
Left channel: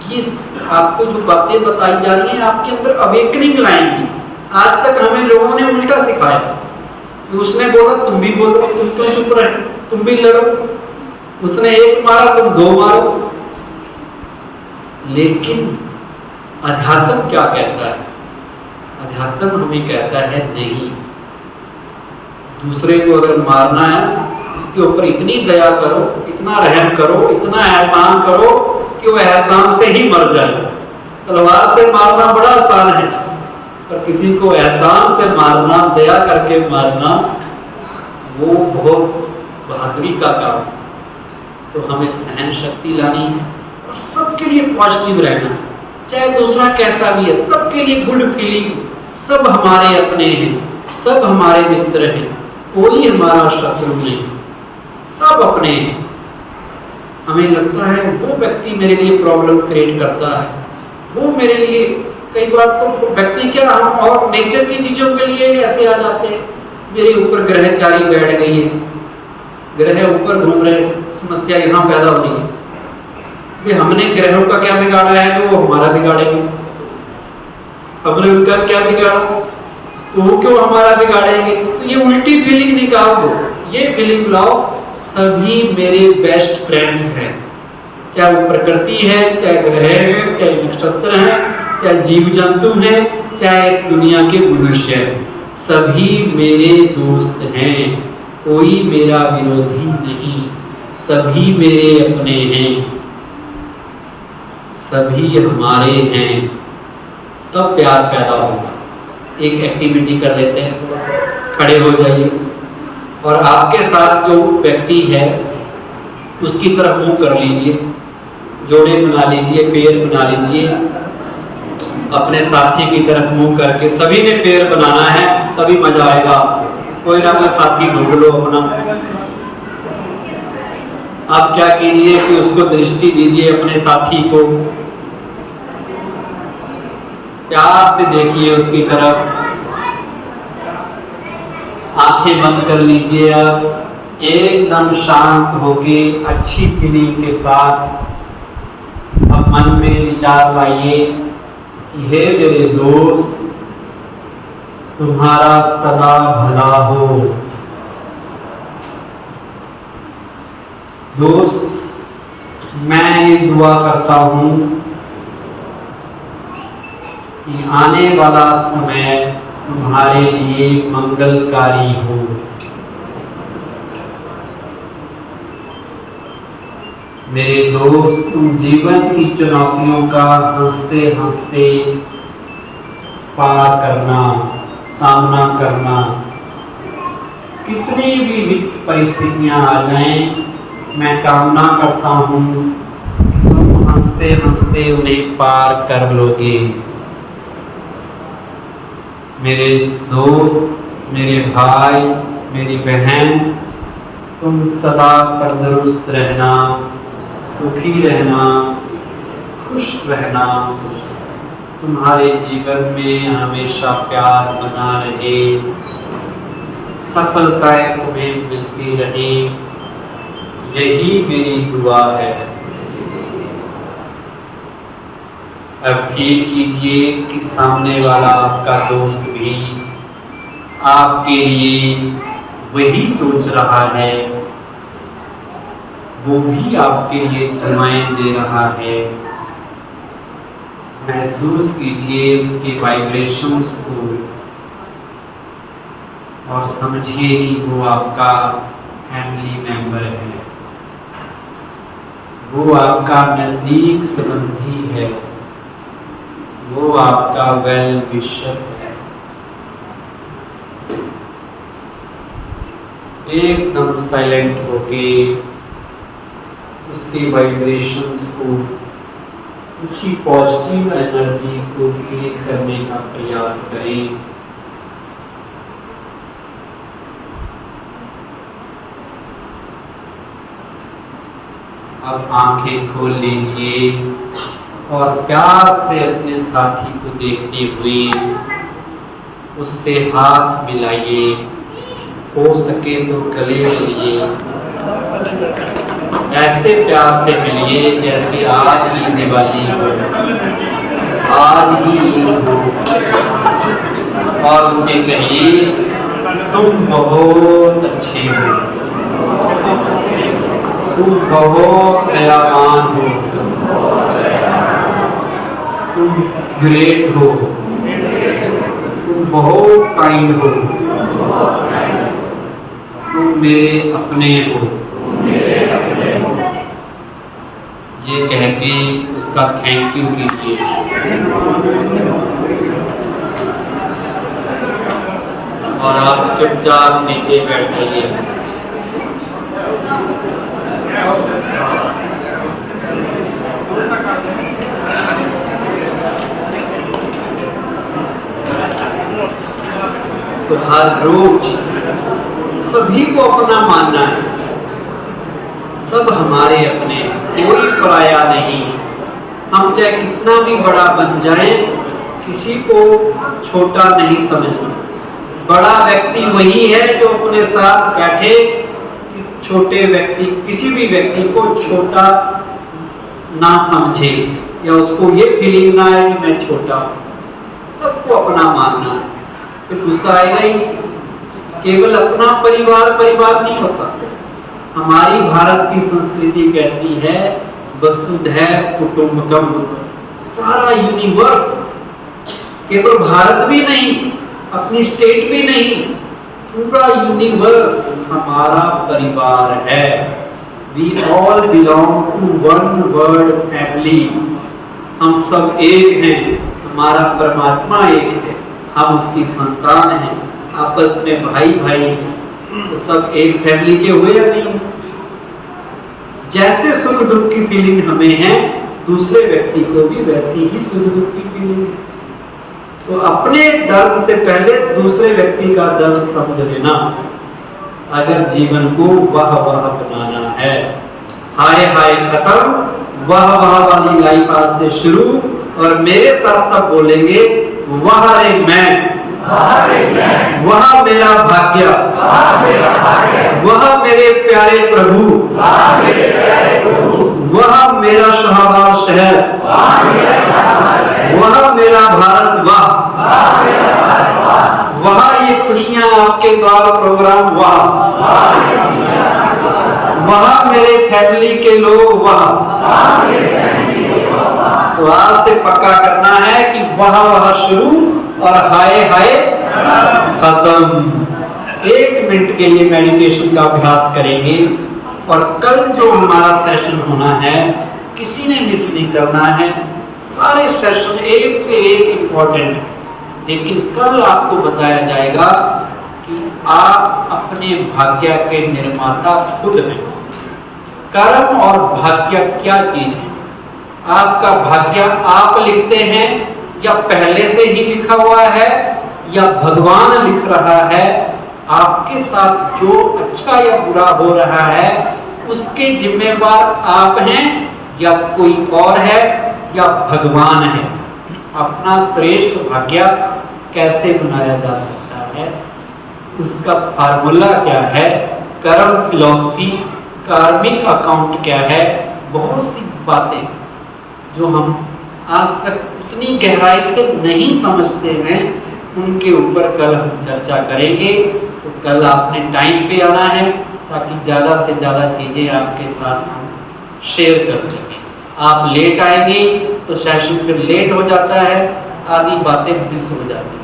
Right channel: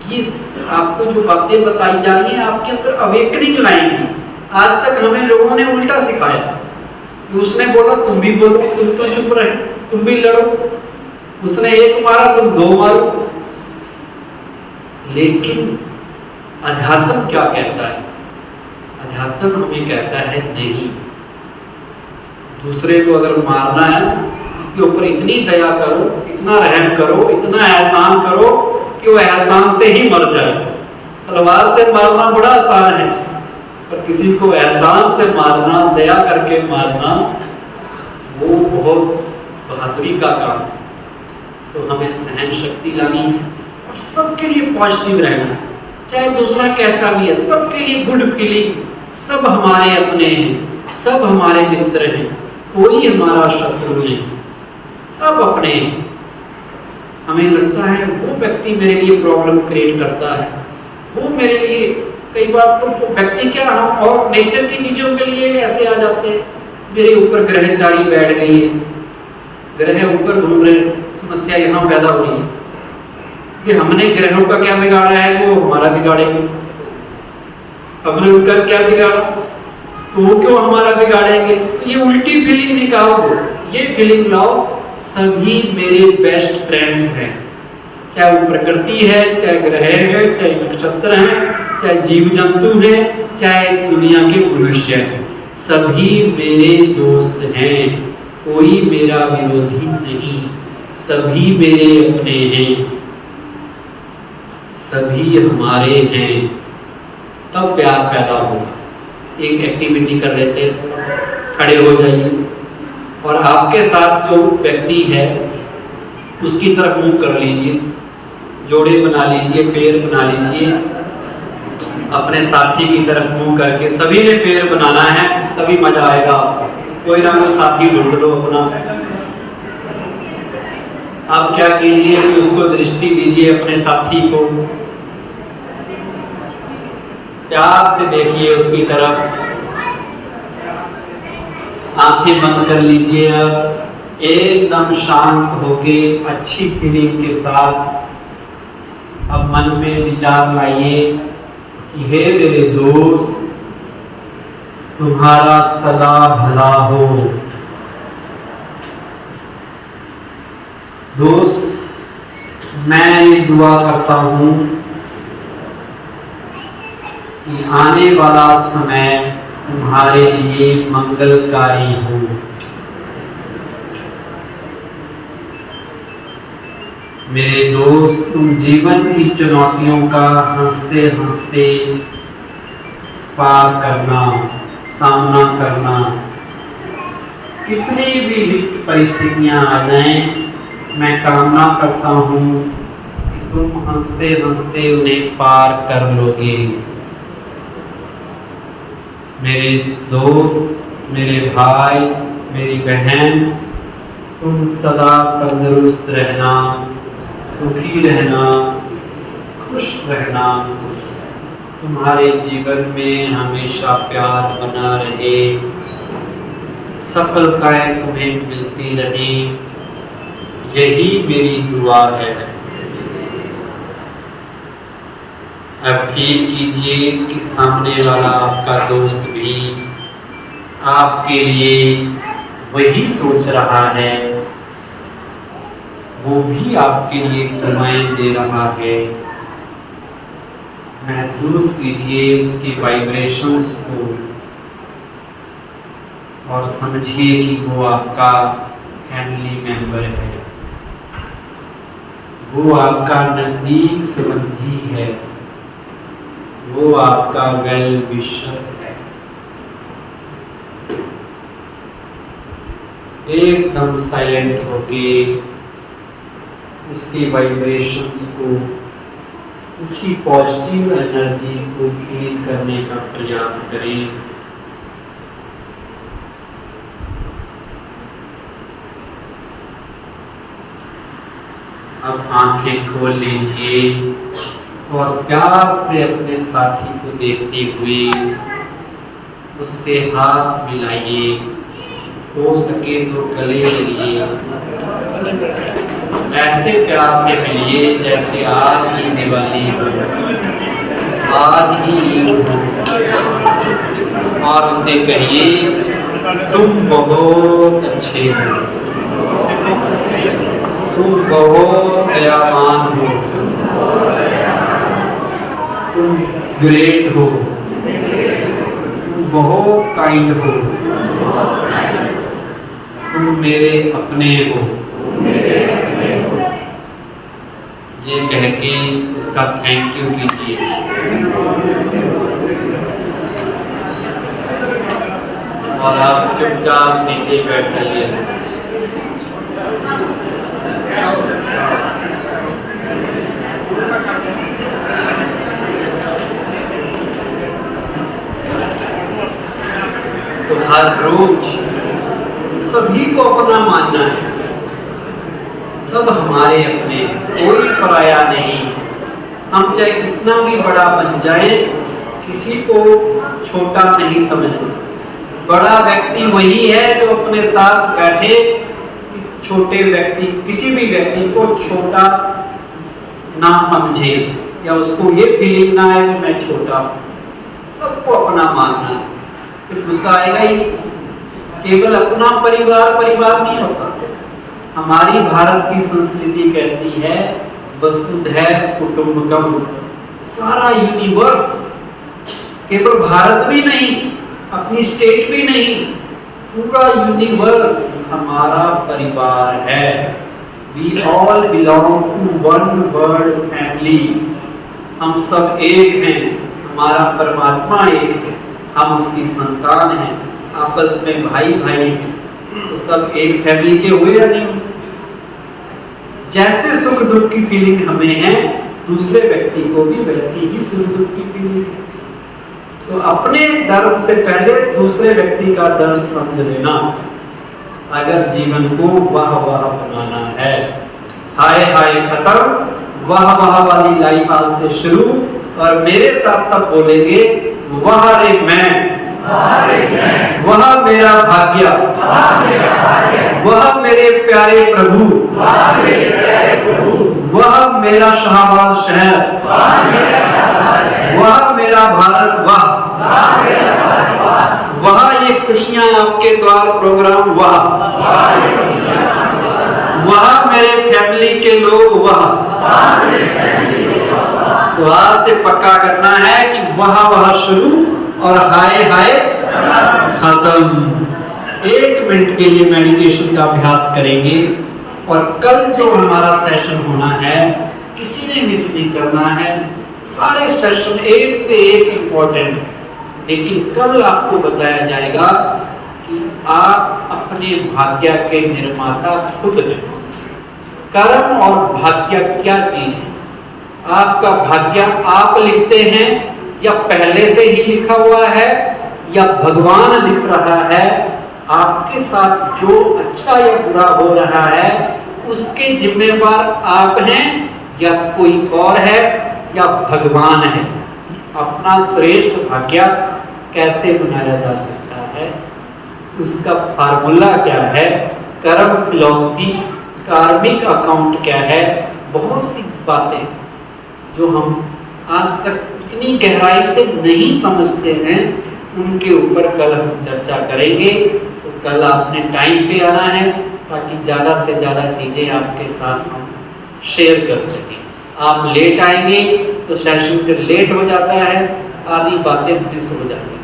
ये आपको जो बातें बताई जा रही हैं आपके अंदर अवेकनिंग लाएंगी। आज तक हमें लोगों ने उल्टा सिखाया। उसने बोला तुम भी बोलो, तुम क्यों चुप रहे, तुम भी लड़ो। उसने एक मारा तुम दो मारो। लेकिन अध्यात्म क्या कहता है? अध्यात्म हमें कहता है नहीं, दूसरे को अगर मारना है उसके ऊपर इतनी दया करो, इतना रहम करो, इतना एहसान करो कि वो एहसान से ही मर जाए। तलवार से मारना बड़ा आसान है, पर किसी को एहसान से मारना, दया करके मारना, वो बहुत बहादुरी का काम। तो हमें सहन शक्ति लानी है और सबके लिए पॉजिटिव रहना है, चाहे दूसरा कैसा भी है, सबके लिए गुड फीलिंग। सब हमारे अपने हैं, सब हमारे मित्र हैं, कोई हमारा शत्रु नहीं, सब अपने हैं। हमें लगता है वो व्यक्ति मेरे लिए प्रॉब्लम क्रिएट करता है, वो मेरे लिए, कई बार तो व्यक्ति क्या, हम और नेचर की चीजों के लिए ऐसे आ जाते हैं। मेरे ऊपर ग्रहचारी बैठ गई है, ग्रह ऊपर घूम रहे, समस्या यहाँ पैदा हो रही है। भी हमने ग्रहों का क्या बिगाड़ा है जो वो हमारा बिगाड़ेंगे? हमने उनका क्या बिगाड़ा तो वो क्यों हमारा बिगाड़ेंगे? तो ये उल्टी फीलिंग निकाल दो, ये फीलिंग लाओ सभी मेरे बेस्ट फ्रेंड्स हैं। चाहे वो प्रकृति है, चाहे ग्रह है, चाहे नक्षत्र है, चाहे जीव जंतु हैं, चाहे इस दुनिया के मनुष्य हैं, सभी मेरे दोस्त हैं, कोई मेरा विरोधी नहीं, सभी मेरे अपने हैं, सभी हमारे हैं। तब प्यार पैदा होगा। एक एक्टिविटी कर लेते हैं, खड़े हो जाइए और आपके साथ जो व्यक्ति है उसकी तरफ मुंह कर लीजिए, जोड़े बना लीजिए, पैर बना लीजिए, अपने साथी की तरफ मुंह करके सभी ने पैर बनाना है, तभी मजा आएगा। कोई ना कोई साथी ढूंढ लो अपना। आप क्या कीजिए कि उसको दृष्टि दीजिए, अपने साथी को प्यार से देखिए उसकी तरफ, आंखें बंद कर लीजिए। अब एकदम शांत होके अच्छी फीलिंग के साथ अब मन में विचार लाइए कि हे मेरे दोस्त, तुम्हारा सदा भला हो। दोस्त, मैं ये दुआ करता हूँ कि आने वाला समय तुम्हारे लिए मंगलकारी हो। मेरे दोस्त, तुम जीवन की चुनौतियों का हंसते हंसते पार करना, सामना करना, कितनी भी विकट परिस्थितियां आ जाएं, मैं कामना करता हूँ कि तुम हंसते हंसते उन्हें पार कर लोगे। मेरे दोस्त, मेरे भाई, मेरी बहन, तुम सदा तंदुरुस्त रहना, सुखी रहना, खुश रहना, तुम्हारे जीवन में हमेशा प्यार बना रहे, सफलताएं तुम्हें मिलती रहें, यही मेरी दुआ है। अब फील कीजिए कि सामने वाला आपका दोस्त भी आपके लिए वही सोच रहा है, वो भी आपके लिए दुआएं दे रहा है। महसूस कीजिए उसकी वाइब्रेशंस को और समझिए कि वो आपका फैमिली मेंबर है, वो आपका नज़दीक संबंधी है, वो आपका वेल विशर है। एकदम साइलेंट होके उसकी वाइब्रेशंस को, उसकी पॉजिटिव एनर्जी को फील करने का प्रयास करें। अब आंखें खोल लीजिए और प्यार से अपने साथी को देखते हुए उससे हाथ मिलाइए, हो सके तो गले मिलिए, ऐसे प्यार से मिलिए जैसे आज ही दिवाली हो, आज ही ईद हो, और उसे कहिए तुम बहुत अच्छे हो, तुम बहुत दयावान हो, तुम ग्रेट हो, तुम बहुत काइंड हो, तुम मेरे अपने हो। ये कह के उसका थैंक यू कीजिए। और आप चुपचाप नीचे बैठ जाइए। तो हर रोज सभी को अपना मानना है, सब हमारे अपने हैं, कोई पराया नहीं। हम चाहे कितना भी बड़ा बन जाए, किसी को छोटा नहीं समझना। बड़ा व्यक्ति वही है जो अपने साथ बैठे छोटे व्यक्ति, किसी भी व्यक्ति को छोटा ना समझे या उसको ये फीलिंग ना आए कि मैं छोटा हूं। सबको अपना मानना है, फिर गुस्सा आएगा ही। केवल अपना परिवार परिवार नहीं होता। हमारी भारत की संस्कृति कहती है वसुधैव कुटुंबकम। सारा यूनिवर्स, केवल भारत भी नहीं, अपनी स्टेट भी नहीं, पूरा यूनिवर्स हमारा परिवार है। We all belong to one world family। हम सब एक हैं, हमारा परमात्मा एक है, हम उसकी संतान हैं, आपस में भाई भाई हैं, तो सब एक फैमिली के हुए या नहीं? जैसे सुख दुख की फीलिंग हमें है, दूसरे व्यक्ति को भी वैसी ही सुख दुख की फीलिंग है। तो अपने दर्द से पहले दूसरे व्यक्ति का दर्द समझ लेना, अगर जीवन को वाह वाह बनाना है। हाय हाय खत्म, वाह वाह वाली लाइफ आज से शुरू। और मेरे साथ सब बोलेंगे वाह रे मैं, वह मेरा भाग्य, वह मेरे प्यारे प्रभु, वह मेरा शाहबाज शहर, वह मेरा भारत, वह ये खुशियां आपके द्वार प्रोग्राम, वहाँ मेरे फैमिली के लोग वहाँ। तो आज से पक्का करना है कि वहाँ वहाँ शुरू और हाय हाय खत्म। 1 मिनट के लिए मेडिटेशन का अभ्यास करेंगे और कल जो हमारा सेशन होना है किसी ने मिस नहीं करना है। सारे सेशन एक से एक इम्पोर्टेंट, लेकिन कल आपको बताया जाएगा कि आप अपने भाग्य के निर्माता खुद हैं। कर्म और भाग्य क्या चीज है? आपका भाग्य आप लिखते हैं या पहले से ही लिखा हुआ है या भगवान लिख रहा है? आपके साथ जो अच्छा या बुरा हो रहा है उसके जिम्मेवार आप हैं या कोई और है या भगवान है? अपना श्रेष्ठ भाग्य कैसे बनाया जा सकता है, उसका फार्मूला क्या है, कर्म फिलॉसफी, कार्मिक अकाउंट क्या है, बहुत सी बातें जो हम आज तक उतनी गहराई से नहीं समझते हैं, उनके ऊपर कल हम चर्चा करेंगे। तो कल आपने टाइम पे आना है ताकि ज़्यादा से ज़्यादा चीज़ें आपके साथ हम शेयर कर सकें। आप लेट आएंगे तो सेशन फिर लेट हो जाता है, आधी बातें मिस हो जाती हैं।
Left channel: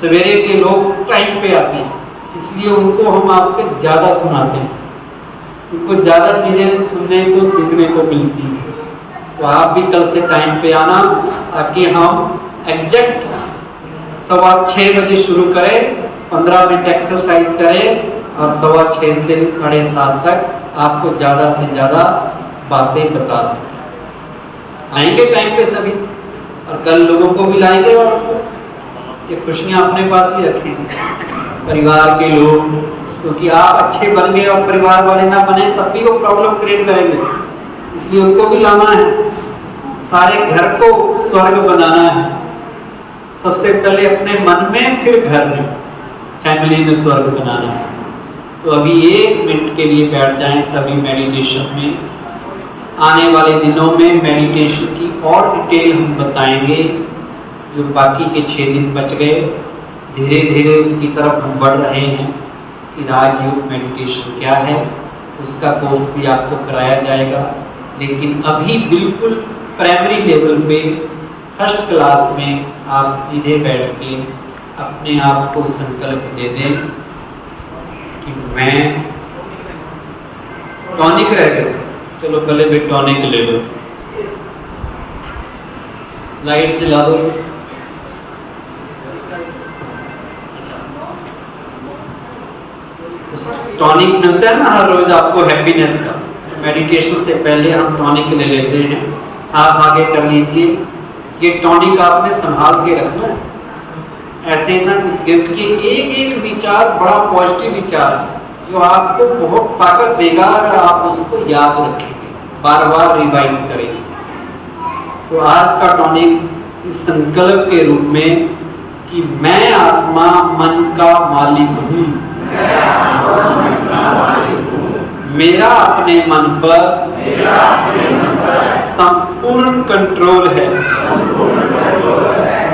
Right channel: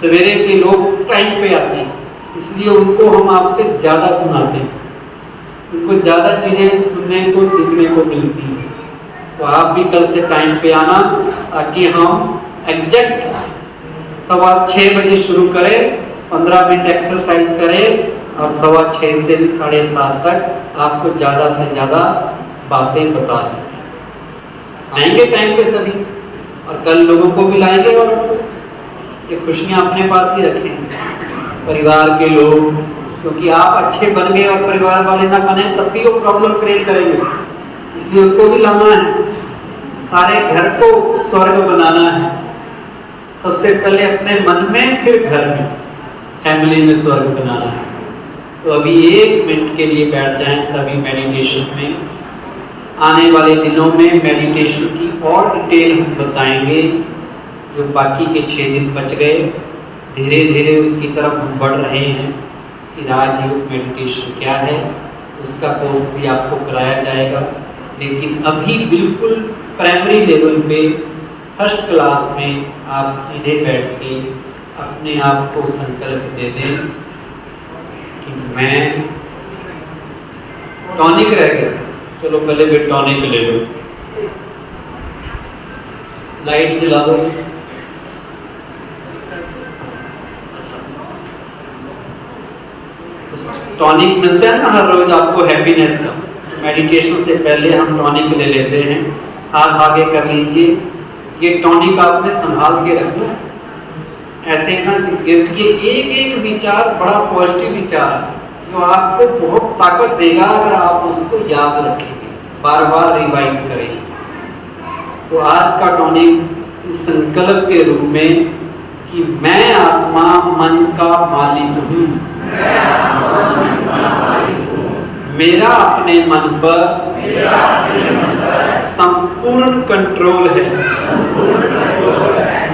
सवेरे के लोग टाइम पे आते हैं, इसलिए उनको हम आपसे ज़्यादा सुनाते हैं, उनको ज़्यादा चीज़ें सुनने को सीखने को मिलती हैं। तो आप भी कल से टाइम पे आना ताकि हम एग्जैक्ट 6:15 बजे शुरू करें, 15 मिनट एक्सरसाइज करें और 6:15 से 7:30 तक आपको ज़्यादा से ज़्यादा बातें बता सकें। आएंगे टाइम पे सभी, और कल लोगों को भी लाएंगे और ये खुशियाँ अपने पास ही रखेंगे, परिवार के लोग, क्योंकि आप अच्छे बन गए और परिवार वाले ना बने तब भी वो प्रॉब्लम क्रिएट करेंगे, इसलिए उनको भी लाना है। सारे घर को स्वर्ग बनाना है, सबसे पहले अपने मन में फिर घर में, फैमिली में स्वर्ग बनाना है। तो अभी 1 मिनट के लिए बैठ जाएं सभी मेडिटेशन में। आने वाले दिनों में मेडिटेशन की और डिटेल हम बताएंगे। जो बाकी के 6 दिन बच गए, धीरे धीरे उसकी तरफ हम बढ़ रहे हैं कि राजयोग मेडिटेशन क्या है, उसका कोर्स भी आपको कराया जाएगा। लेकिन अभी बिल्कुल प्राइमरी लेवल पे फर्स्ट क्लास में आप सीधे बैठ के अपने आप को संकल्प दे दें कि मैं टॉनिक रह गया, चलो पहले भी टॉनिक ले लो, लाइट जला दो। टॉनिक मिलता है ना हर रोज आपको हैप्पीनेस का, मेडिटेशन से पहले हम टॉनिक ले लेते हैं। हाथ आगे कर लीजिए, ये टॉनिक आपने संभाल के रखना है, ऐसे ना, क्योंकि एक एक विचार बड़ा पॉजिटिव विचार है जो आपको बहुत ताकत देगा अगर आप उसको याद रखेंगे, बार बार रिवाइज करेंगे। तो आज का टॉनिक इस संकल्प के रूप में कि मैं आत्मा मन का मालिक हूँ, मेरा अपने मन पर संपूर्ण कंट्रोल है,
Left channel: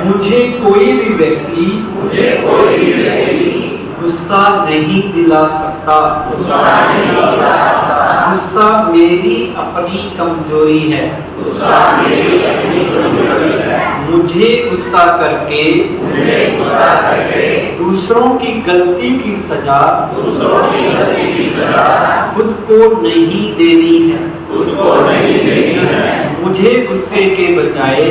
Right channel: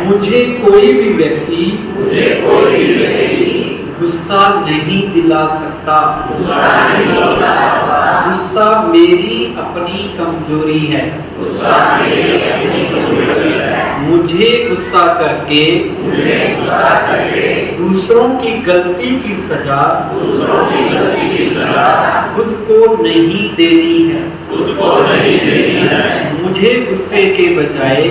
मुझे कोई भी व्यक्ति गुस्सा नहीं दिला सकता, गुस्सा मेरी अपनी कमजोरी है, मुझे गुस्सा करके दूसरों की गलती की सजा खुद को नहीं देनी है, मुझे गुस्से के बजाय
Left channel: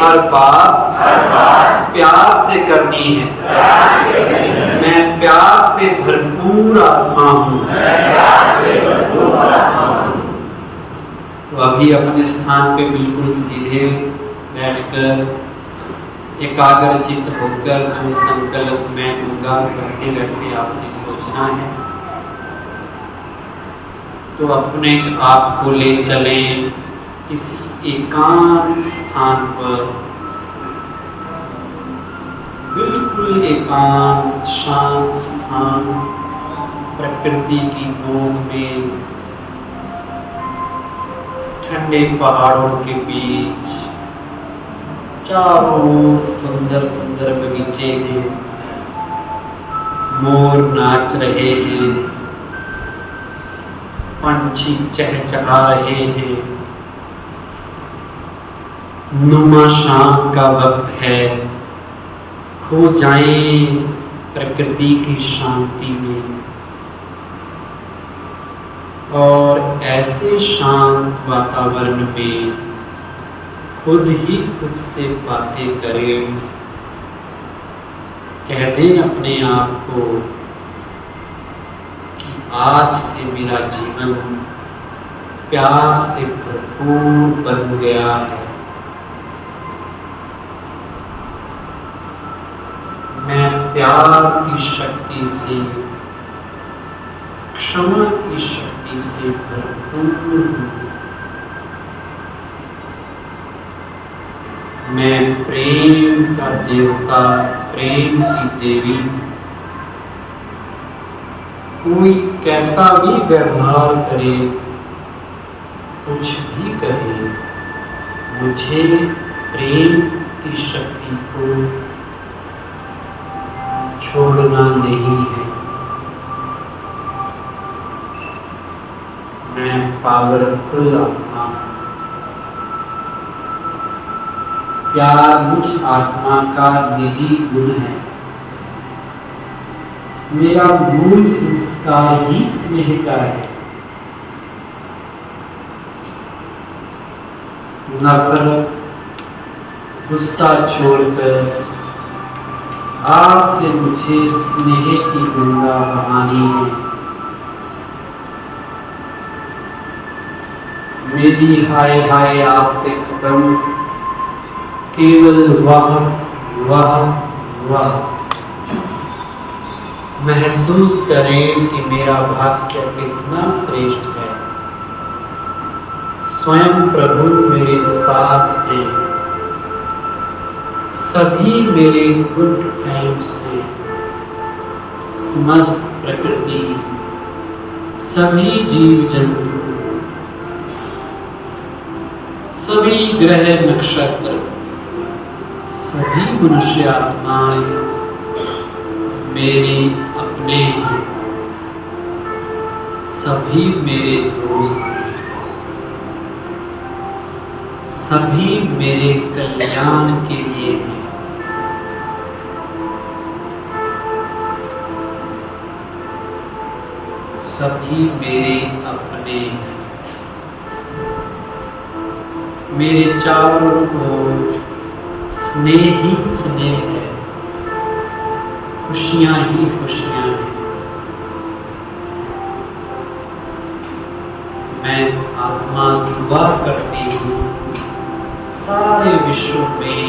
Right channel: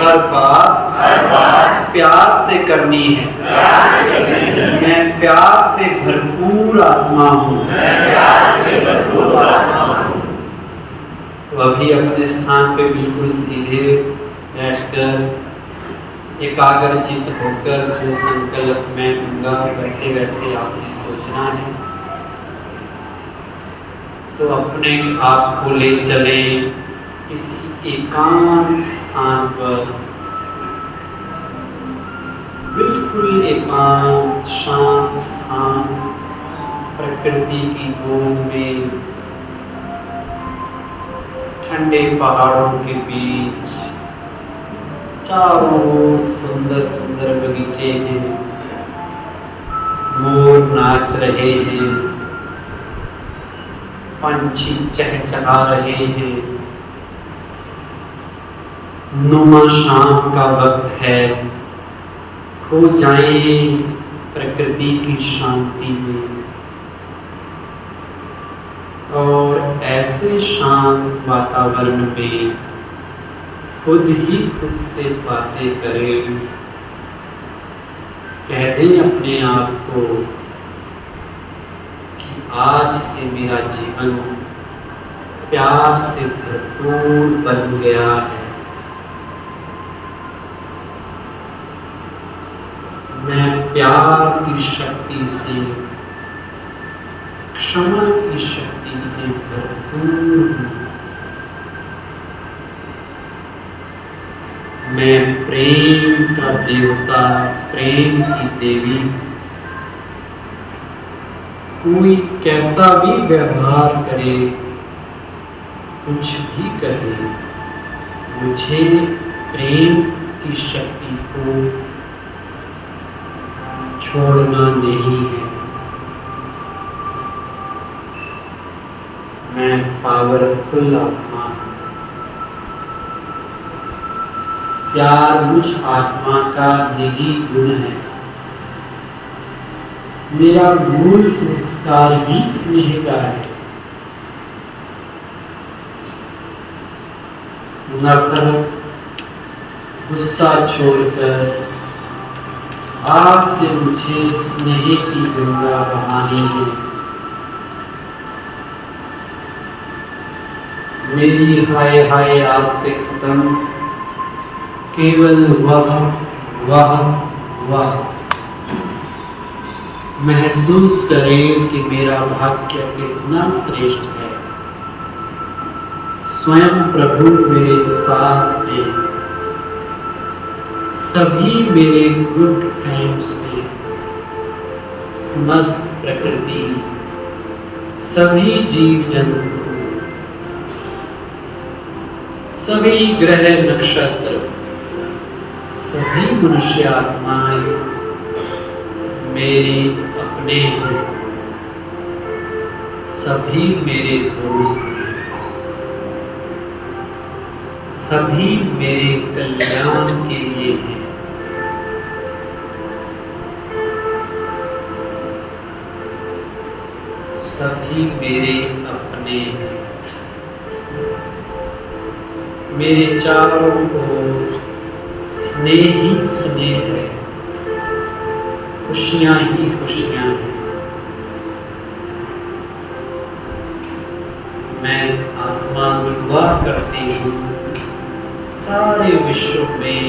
हर बात प्यार से करनी है, मैं प्यार से भरपूर आत्मा हूँ। तो अभी अपने स्थान पे बिल्कुल सीधे बैठकर एकाग्रचित होकर जो संकल्प मैं दूंगा वैसे वैसे आपने सोचना है। तो अपने आप को ले चलें किसी एकांत स्थान पर, बिल्कुल एकांत शांत स्थान, प्रकृति की गोद में, ठंडे पहाड़ों के बीच, चारों सुंदर सुंदर बगीचे हैं, मोर नाच रहे हैं, पंछी चहचहा रहे हैं। नुमा शाम का वक्त है, खो जाएं प्रकृति की शांति में और ऐसे शांत वातावरण में खुद ही खुद से बातें करें। कह दें अपने आप को कि आज से मेरा जीवन प्यार से भरपूर बन गया है। मैं प्यार की शक्ति से, क्षमा की शक्ति से भरपूर हूँ। मैं प्रेम का देवता, प्रेम की देवी हूँ। कोई कैसा भी व्यवहार करे, कुछ भी कहे, मुझे प्रेम की शक्ति को छोड़ना नहीं है। मैं पावरफुल आत्मा हूँ। प्यार मुझ आत्मा का निजी गुण है। मेरा मूल संस्कार ही स्नेह का है। नफरत, गुस्सा छोड़कर आज से मुझे स्नेह की गंगा बहानी है। मेरी हाय हाय आज से खत्म, केवल वाह वाह वाह। महसूस करें कि मेरा भाग्य कितना श्रेष्ठ है। स्वयं प्रभु मेरे साथ हैं। सभी मेरे गुड फ्रेंड्स हैं। समस्त प्रकृति, सभी जीव जंतु, सभी ग्रह नक्षत्र, सभी मनुष्य आत्माएं मेरे अपने हैं। सभी मेरे दोस्त हैं। सभी मेरे कल्याण के लिए हैं। सभी मेरे अपने हैं। मेरे चारों ओर स्नेह ही स्नेह है, खुशियां ही खुशियां हैं। मैं आत्मा दुआ करती हूँ सारे विश्व में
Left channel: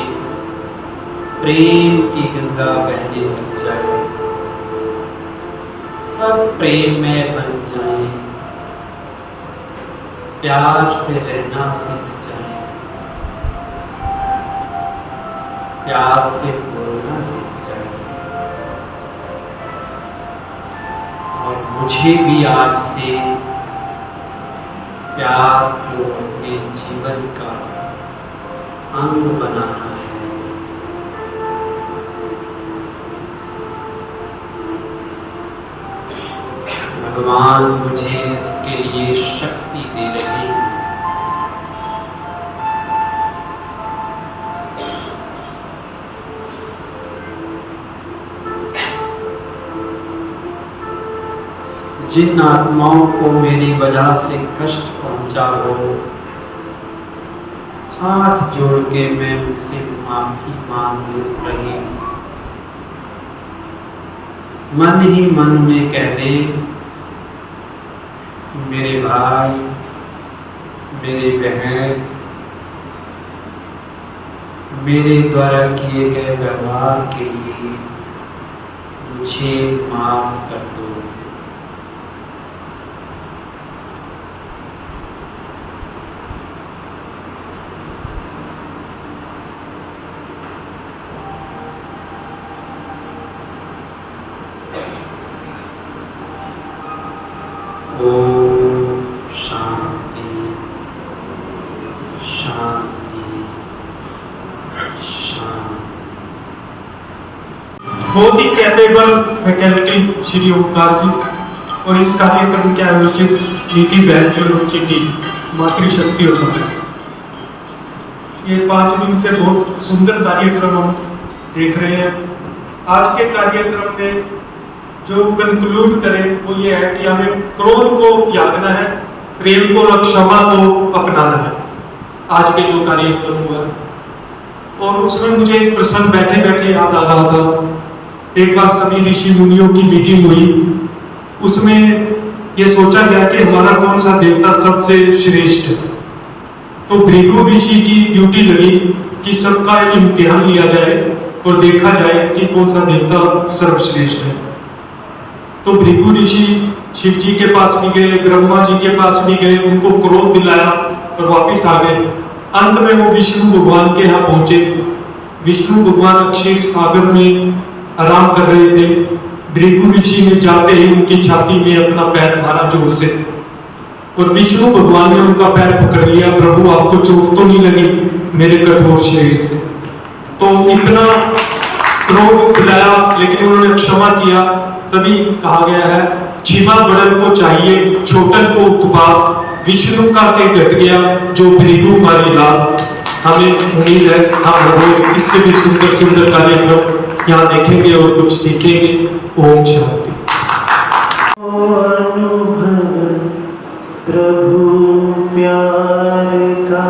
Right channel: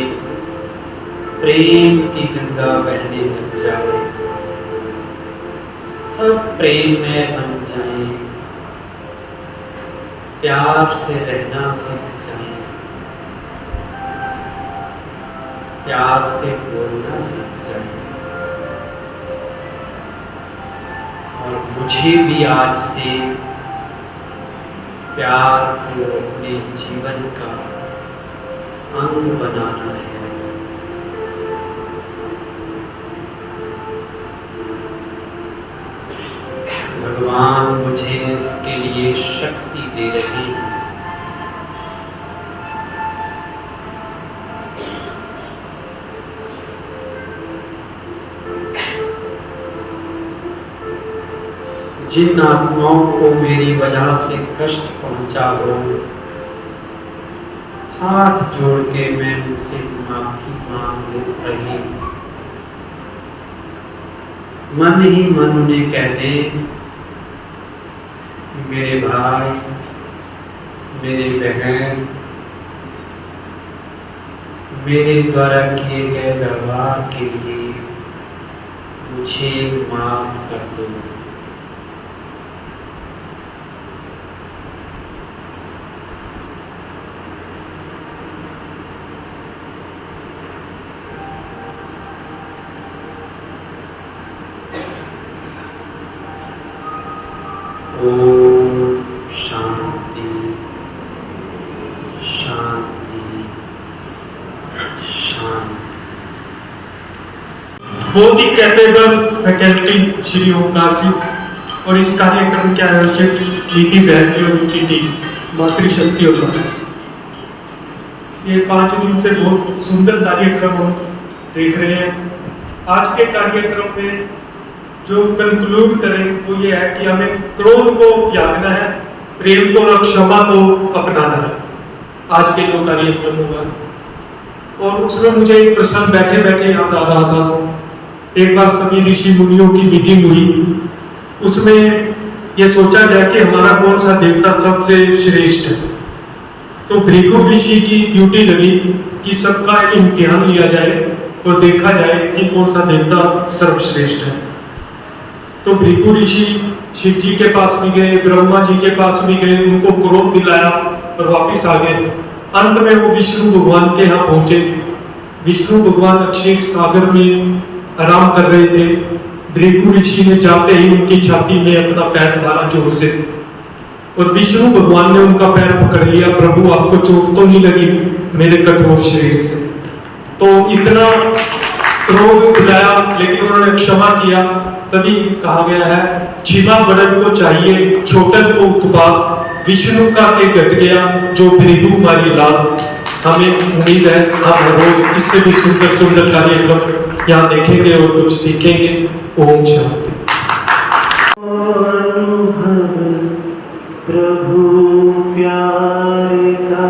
प्रेम की गंगा बहने लग जाए। सब प्रेम में बन जाए, प्यार से रहना सीख जाए, प्यार से बोलना सीख जाए। और मुझे भी आज से प्यार को अपने जीवन का अंग बनाना है। भगवान मुझे इसके लिए शक्ति दे रहे हैं। जिन आत्माओं को मेरी वजह से कष्ट पहुंचा हो, हाथ जोड़ के मैं उनसे माफी मांग रही हूँ। मन ही मन उन्हें कह दे, मेरे भाई, मेरे बहन, मेरे द्वारा किए गए व्यवहार के लिए मुझे माफ कर दो। ओम शांति शांति शांति। बहुत ही कैपेबल फैकल्टी श्री ओंकार जी और इस कार्यक्रम के आयोजक नीति बहन की और उनकी टीम मातृशक्ति और माता। ये 5 दिन से बहुत सुंदर कार्यक्रम हम देख रहे हैं। आज के कार्यक्रम में जो कंक्लूड करें वो ये है कि हमें क्रोध को त्यागना है, प्रेम को और क्षमा को अपनाना है। आज के जो कार्यक्रम हुआ और उसमें मुझे एक प्रसंग बैठे बैठे याद आ रहा था। एक बार सभी ऋषि मुनियों की मीटिंग हुई, उसमें ये सोचा गया कि हमारा कौन सा देवता सबसे श्रेष्ठ है। तो भृगु ऋषि की ड्यूटी लगी कि सबका इम्तिहान लिया जाए और देखा जाए कि कौन सा देवता सर्वश्रेष्ठ है। तो भृगु ऋषि शिव जी के पास भी गए, ब्रह्मा जी के पास भी गए, उनको क्रोध दिलाया और वापिस आ गए। अंत में वो विष्णु भगवान के यहाँ पहुंचे। विष्णु भगवान क्षीर सागर में आराम कर रहे थे। भृगु ऋषि ने जाते ही उनकी छाती में अपना पैर मारा जोर से और विष्णु भगवान ने उनका पैर पकड़ लिया। प्रभु आपको चोट तो नहीं लगी मेरे कठोर शरीर से? तो इतना क्रोध दिलाया लेकिन उन्होंने क्षमा किया। तभी कहा गया है क्षमा बड़न को चाहिए, छोटन को उत्पाद, विष्णु का के घट गया जो भृगु मारी लाल। हमें उम्मीद है हम रोज इससे भी सुंदर सुंदर कार्यक्रम यहाँ देखेंगे और कुछ सीखेंगे। ओम शांति। अनुभव प्रभु प्यार का,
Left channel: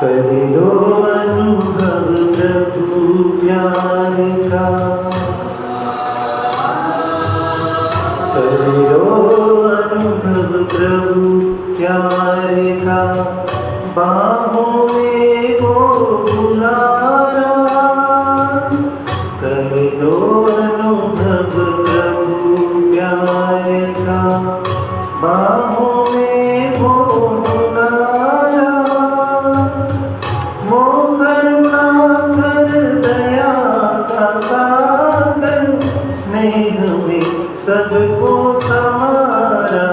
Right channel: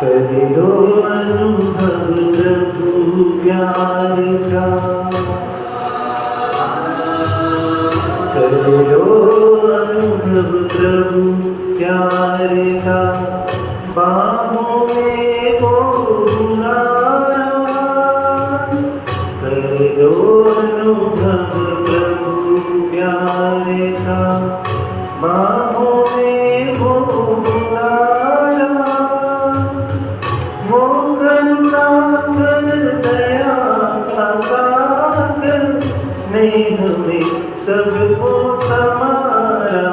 कर लो अनुभव प्रभु प्यार का, कर लो अनुभव प्रभु प्यार का। बाहों में वो बुलाना, कर लो अनुभव प्रभु प्यार का। बाहों में वो स्नेह में सबको समारा,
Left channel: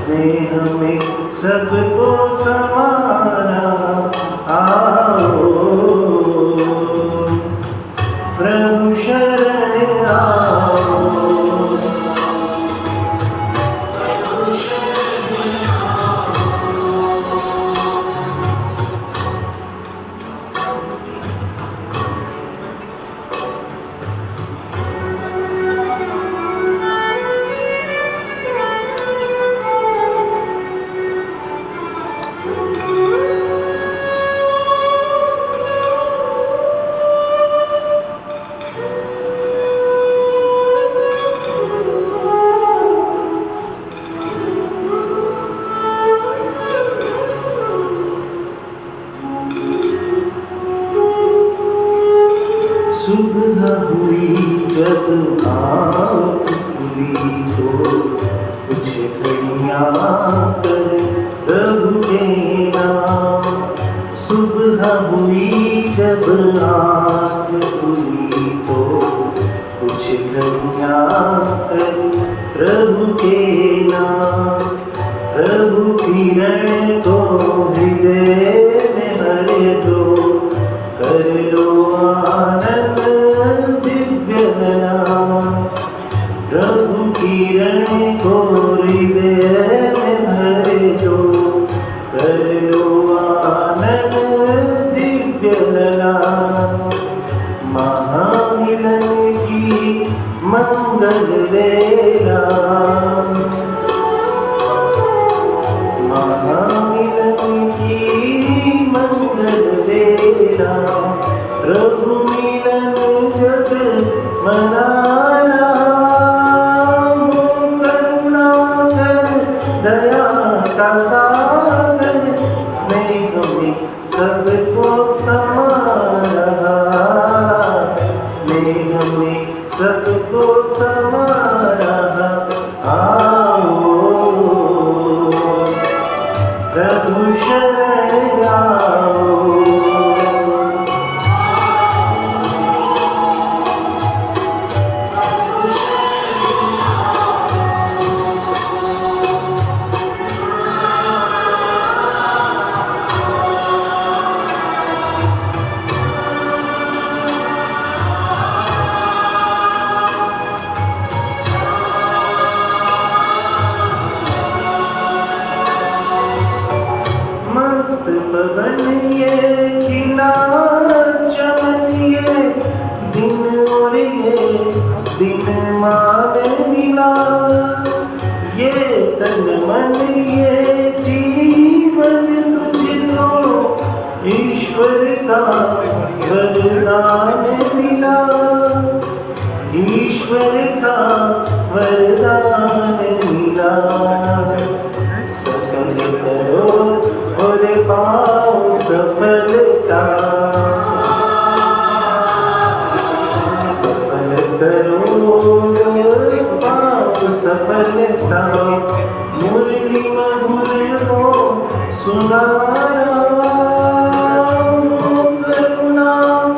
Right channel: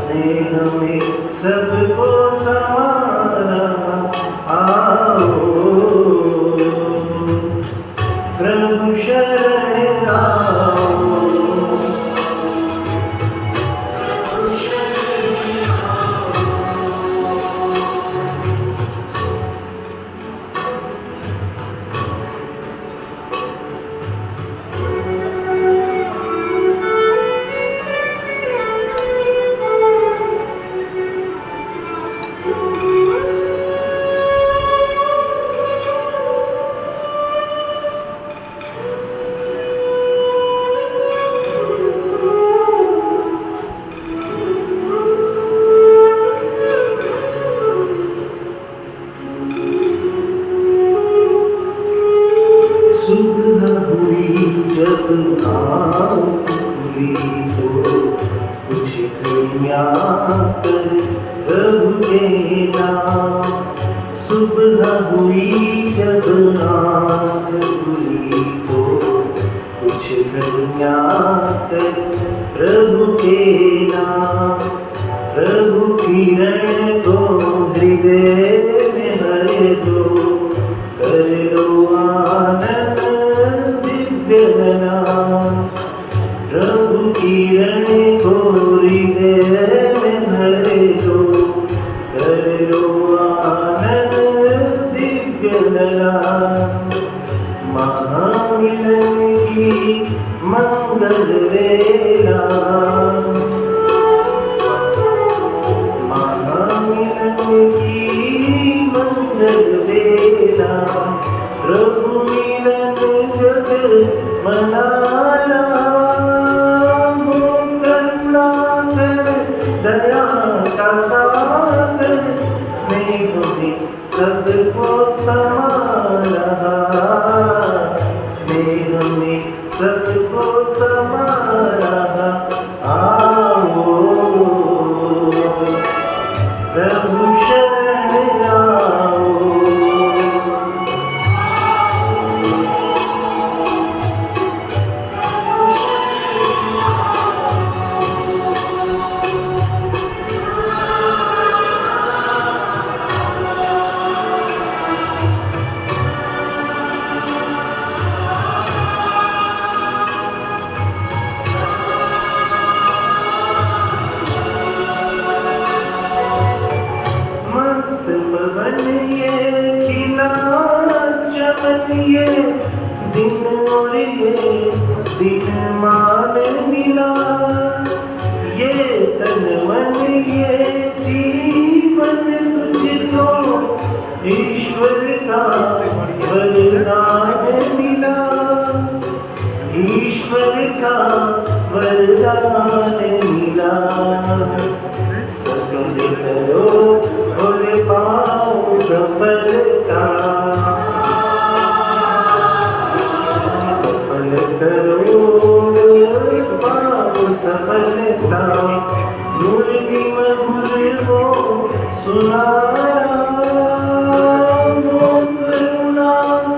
स्नेह में सबको समारा। आओ प्रभु शरण आओ, सुबह हुई जब आँख खुली तो कुछ घड़ियाँ कर प्रभु के नाम। सुबह हुई जब आँख खुली तो कुछ घड़ियाँ कर प्रभु के नाम। प्रभु किरण को हृदय में भर दो, कर लो आनंद दिव्य नाम। प्रभु किरण को हृदय में भर दो, कर लो आनंद दिव्य नाम। महामिलन की मंगल वेला, महामिलन की मंगल वेला। प्रभु मिलन जग मनाना, वो करुणा कर में सबको समारा आओ प्रभु शरण आओ मस्त बनिए खिला चमनिए दिन और ये दिन मान मिला ये तन मन ये जीवन तुझको ईश्वर का वरदान मिला ईश्वर का वरदान मिला सफल करो और पाओ सफलता सफल करो और पाओ सफलता मुरली मधुर हो सुनारा करुणा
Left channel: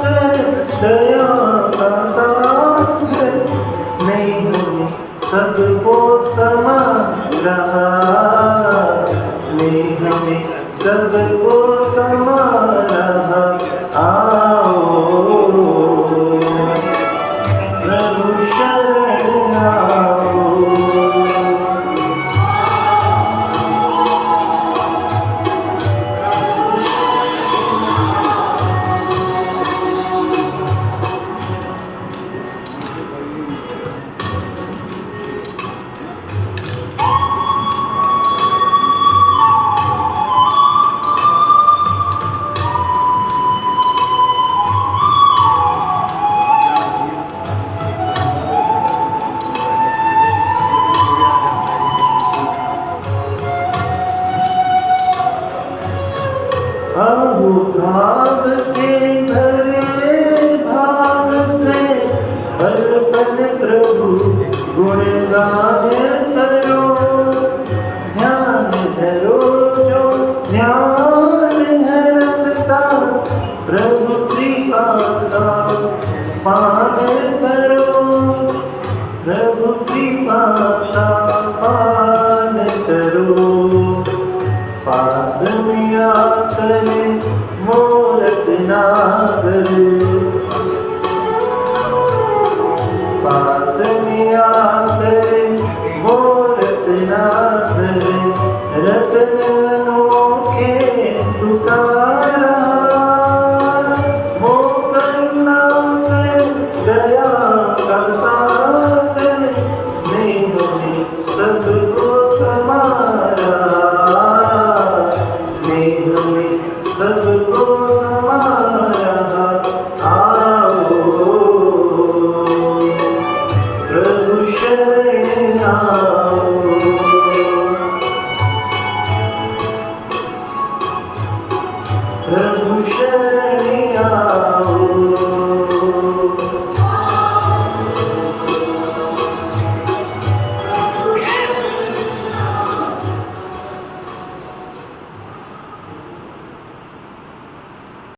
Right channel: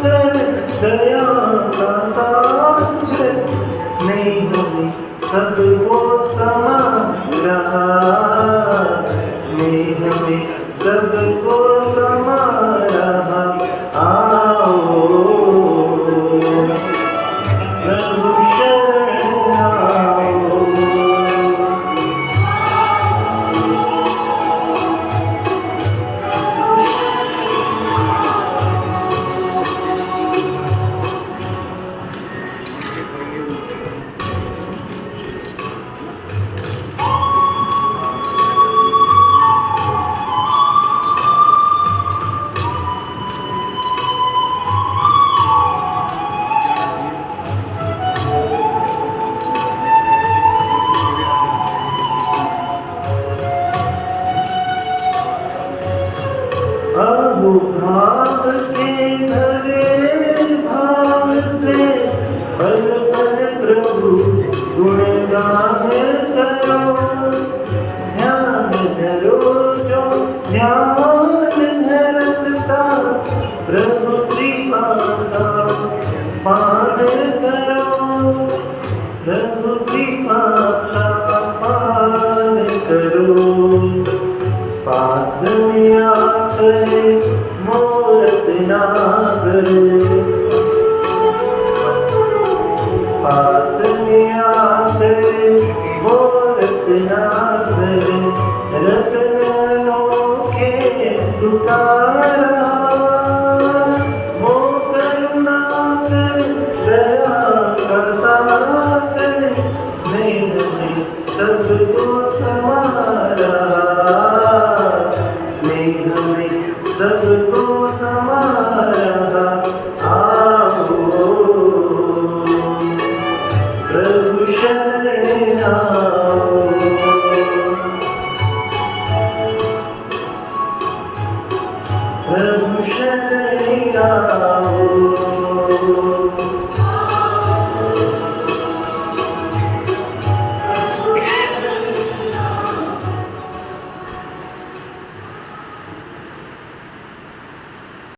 कर दया का सागर स्नेह में सबको समारा स्नेह में सबको समारा आओ प्रभु शरण आओ अब भाव के धरे भाव से पल पल प्रभु गुणगान करो ध्यान धरो जो ध्यान है रखता प्रभु कृपा का पान करो प्रभु कृपा का पान करो पास में आकर मूरत नागर पास में आकर मूरत नागर रत्नों के पुकारा वो करुणा कर दया का सागर स्नेह में सबको समारा स्नेह में सबको समारा आओ प्रभु शरण